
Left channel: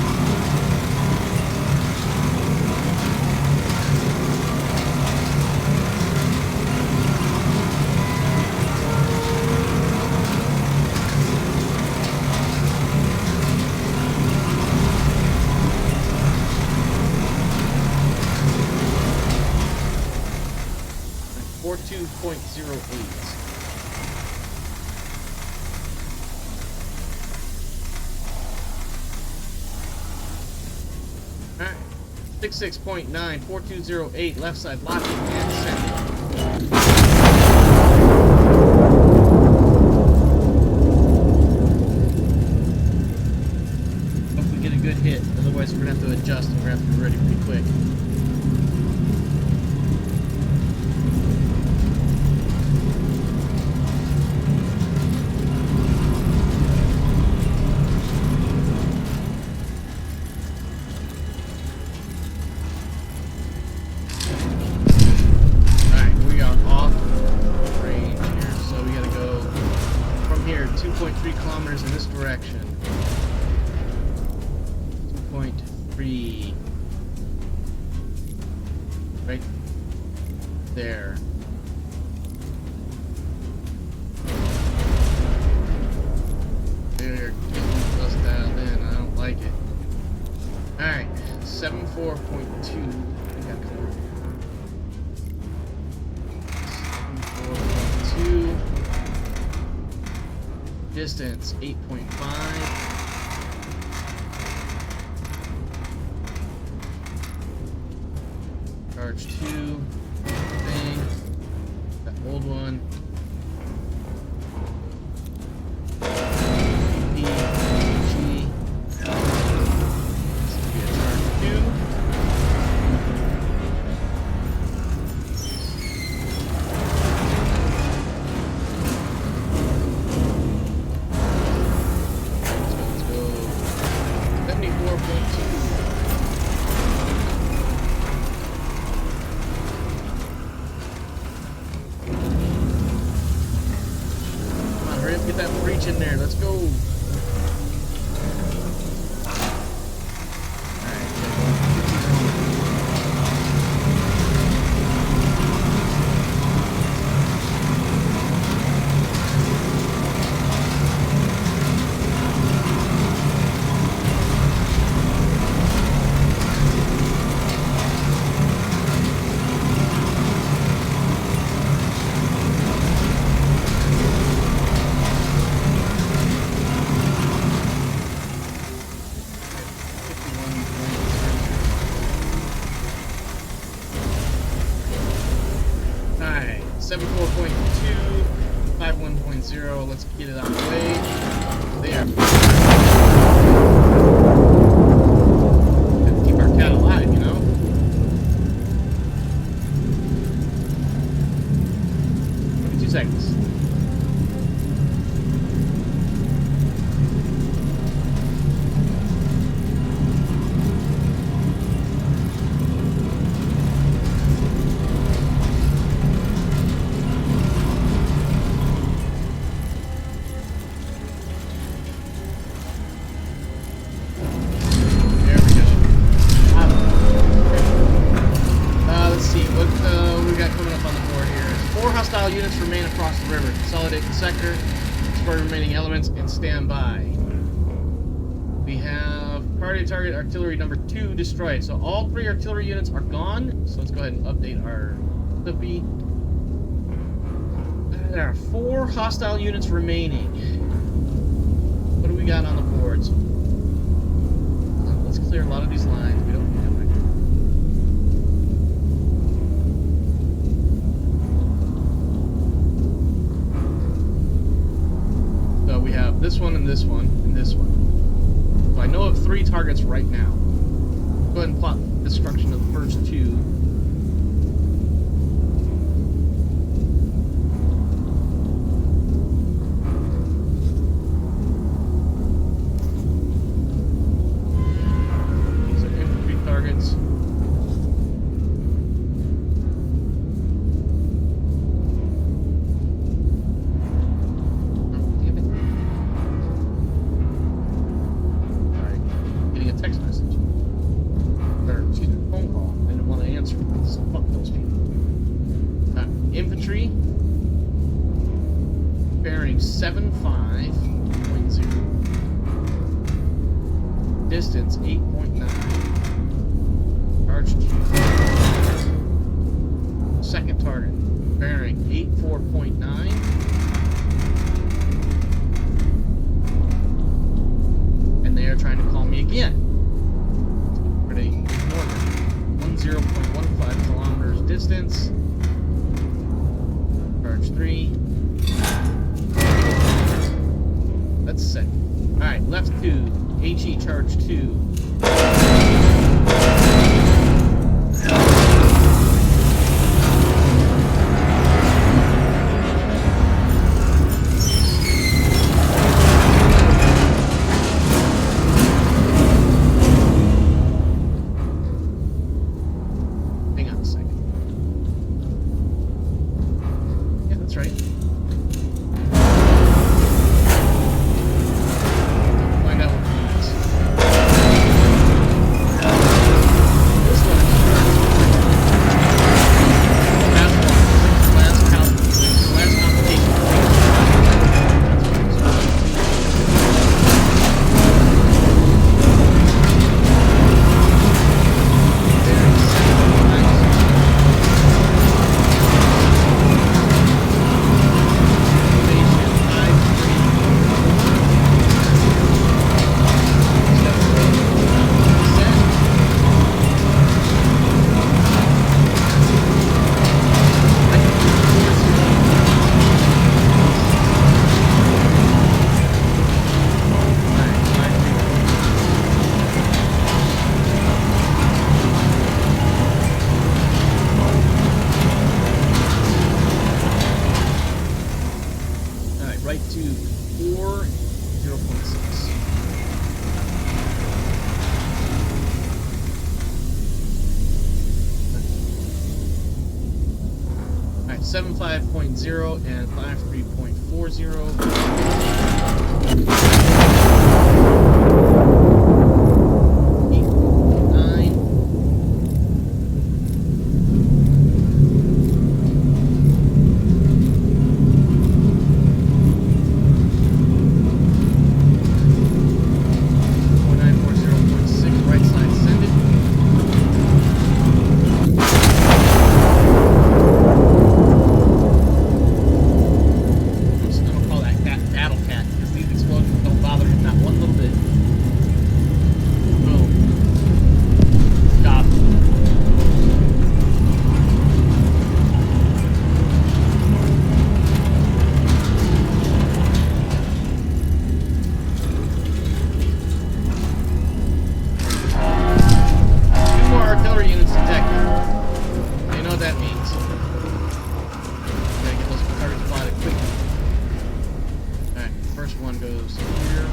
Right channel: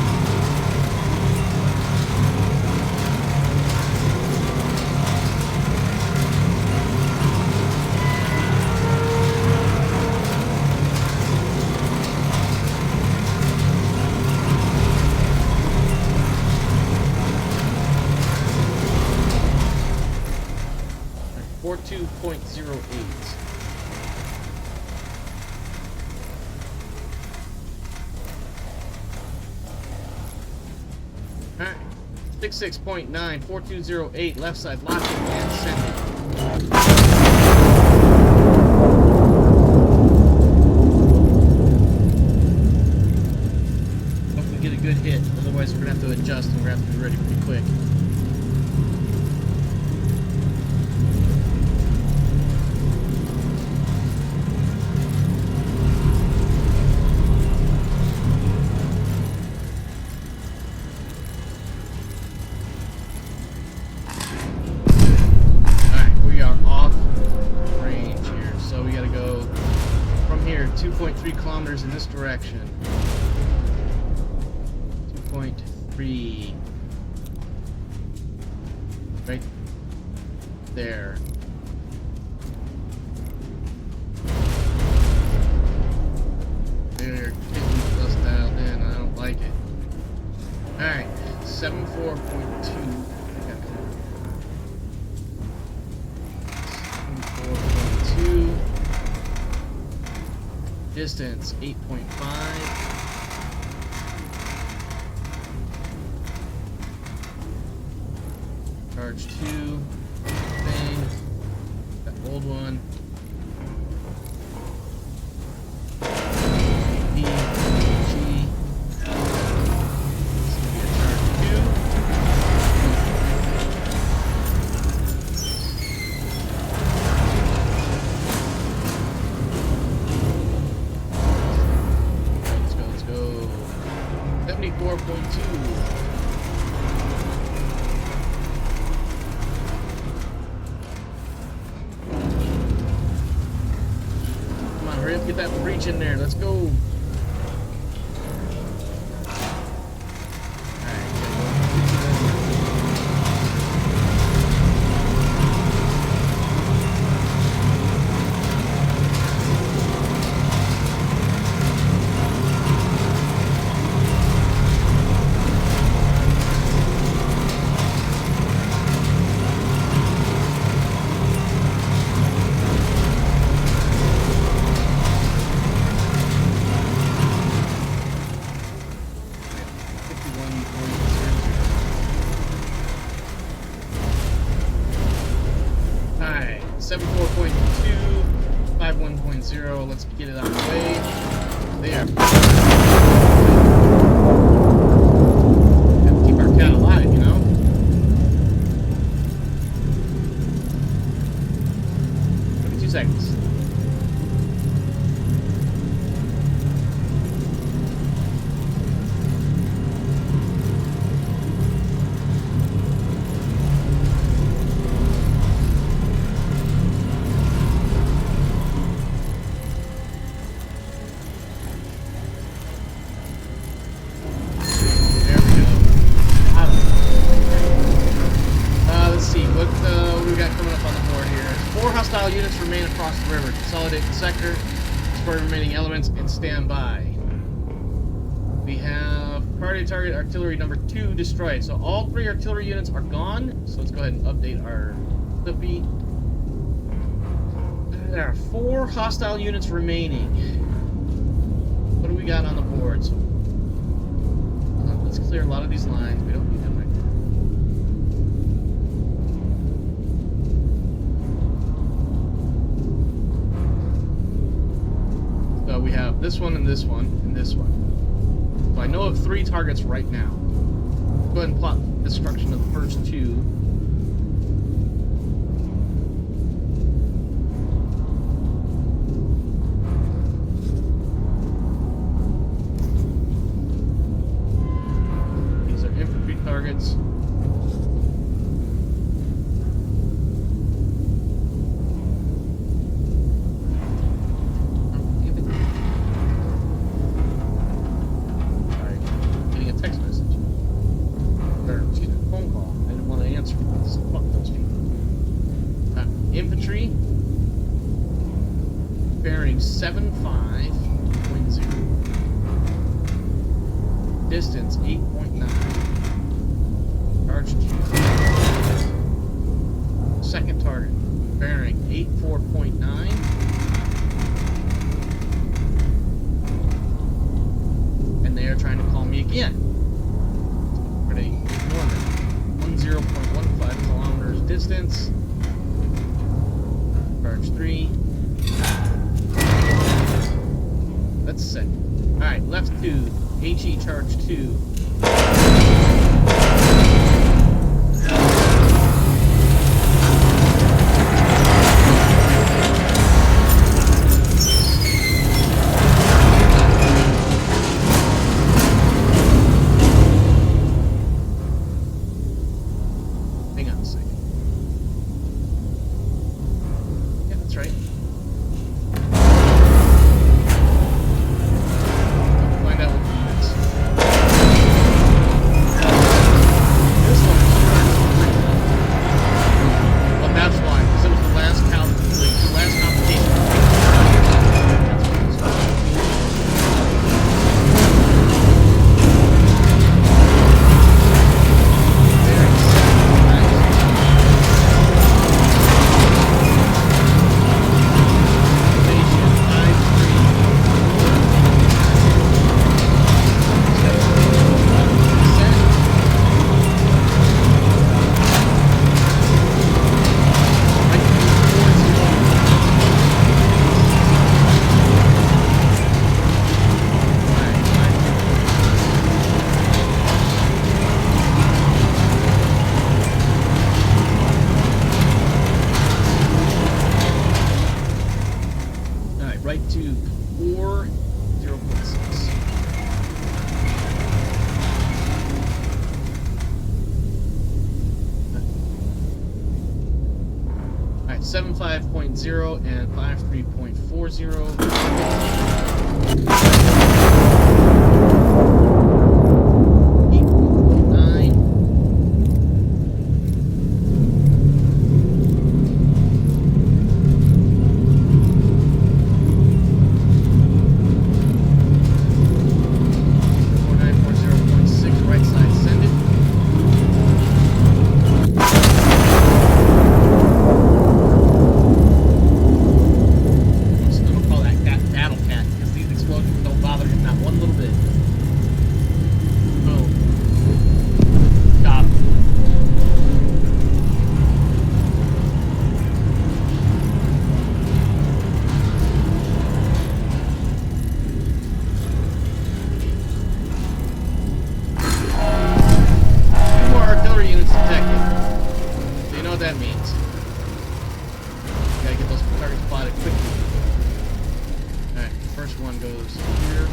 Or 2.08. Alright. 66.9, 4208, left side locking and sending. Hope we get a good hit, otherwise we're gonna have to adjust and we're gonna have to be ready pretty quick. 2.3 kilometers in this direction. 2.3. Right there. They're getting us dialed in. I don't like it. Alright, 74.2. I gotta come over here. 74.2. Distance 8.5. Charge 2. Thing. That old one. Get that breach in there. Let's go. Alright, 74.2, 51.0, let's get it out of the way. There. Gotta keep our cat alive, you know? Seconds. There we go. Let's see what we got coming up on the board here. 4 hostile units remain across the river. Consolidate the sector, destroy remaining elements, and stand by. We have priority target artillery number 2 destroyed. So all 3 artillery units are gone. So let's go ahead and update our Clippy. There are 4 hostile units remaining. What do we got on the board? So, let's clear a lot of these lines. We don't need them right now. So we have this one and this one and this one. So I know of 3 targets right now. Go ahead and plot destruction of the first 2. These are infantry targets. Text message. Or, excuse me, phone call. I didn't want to answer. So fuck those people. Infantry. Bearing 75.0. Distance 8.9. Charge 2. Second target. Bearing 84.9. And they are trying to call me again. We're going to ignore them. 10.15 kilometers distance. Charge 3. That's set. Alright, left 2. HE charge 2. 75.0 and 53.40. 8.9. Right side, send it. I'm just gonna call that Battle Cat because these explosions don't bother him not one little bit. Boom. Stop. 2 more artillery units detected. So you know what that means. You gotta get those targets plotted quickly. Alright, first one goes here.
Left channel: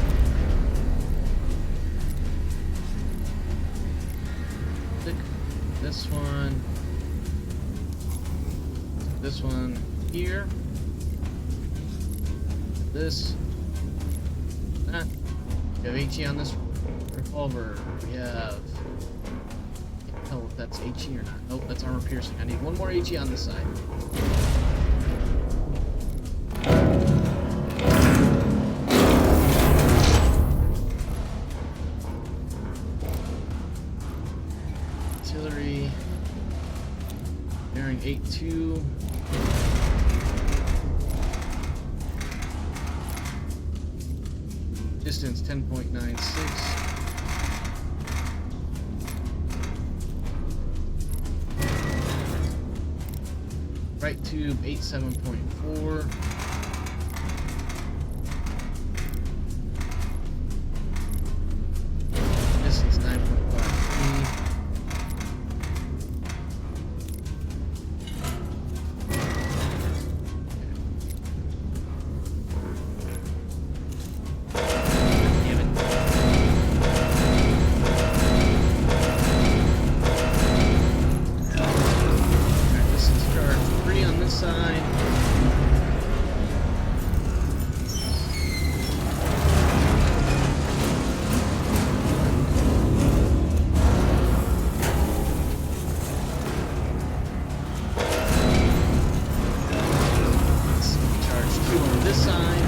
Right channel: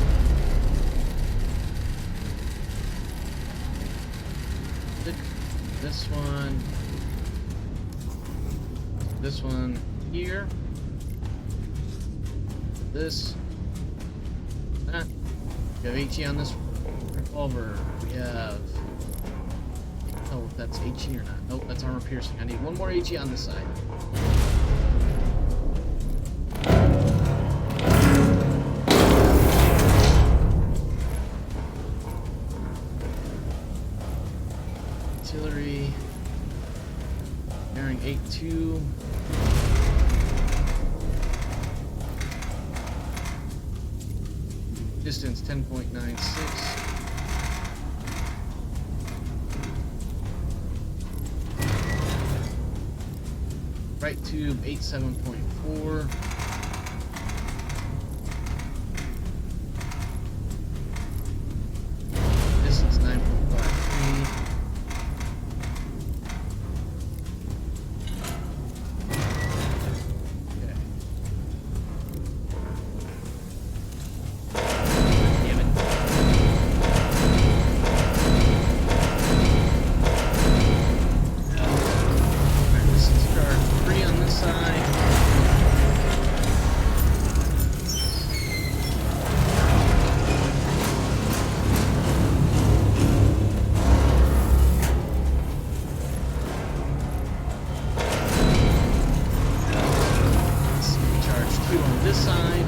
Stick this one. This one here. This. That. We have HE on this revolver. We have. Can't tell if that's HE or not. Nope, that's armor piercing. I need one more HE on this side. Artillery. Bearing 8-2. Distance 10.96. Right tube 87.4. Distance 9.53. Side. Charge 2 on this side.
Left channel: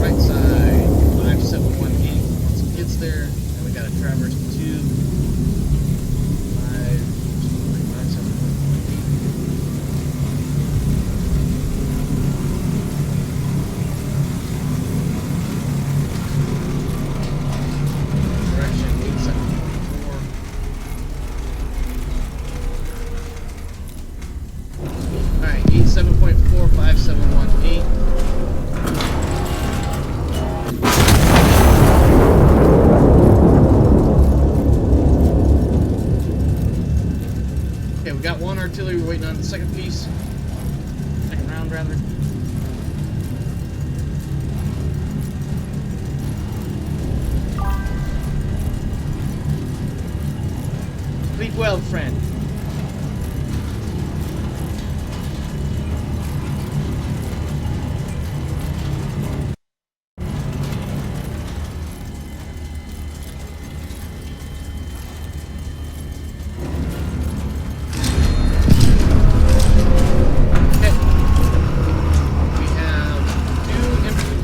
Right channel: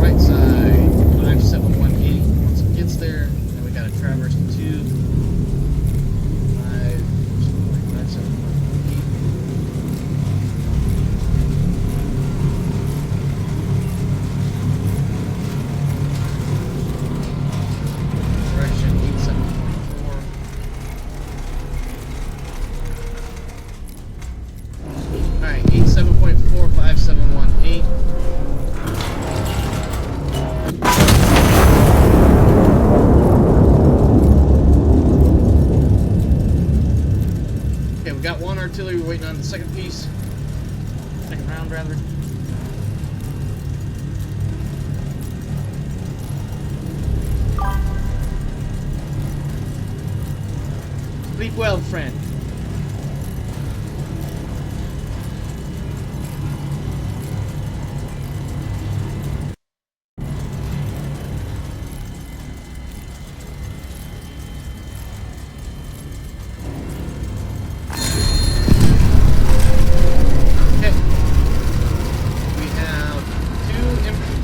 Right side, 5718. Once it gets there, then we gotta traverse the tube. 5718. Direction 87.4. Alright, 87.4, 5718. Okay, we got one artillery, we're waiting on the second piece. Second round, rather. Sleep well, friend.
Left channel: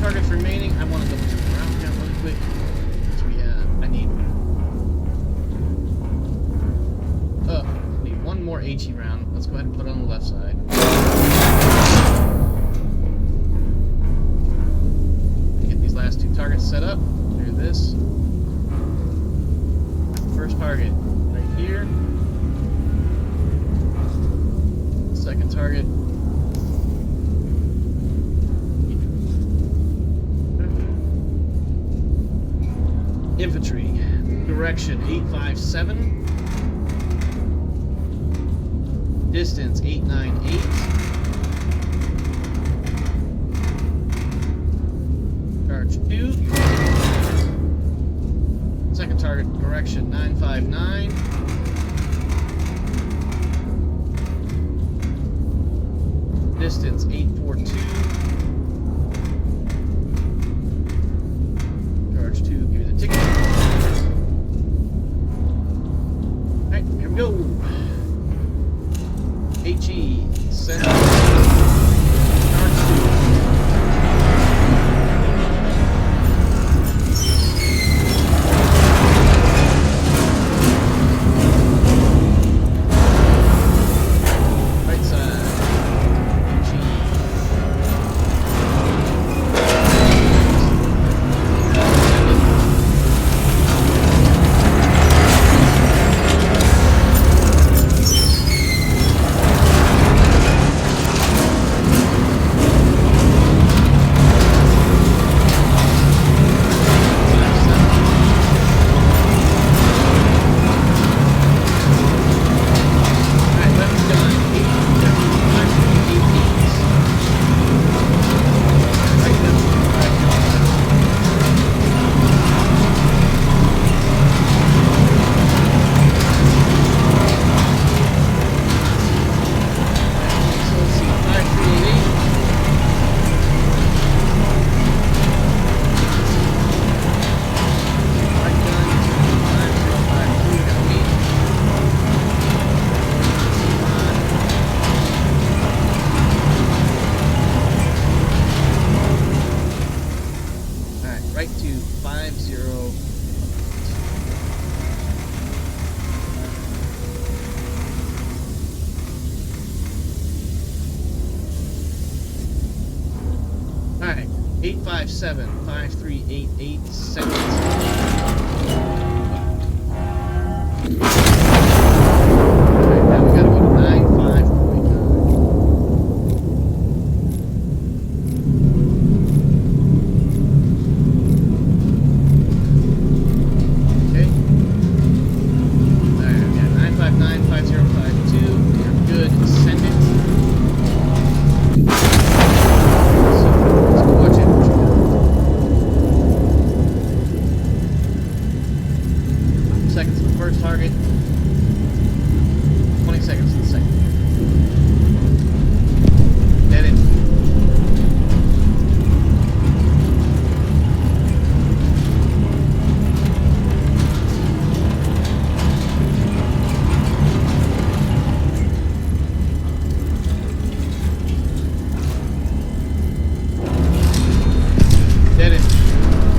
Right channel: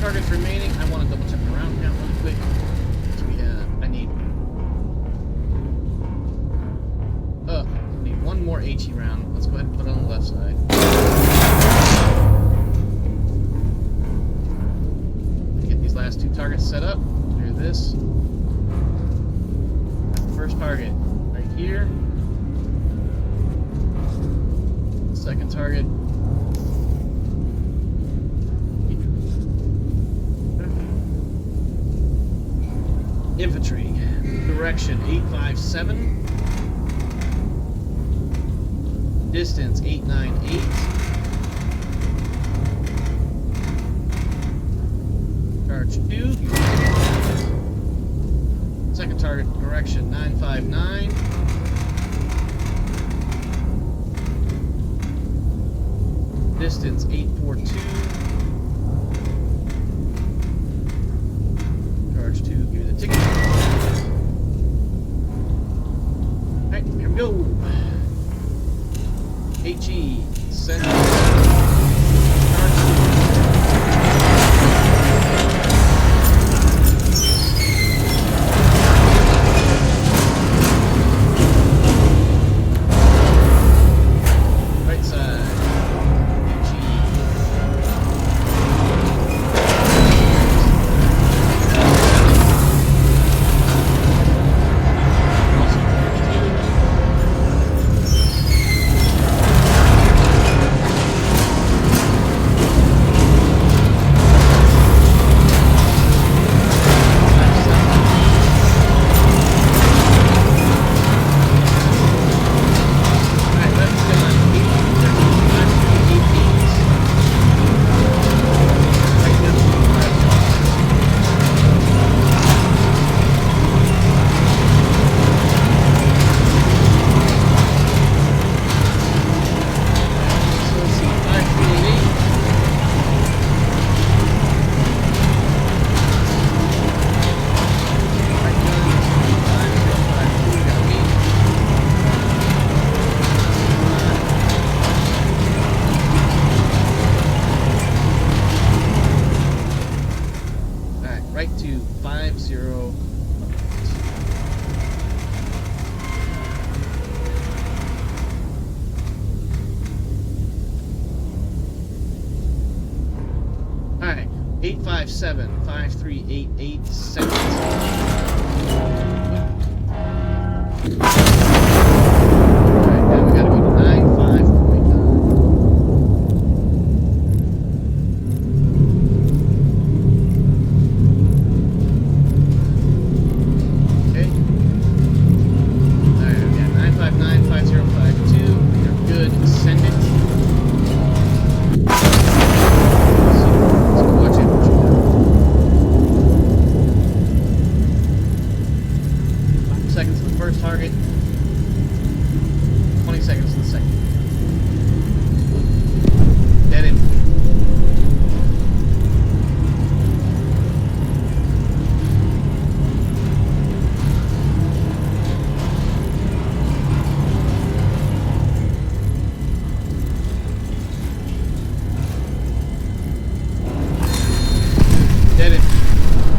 Targets remaining. I want to double check the round count really quick. So we have, I need HE round. Let's go ahead and put it on the left side. Get these last two targets set up. Do this. First target right here. Second target. Infantry. Direction 857. Distance 898. Charge 2. Second target, direction 959. Distance 842. Charge 2, give me the ticket. Alright, here we go. HE, send charge 2. Alright, 857-5388 seconds. Alright, now we gotta go to 95.9. Okay. Alright, we got 959-5052. We are good. Send it. Seconds to the first target, 20 seconds to the second. Dead in. Dead in.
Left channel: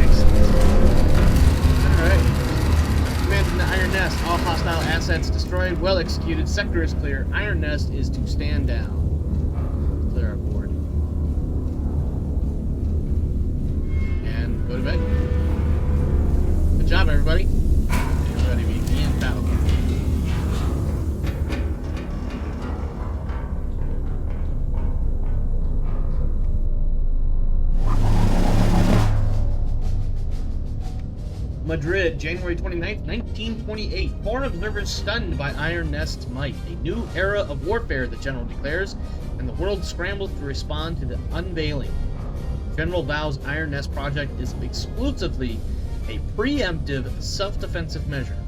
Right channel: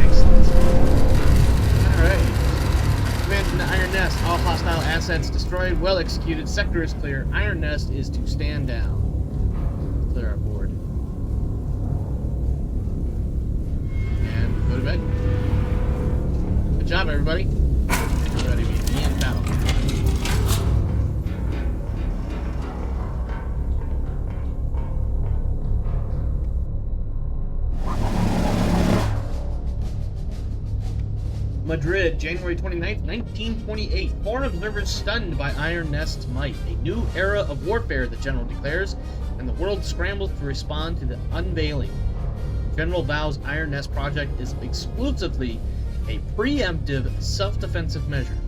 Excellent. Alright. Iron Nest. All hostile assets destroyed. Well executed. Sector is clear. Iron Nest is to stand down. Clear our board. And go to bed. Good job, everybody. You're ready to begin battle. Madrid, January 29th, 1928. Foreign observers stunned by Iron Nest's might. A new era of warfare, the General declares, and the world scrambles to respond to the unveiling. General vows Iron Nest project is exclusively a preemptive self-defensive measure.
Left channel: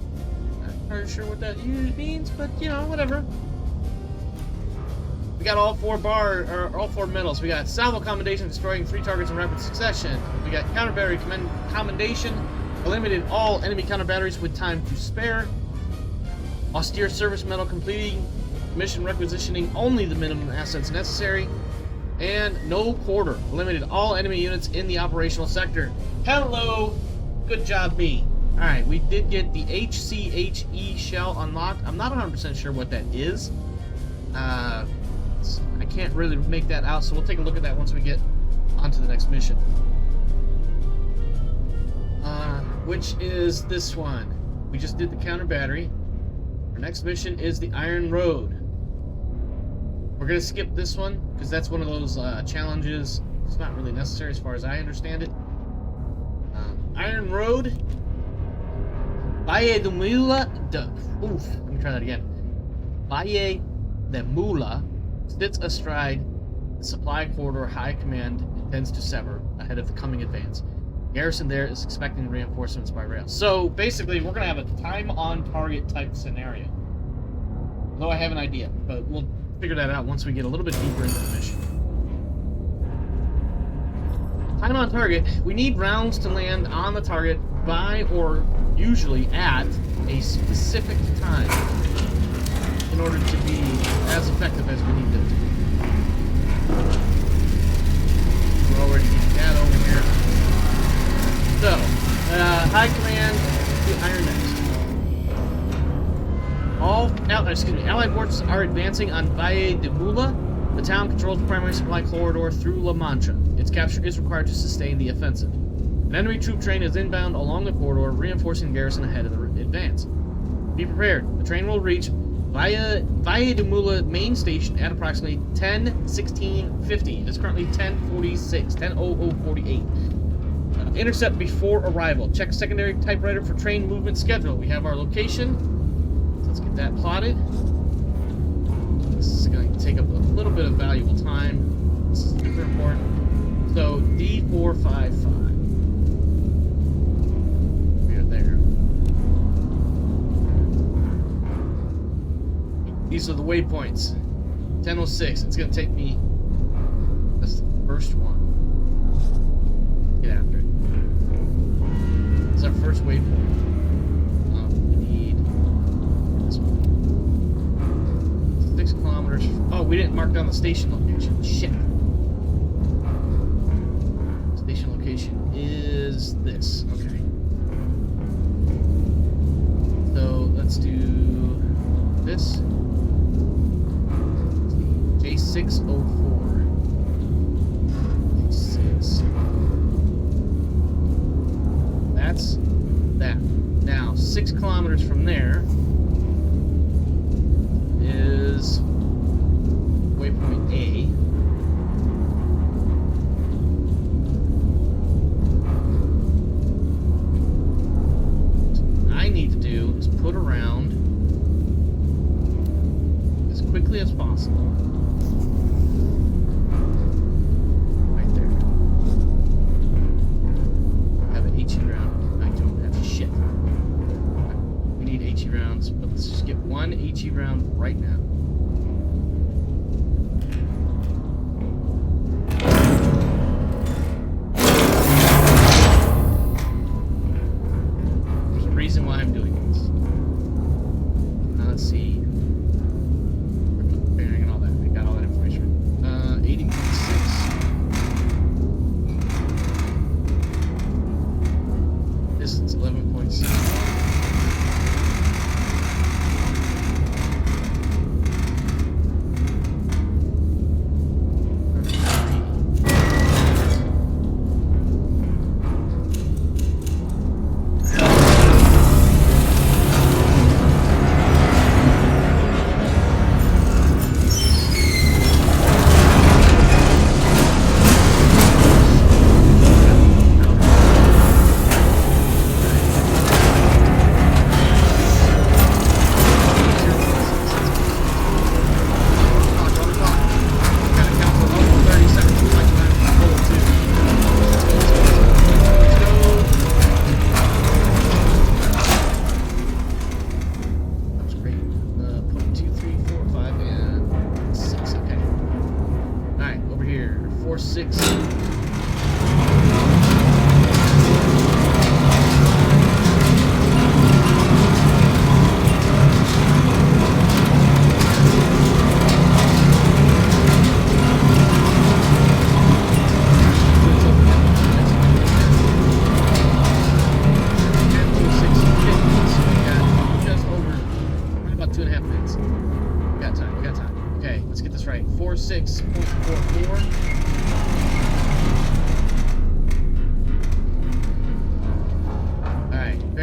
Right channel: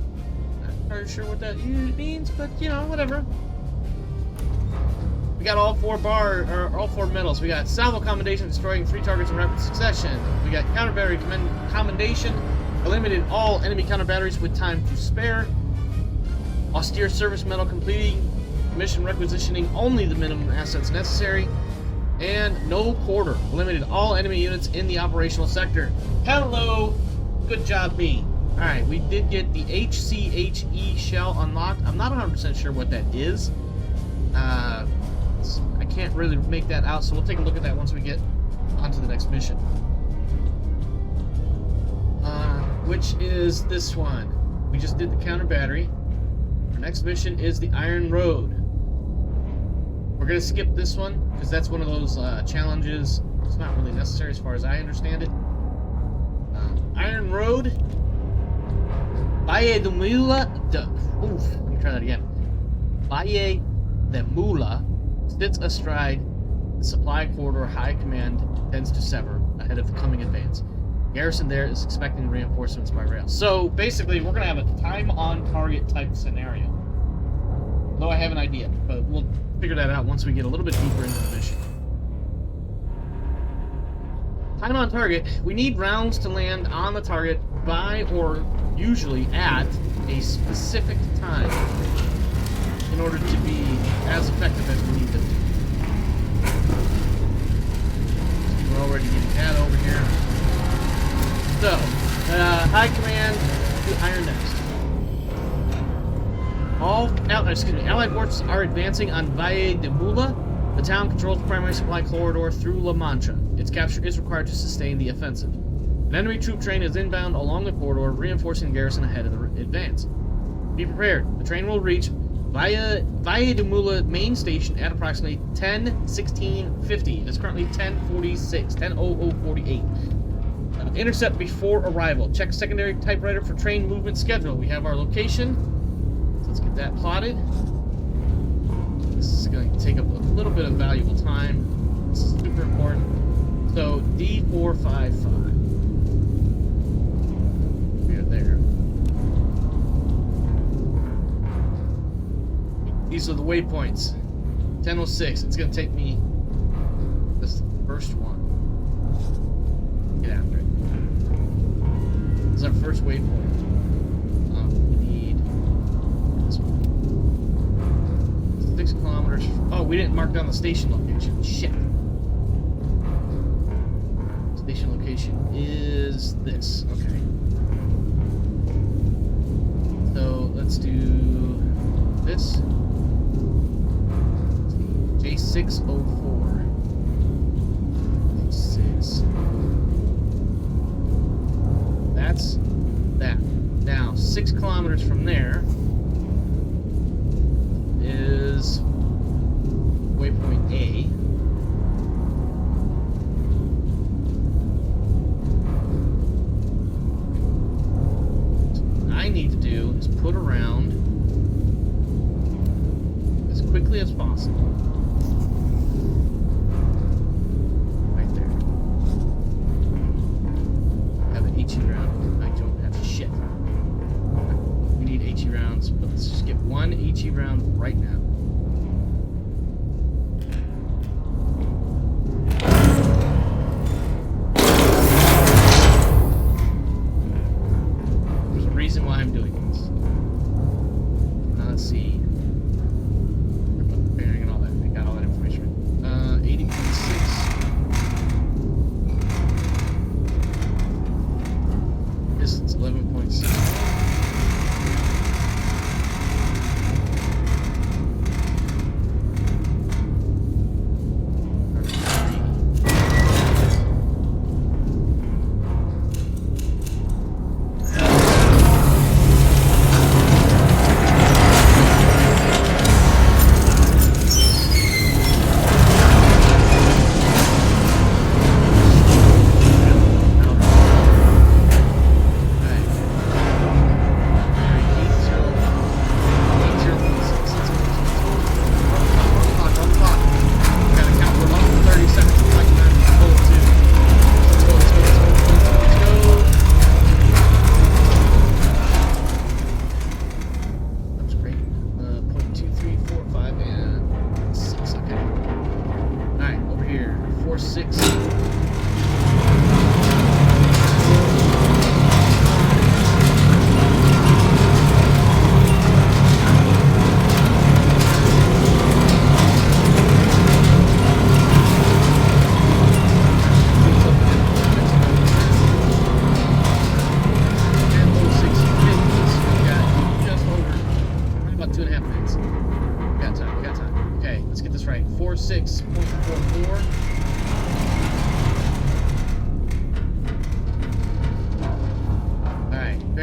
Not quite sure what that means, but you know, whatever. We got all four medals. We got salvo commendation, destroying 3 targets in rapid succession. We got counter battery commendation, eliminated all enemy counter batteries with time to spare. Austere service medal, completing mission requisitioning only the minimum assets necessary. And no quarter, eliminated all enemy units in the operational sector. Hello, good job me. Alright, we did get the HCHE shell unlocked. I'm not 100% sure what that is. I can't really make that out, so we'll take a look at that once we get onto the next mission. Which is this one. We just did the counter battery. Our next mission is the Iron Road. We're going to skip this one, because that's one of those challenges. It's not really necessary as far as I understand it. Iron Road. Valle de Mula. Let me try that again. Valle de Mula sits astride the supply corridor High Command intends to sever ahead of the coming advance. Garrison there is expecting reinforcements by rail. So basically, we're going to have a time-on-target type scenario. Though I have an idea, but we'll figure that out once we get a little bit deeper into the mission. Time on target. We need rounds to land on the target by or usually at a specific time in order to be as effective as we need them to be. We're already getting that over here. So, High Command to Iron Nest. Allied forces are advancing on Valle de Mula. The town controls the primary supply corridor through La Mancha. Its capture is required to sustain the offensive. An enemy troop train is inbound along the corridor, reinforcing the garrison ahead of the advance. Be prepared. The train will reach Valle de Mula main station at approximately 10:16:50. It is currently 10:46, 10:00:48. Intercept before arrival. Check secondary typewriter for train movement schedule. We have our location. So let's get that plotted. This is going to take up a little bit of valuable time. This is super important. So D455. We are there. These are the waypoints. 10:06. It's going to take me. This is the first one. Get after it. This is our first waypoint. We need this one. 6 kilometers. Oh, we didn't mark down the station location. Shit. Station location is this. Okay. So let's do this. J604. J6. That's that. Now, 6 kilometers from there is waypoint A. What I need to do is put around as quickly as possible. Right there. Have an HE round. I don't have shit. We need HE rounds, but let's just get one HE round right now. There's a reason why I'm doing this. Now let's see. Bearing and all that. I got all that information. 80.6. Distance 11.6.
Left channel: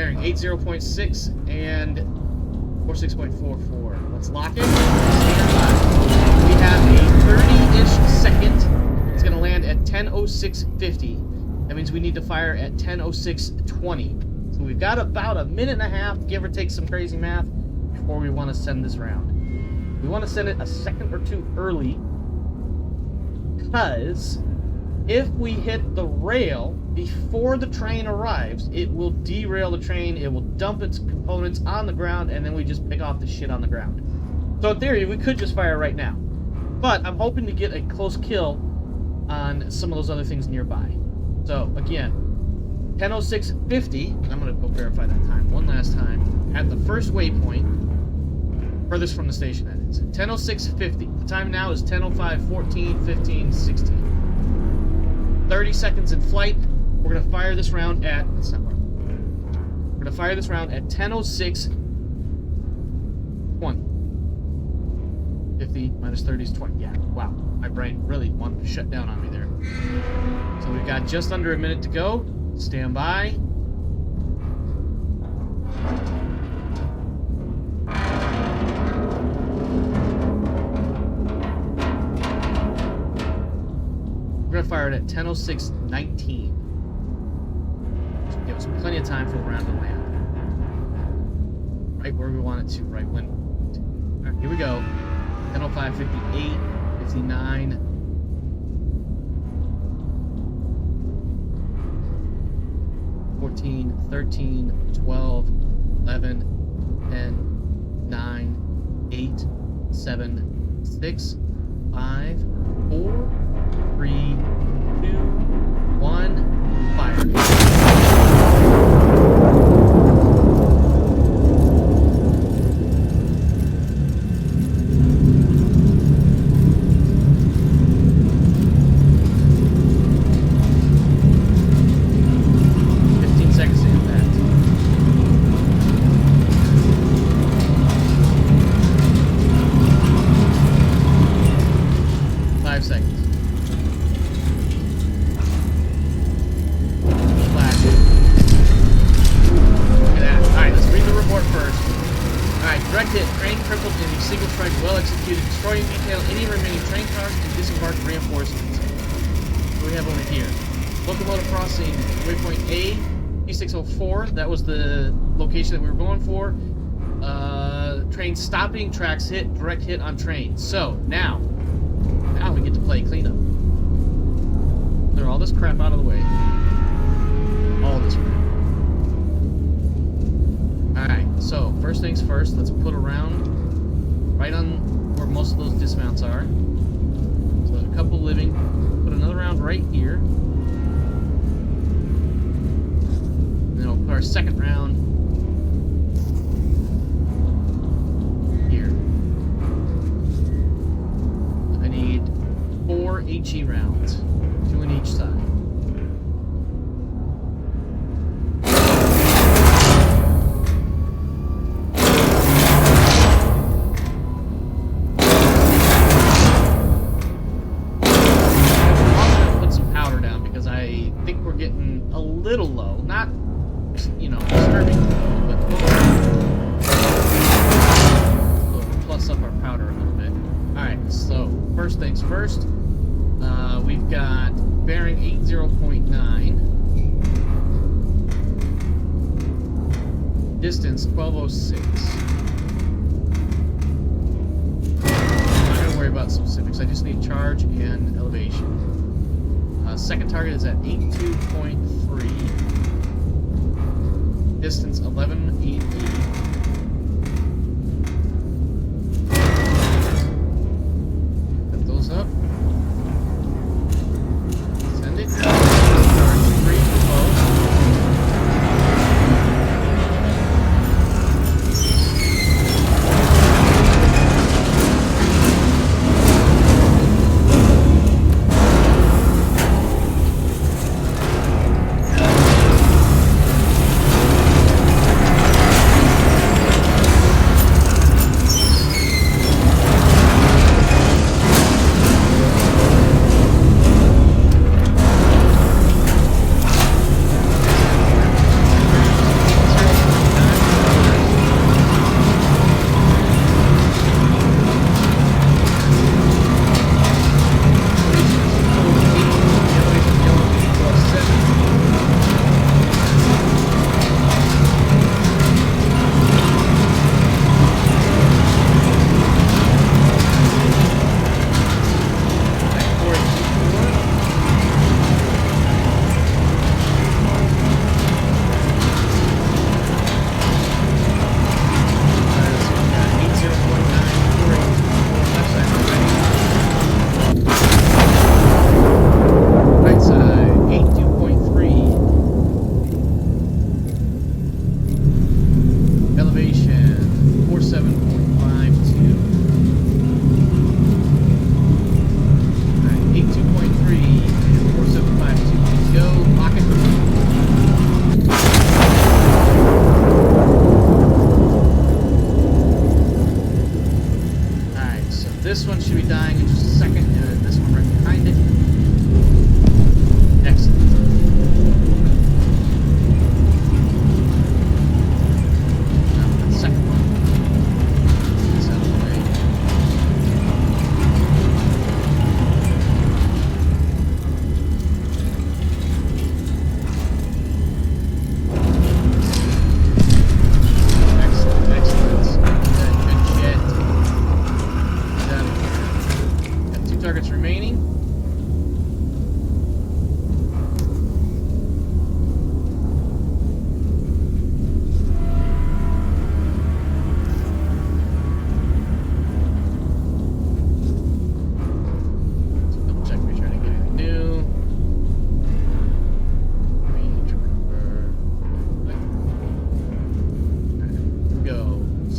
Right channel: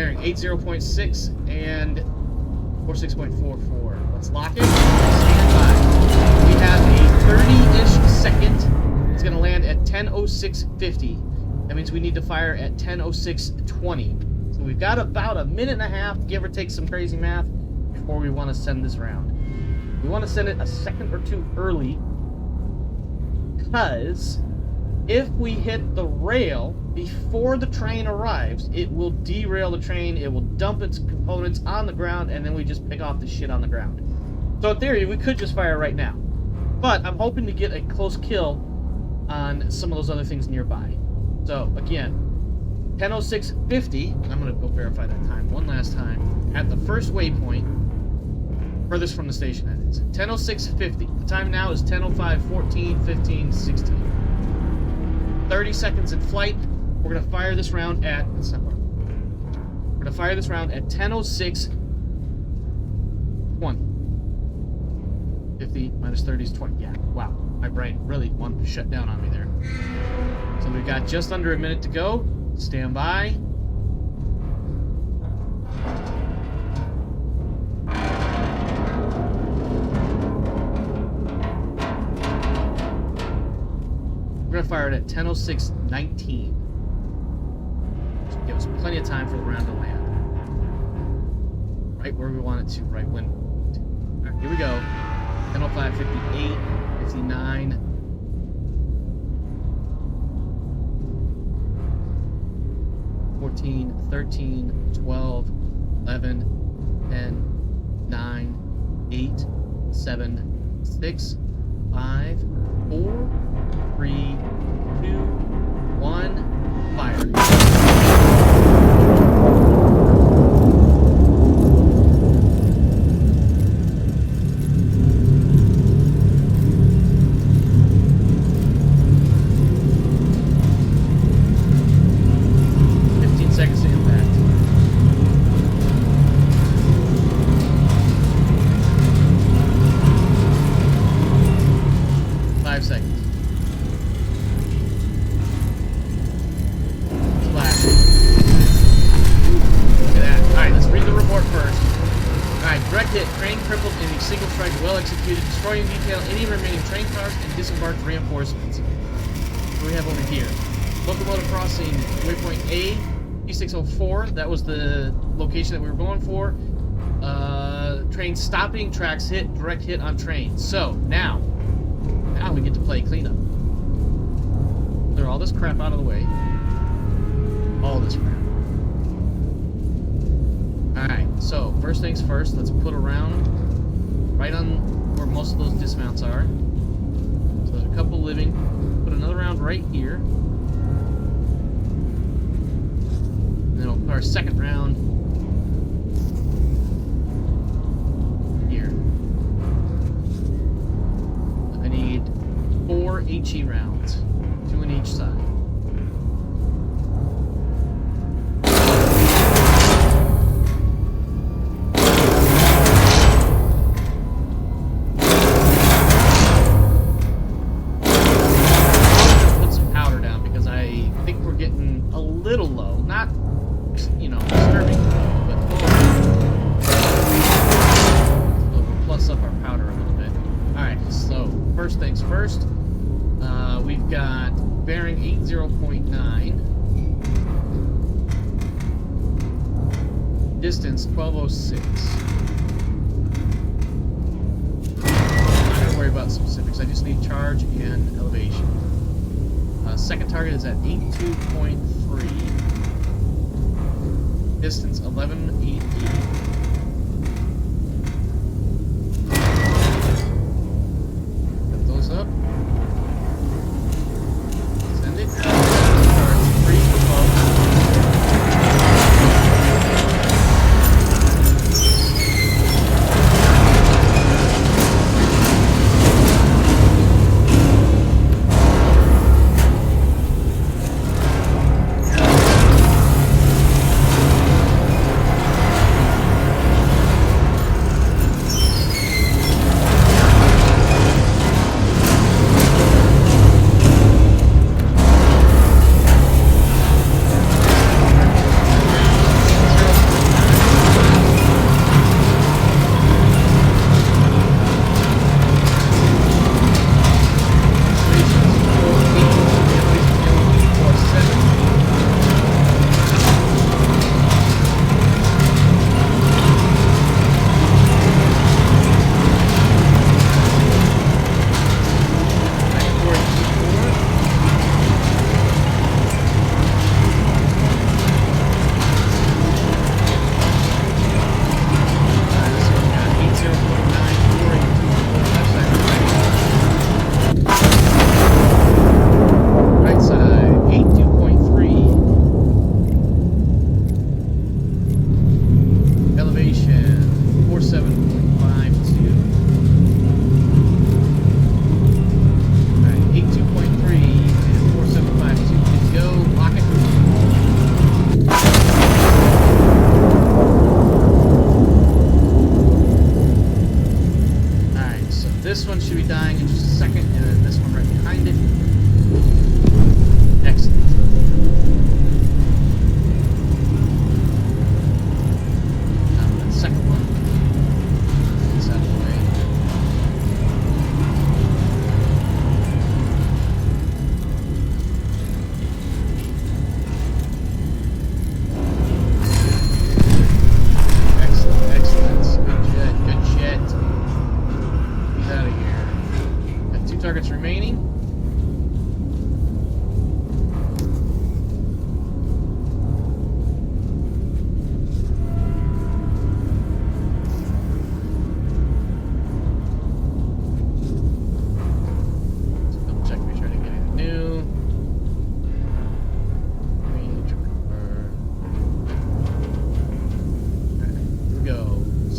bearing 80.6 and 46.44. Let's lock it. Stand by. We have a 30-ish second. It's going to land at 10:06:50. That means we need to fire at 10:06:20. So we've got about a minute and a half, give or take some crazy math, before we want to send this round. We want to send it a second or two early, because if we hit the rail before the train arrives, it will derail the train, it will dump its components on the ground, and then we just pick off the shit on the ground. So in theory, we could just fire right now. But I'm hoping to get a close kill on some of those other things nearby. So again, 10:06:50, I'm going to go verify that time one last time, at the first waypoint, furthest from the station that is. 10:06:50. The time now is 10:05:14, 15, 16. 30 seconds in flight. We're going to fire this round at... That's not what we're going to fire this round at 10:06:20. 50 minus 30 is 20. Yeah, wow. My brain really wanted to shut down on me there. So we've got just under a minute to go. Stand by. We're going to fire it at 10:06:19. Should give us plenty of time for the round to land. Right where we want it to, right when. All right, here we go. 10:05:58, 59. 14, 13, 12, 11, 10, 9, 8, 7, 6, 5, 4, 3, 2, 1, fire. 15 seconds to impact. 5 seconds. Flash. Look at that. Alright, let's read the report first. Alright, direct hit. Train crippled in a single strike, well executed. Destroy in detail any remaining train cars and disembark reinforcements. What do we have over here? Locomotive crossing waypoint A, P604. That was the location that we were going for. Train stopping, tracks hit, direct hit on train. So, now we get to play cleanup. Clear all this crap out of the way. All this crap. Alright, so first things first, let's put a round right on where most of those dismounts are. So there's a couple living. Put another round right here. And then we'll put our second round here. I need 4 HE rounds, 2 on each side. I think we're getting a little low. Not, disturbing low, but we'll plus up our powder a little bit. Alright, so first things first. We've got bearing 80.9. Distance 1206. I'm not going to worry about specifics. I just need charge and elevation. Second target is at 82.3. Distance 1188. Put those up. Send it. Charge 3 for both.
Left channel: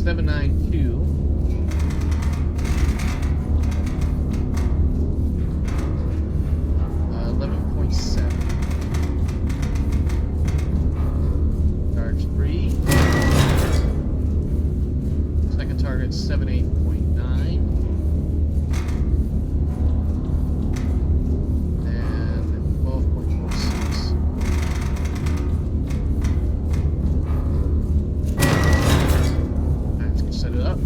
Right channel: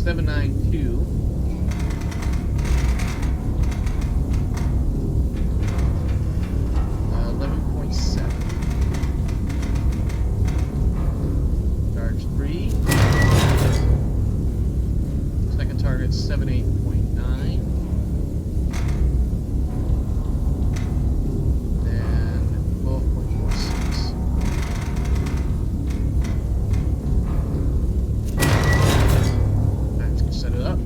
792. Charge 3. Second target 78.9. And 12.46. Alright, let's set it up.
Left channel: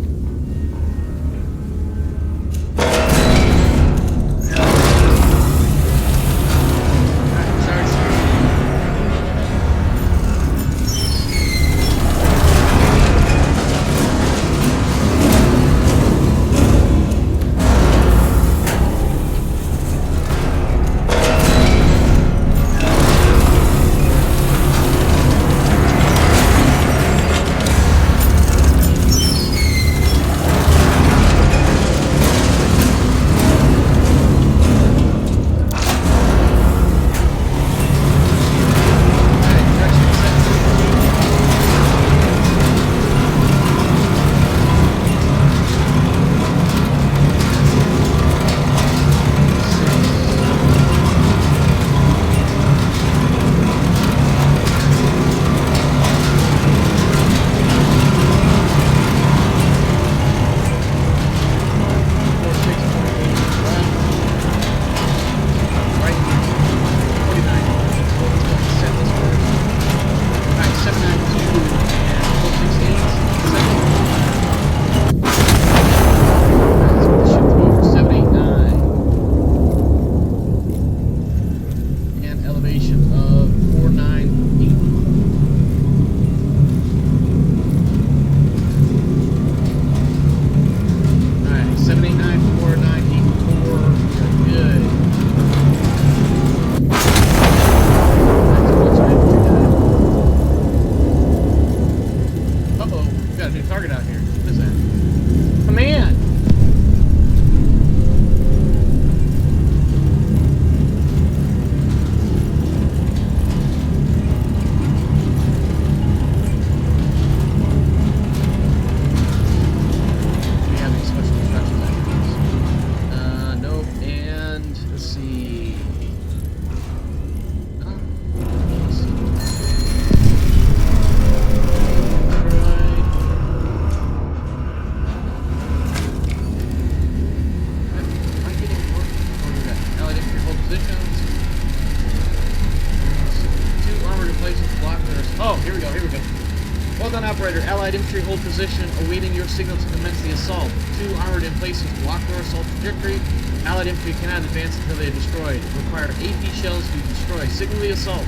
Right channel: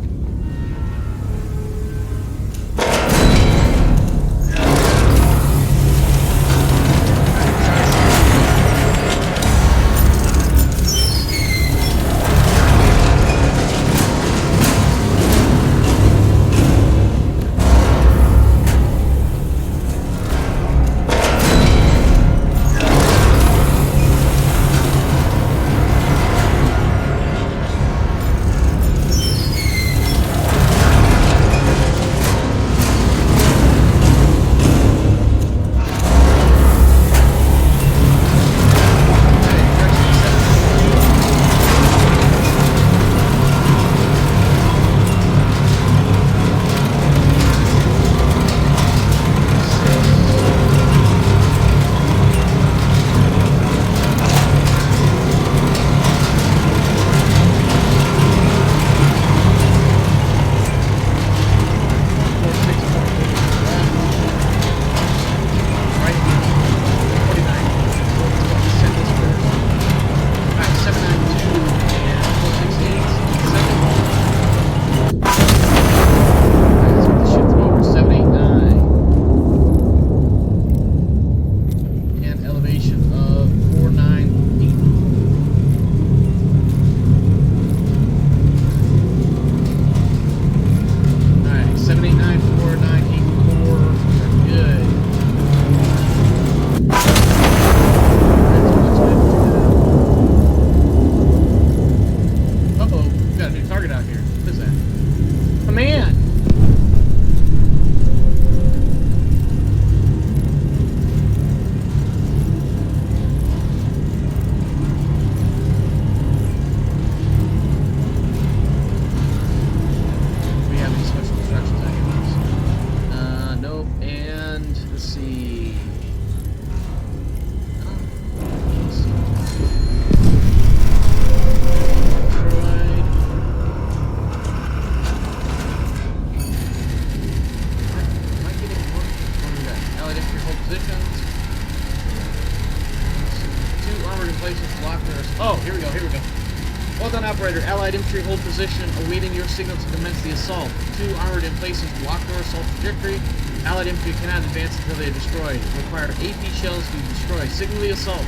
Operator, Allied infantry hold position, awaiting your signal to commence the assault. 2 armored emplacements block their assault trajectory. Allied infantry cannot advance until they are destroyed. Require AP shells to destroy. Signal the assault.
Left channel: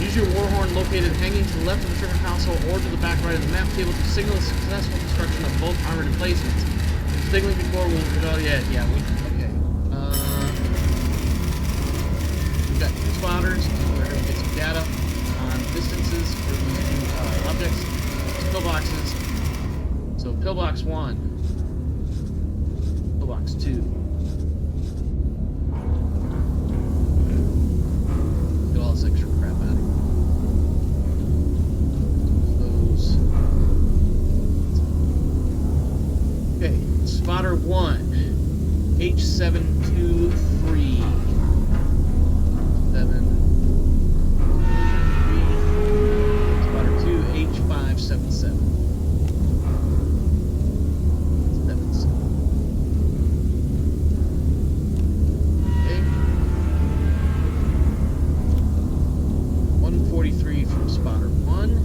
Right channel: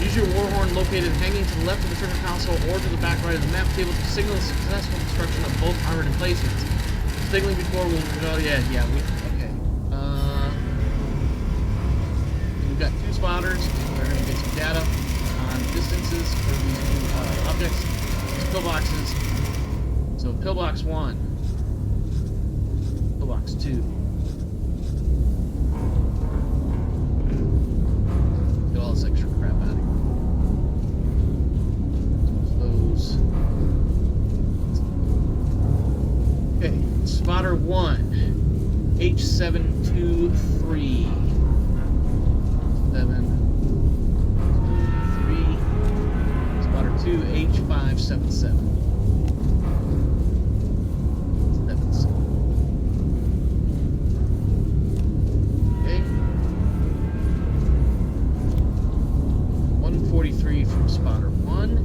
Use your war horn located hanging to the left of the trigger console or to the back right of the map table to signal the successful destruction of both armored emplacements. Signaling before we'll... okay. We've got 2 spotters. We're going to get some data on distances for these new objects. Pillboxes. So pillbox 1, pillbox 2. Get all this extra crap out of here. Those. Okay, spotter 1, H723. 723. Spotter 2, H577. 77. Okay. 143 from spotter 1.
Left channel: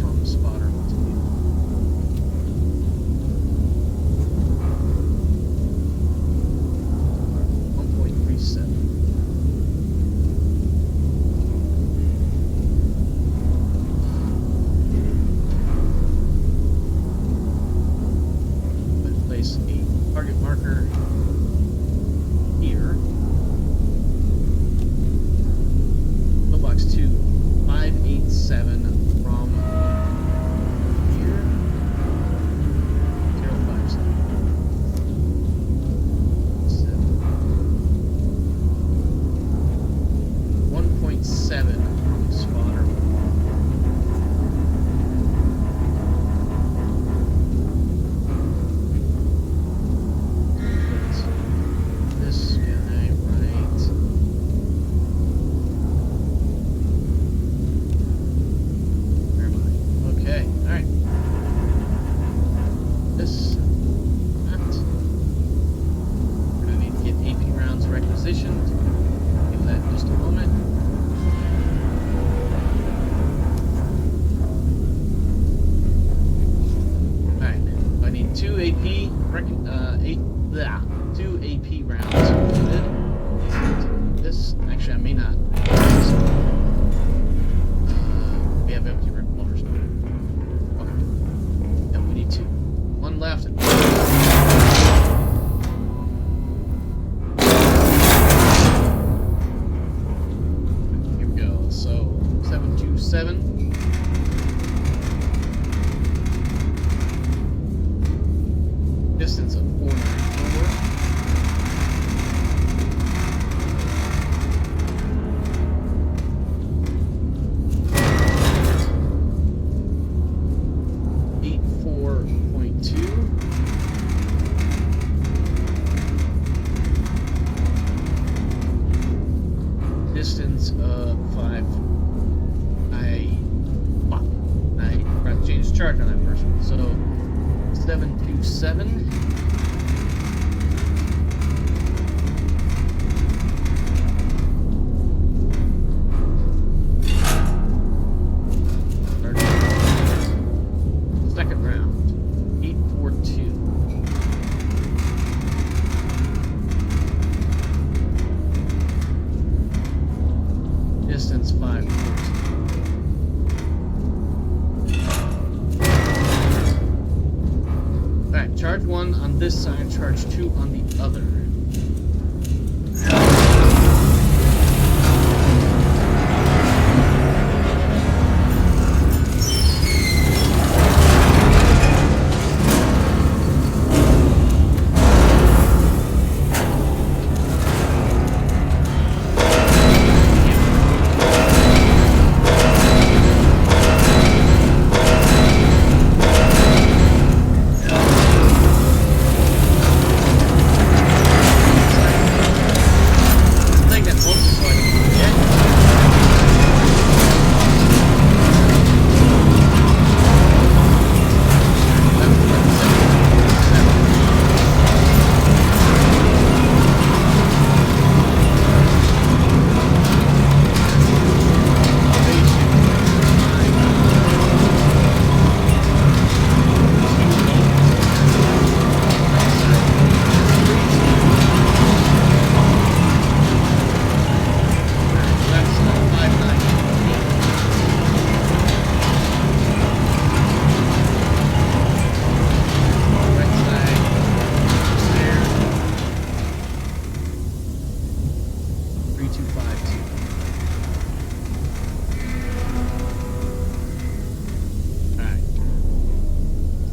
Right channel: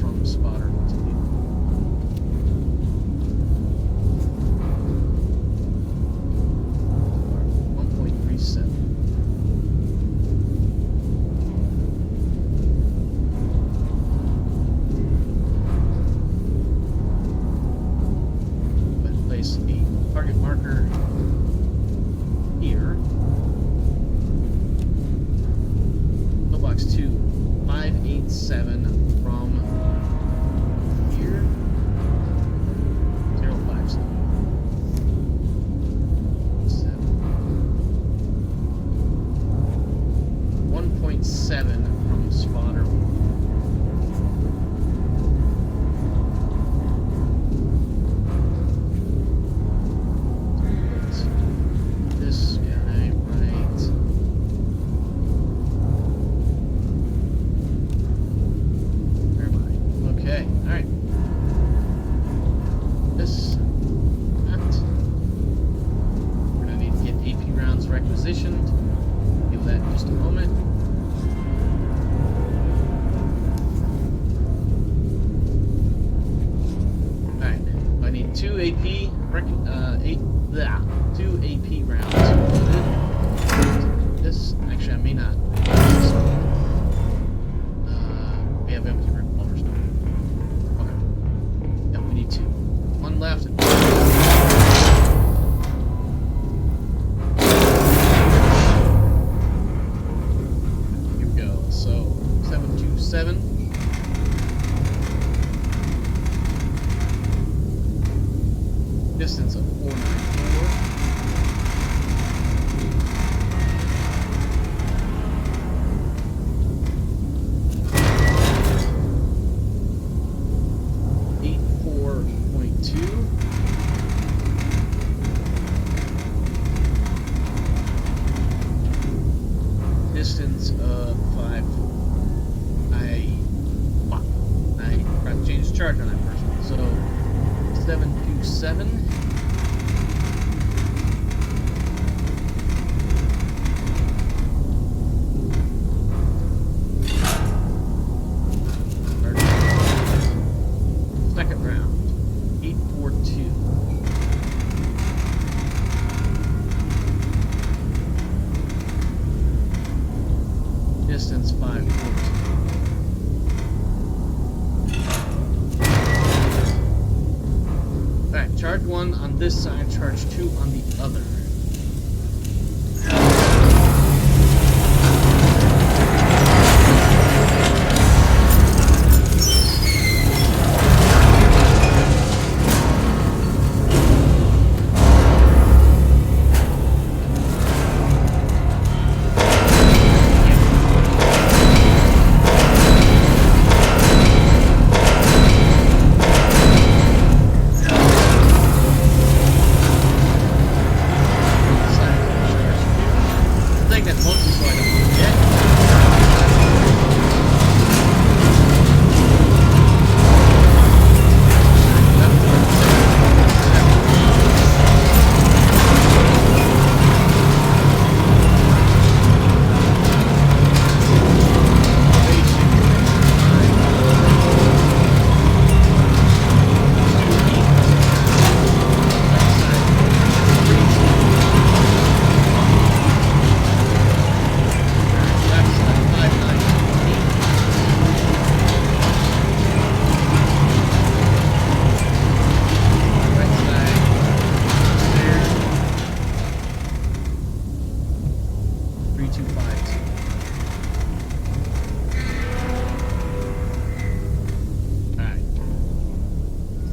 From spotter 2. 1.37. Let's place a target marker here. Pillbox 2, 587 from here. 7 from spotter 1. Put this guy right. Where am I? Okay, alright. This. That. We're gonna need to get AP rounds requisitioned. Give that in just a moment. Alright, I need 2 AP, 2 AP rounds loaded. This, actually I may not. We have empty revolvers now. Okay. Yep, we need 2. 1 left. Here we go. So 727. Distance of 494. Distance of 5. I forgot to change the charge on that first one. So 727. Second round, 842. Distance 514. Alright, charge 1 on this side, charge 2 on the other. Alright.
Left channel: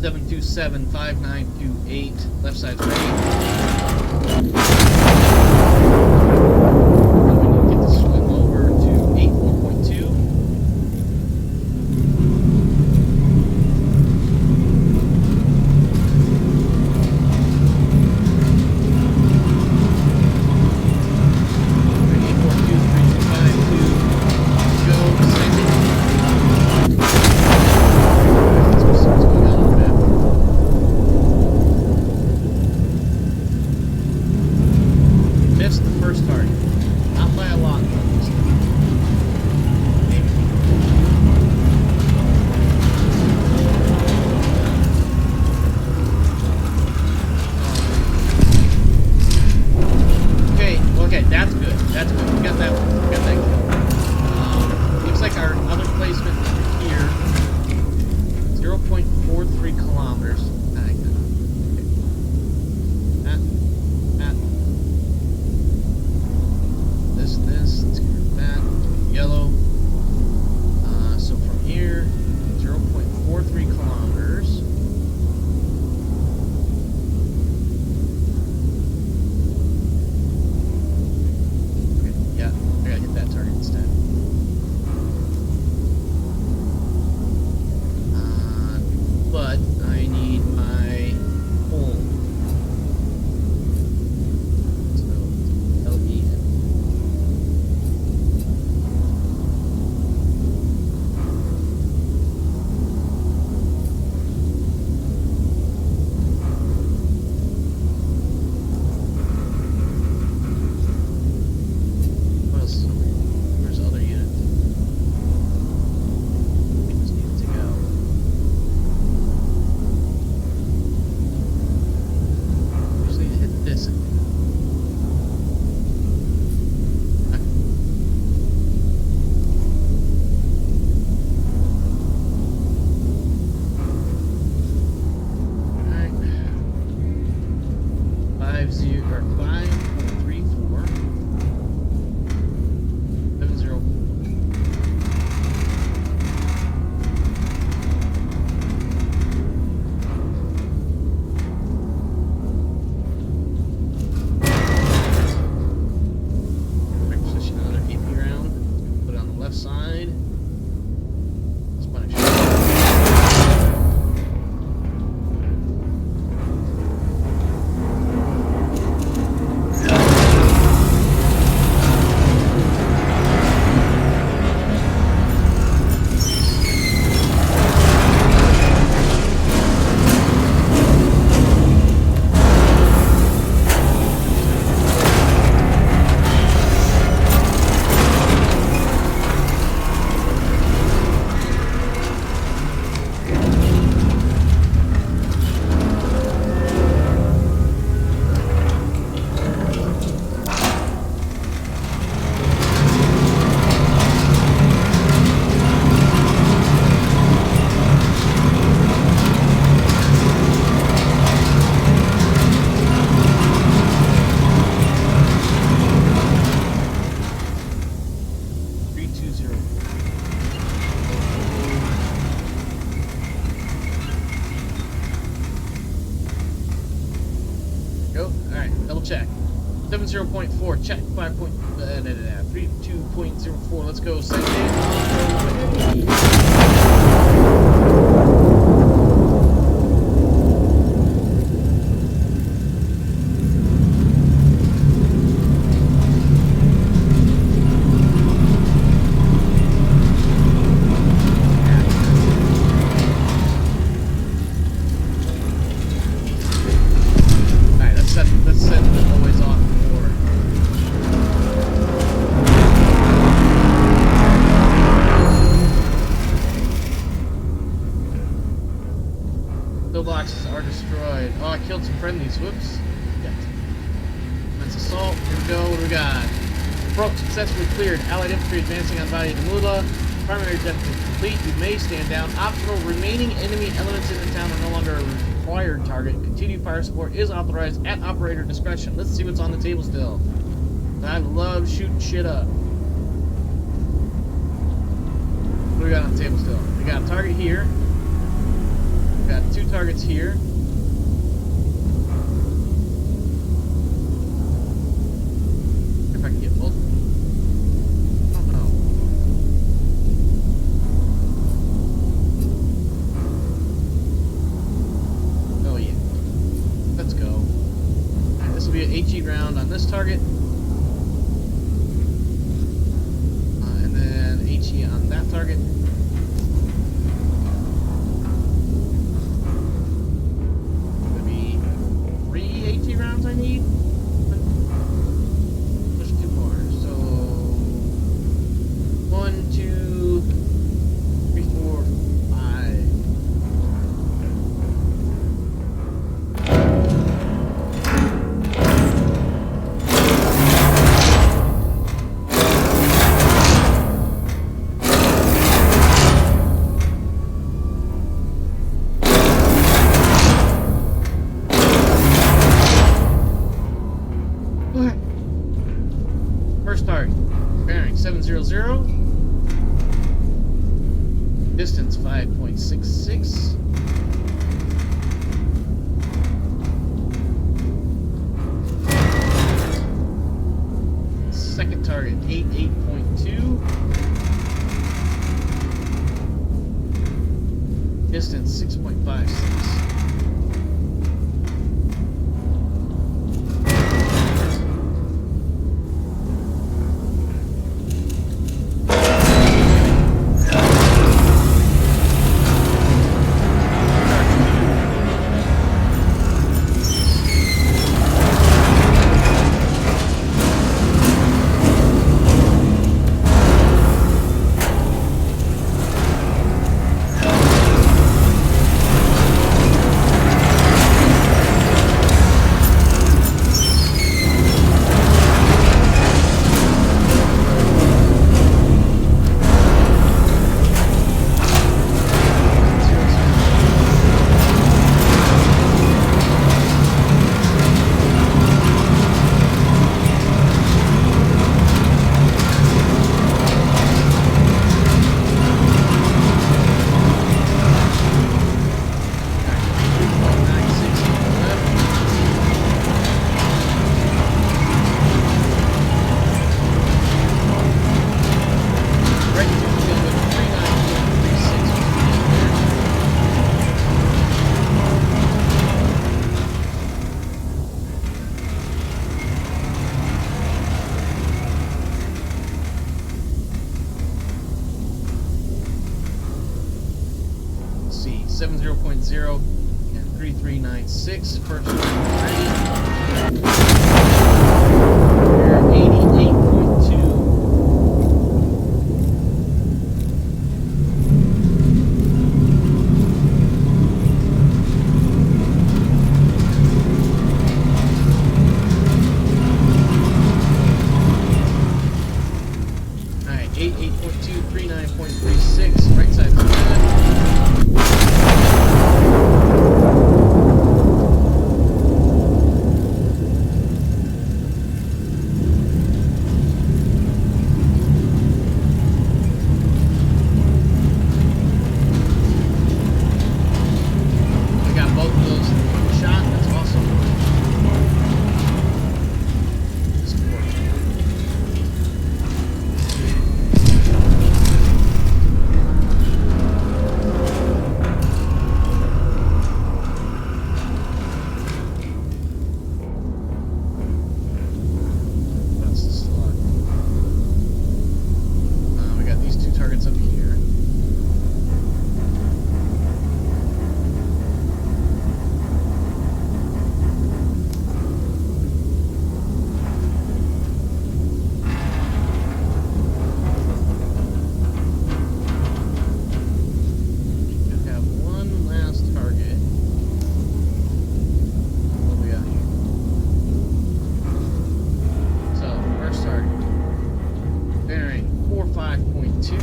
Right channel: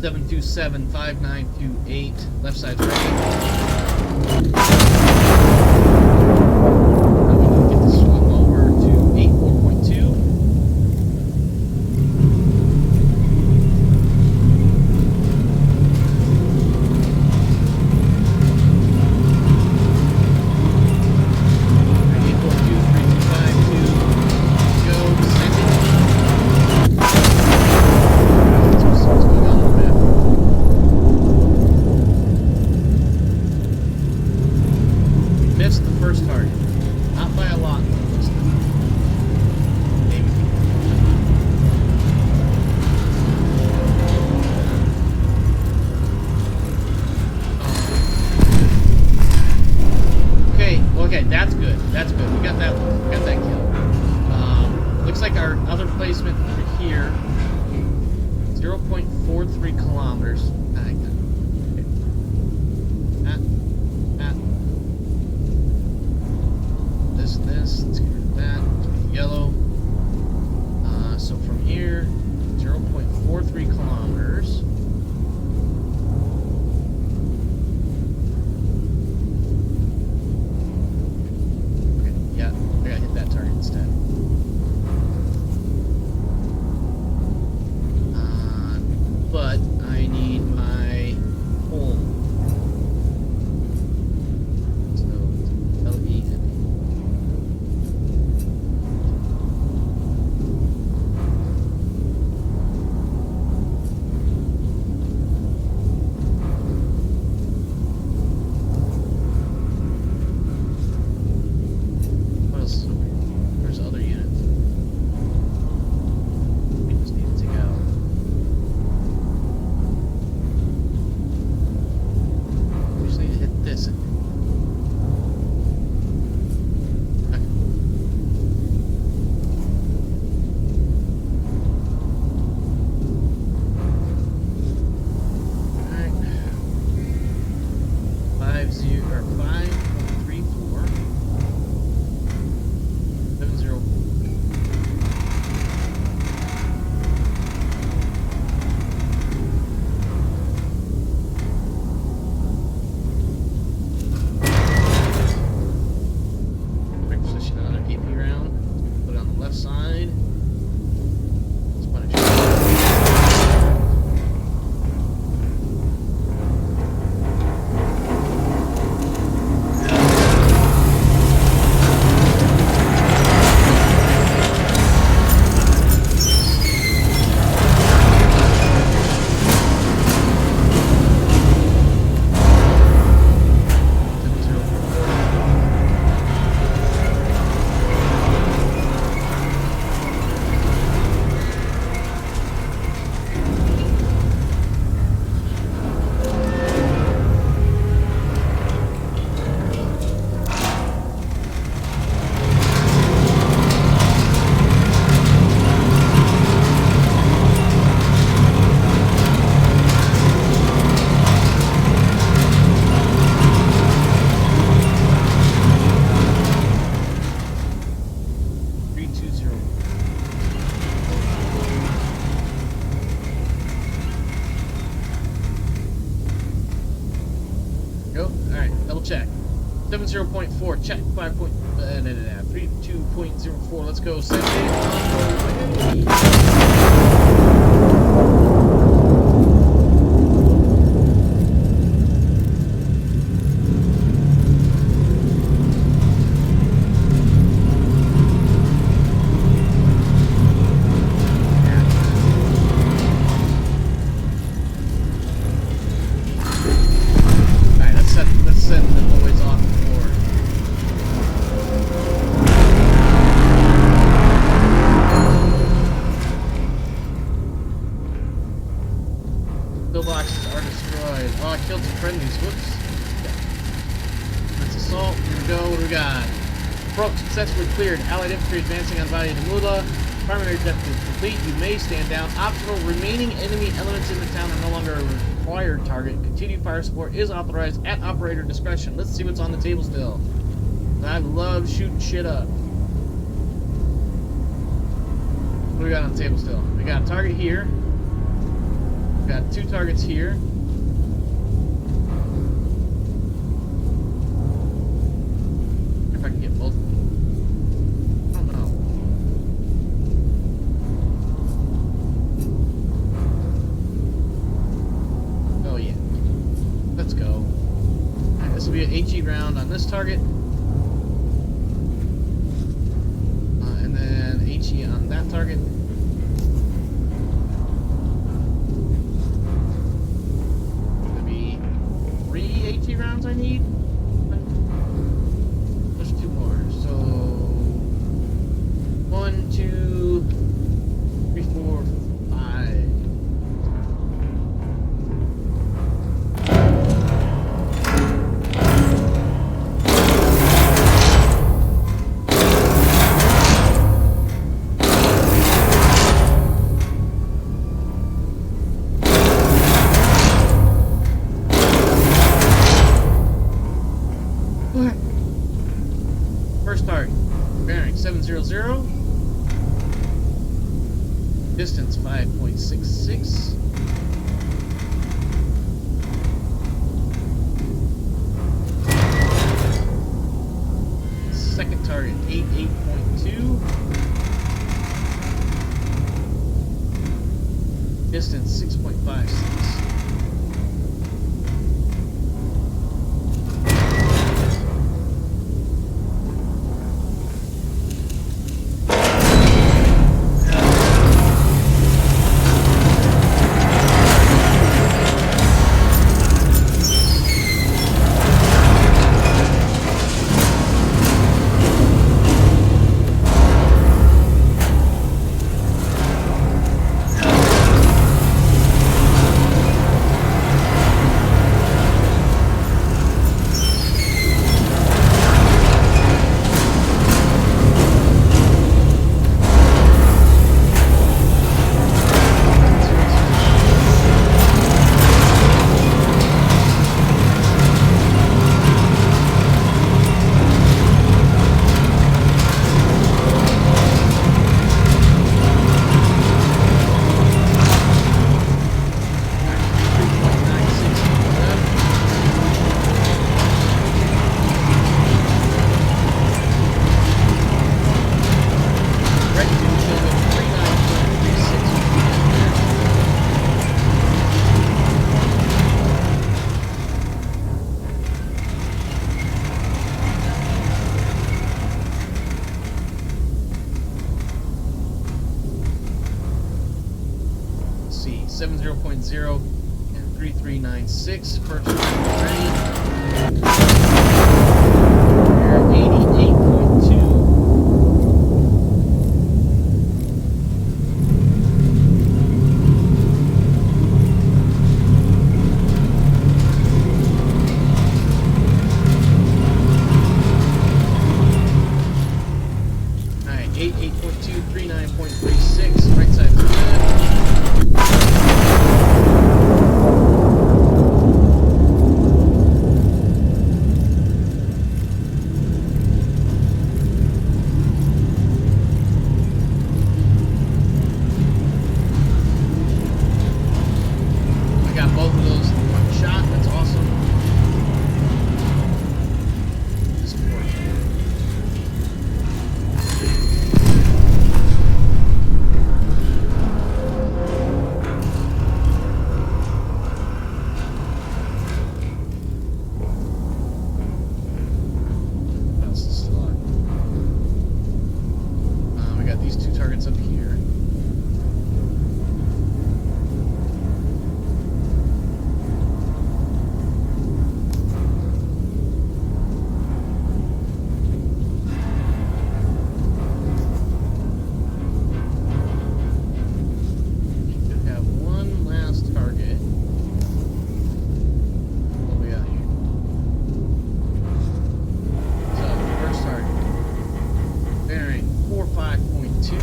727-5928. Left side's ready. Now we need to get this swung over to 84.2. Missed the first target. Not by a lot, though, this time. Maybe. Okay, that's good. That's good. We got that one. We got that kill. Looks like our other placement over here, 0.43 kilometers. This, let's get rid of that, yellow. So from here, 0.43 kilometers. Okay, yeah, I gotta hit that target instead. are 5.34. 70. Position another AP round. Put it on the left side. Spanish. Go. Alright, double check. 70.4, check. 32.04, let's go. Send it on the way. Let's send the boys off for pillboxes are destroyed. Oh, I killed some friendlies. Whoops. Yeah. That's assault. Here we go. What do we got? Approach successfully cleared. Allied infantry advancing on Valle de Mula. Primary objective complete. You may stand down. Optional. Remaining enemy elements in the town are no longer a required target. Continued fire support is authorized at operator discretion. Let's see what's on the table still. I love shooting shit up. What do we got on the table still? We got a target here. We got 2 targets here. If I can get both. I don't know. Oh yeah. Let's go. Alright, this will be an HE round on this target. And then HE on that target. Gonna be 3 HE rounds I need. There's 2 more. So 1, 2, 3, 4, 5. First target, bearing 700, distance 5.66. Second target, 88.2. Distance 6.56. 70.0 and 3396. First target ready. We're 88.2. Alright, 88.2, 39.36. Right side is good. I got both of those in one shot. That's awesome. This works. That's still on. We got these two targets up here. Should have one last target. What do we got here? So, first target. Bearing 45.2.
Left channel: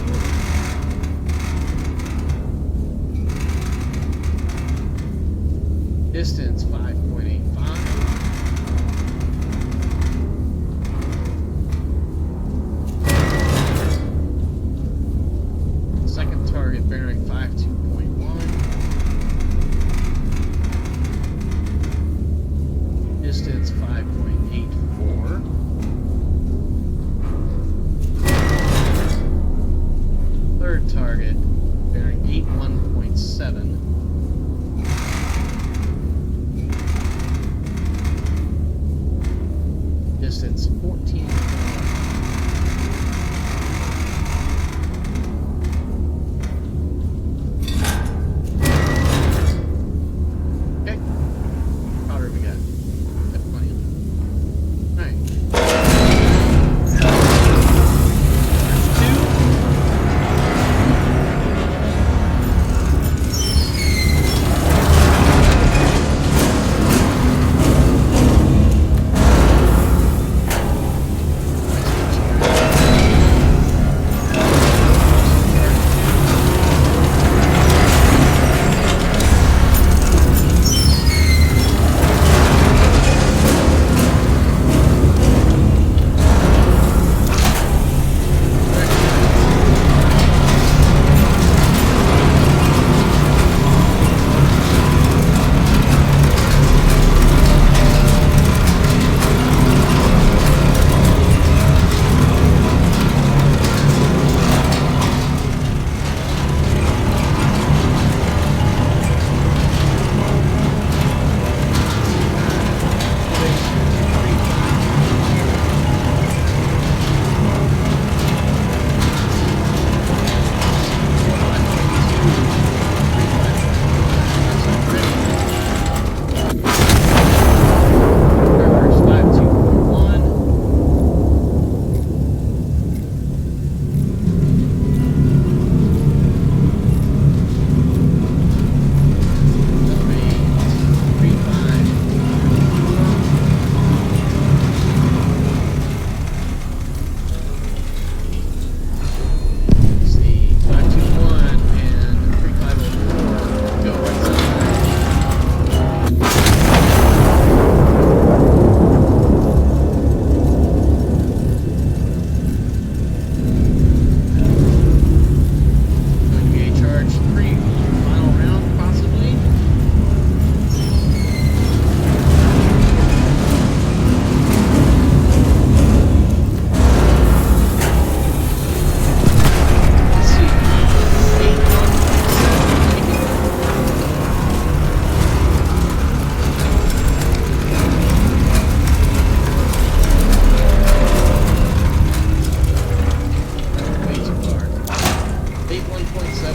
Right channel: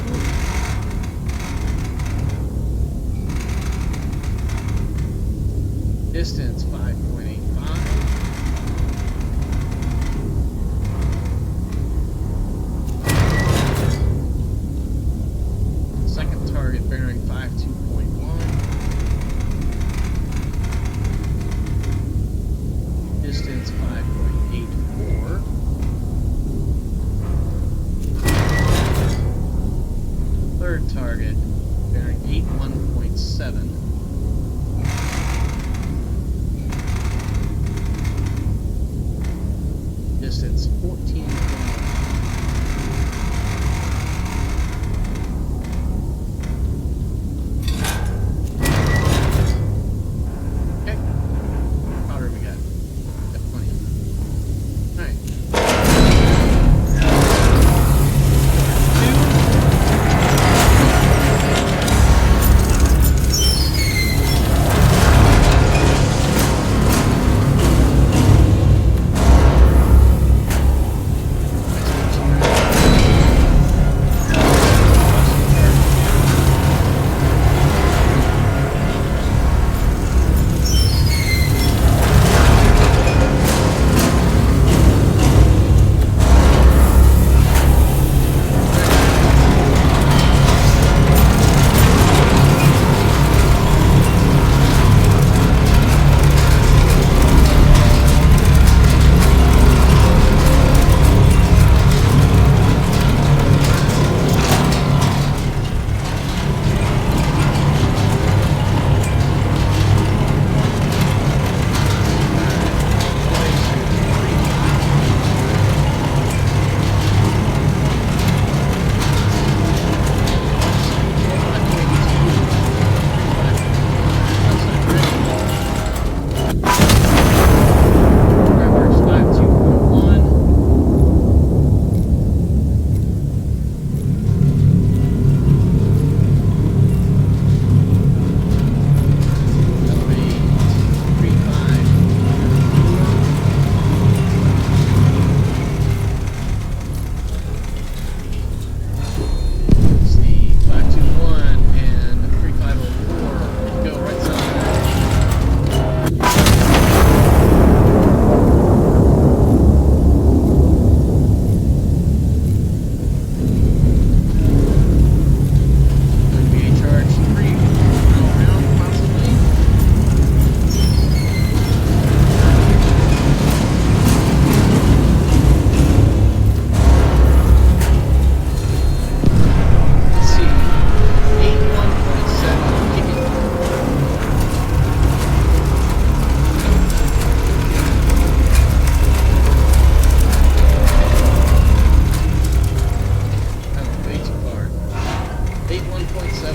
Distance 5.85. Second target bearing 52.1. Distance 5.84. Third target bearing 81.7. Distance 14.1. Okay. Powder we got. Got plenty of it. Alright. Two.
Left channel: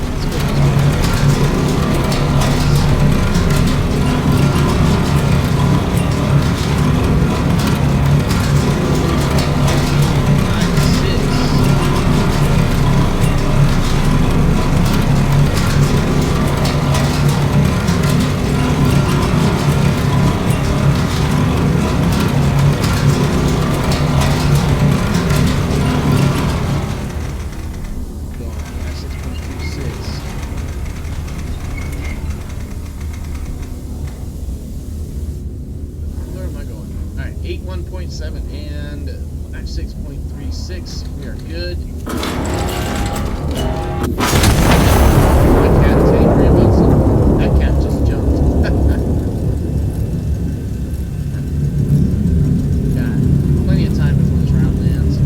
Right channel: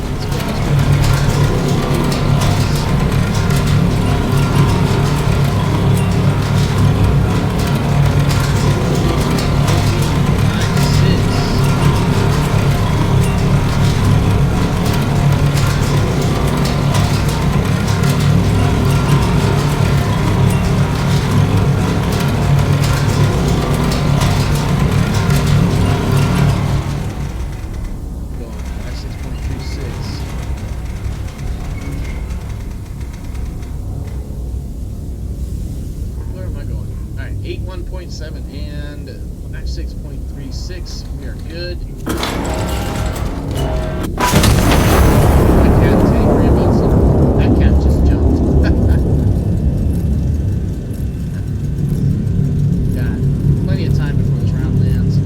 Let's go. 51.7 and 56.36. We are good. My cat is angry about something. That cat just jumped. Got plenty of time before this round lands.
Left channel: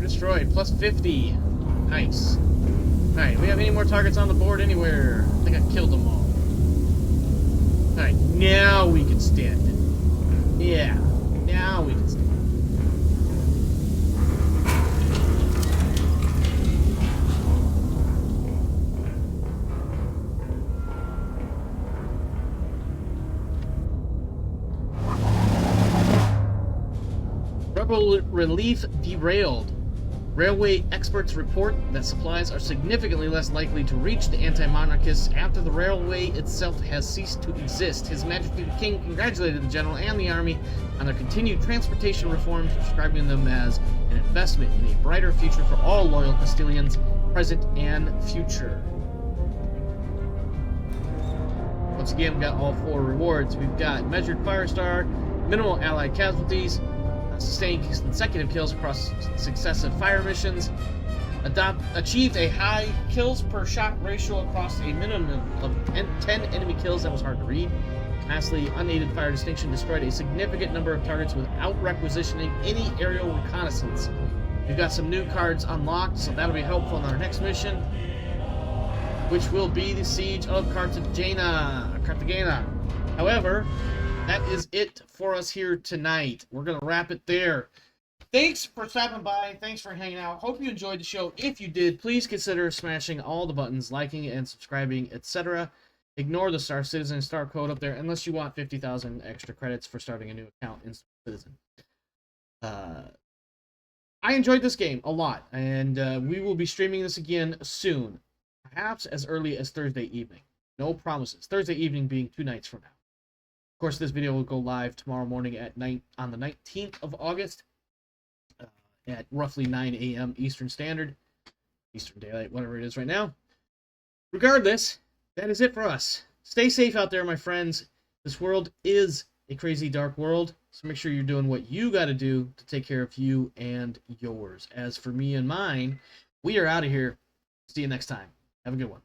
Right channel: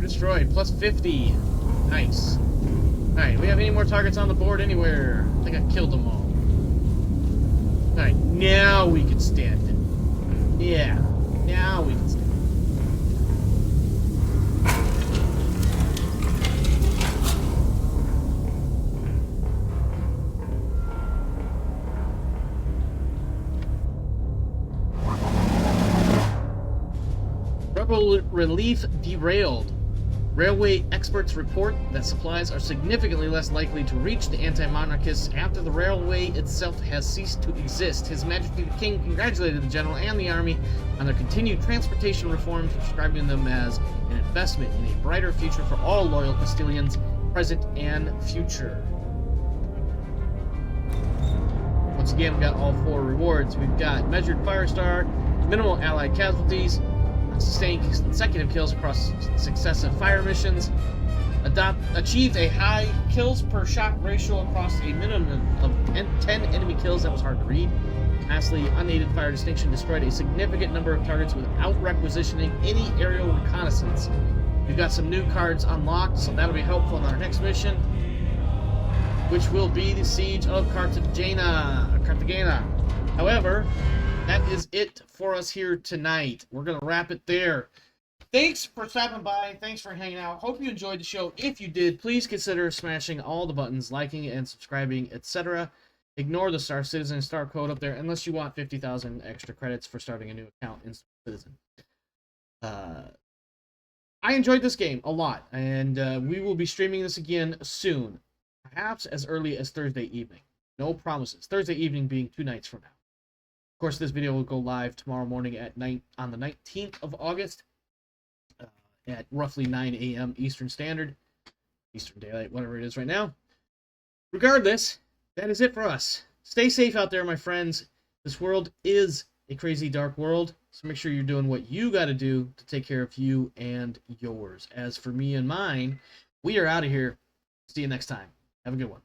Destroyed. Plus 50. Nice. Alright, we have any more targets on the board anywhere? I think I killed them all. Alright, now we can stand it. Yeah, now we can stand it. Rebel relief derailed. Railway experts report that supplies are significantly less likely to reach the anti-monarchists after the railway itself has ceased to exist. His Majesty the King congratulated the general and the army on their continued transportation reforms, describing them as an investment in a brighter future for all loyal Castilians, present and future. Once again, we've got all 4 rewards. We've got measured fire star, minimal allied casualties, sustained consecutive kills across successive fire missions, achieved a high kills per shot ratio across a minimum of 10 enemy kills. That was hard to read. Lastly, unaided fire distinction destroyed a significant number of targets without requisitioning any aerial reconnaissance. We've got some new cards unlocked, so that'll be helpful in our next mission, which will be the Siege of Cartagena. However, that is it for us here tonight. We're going to wrap it there. Thanks for stopping by. Thanks for hanging out. Hope you enjoyed the show. If you did, please consider smashing all the buttons, liking and subscribing, etc. Ignore the Star Citizen Star code up there unless you want 50,000 extra credits for starting a new account in Star Citizen. I enjoyed this game a lot, and we will be streaming this again soon. Perhaps as early as Thursday evening. No promises. Thursday evening being 2 nights from now. Of course, this video will go live tomorrow morning at night on the 19th of August at roughly 9 a.m. Eastern Standard, Eastern Daylight, whatever it is right now. Regardless, that is it for us. Stay safe out there, my friends. This world is a crazy, dark world, so make sure you're doing what you got to do to take care of you and yours. As for me and mine, we are out of here. See you next time. Have a good one.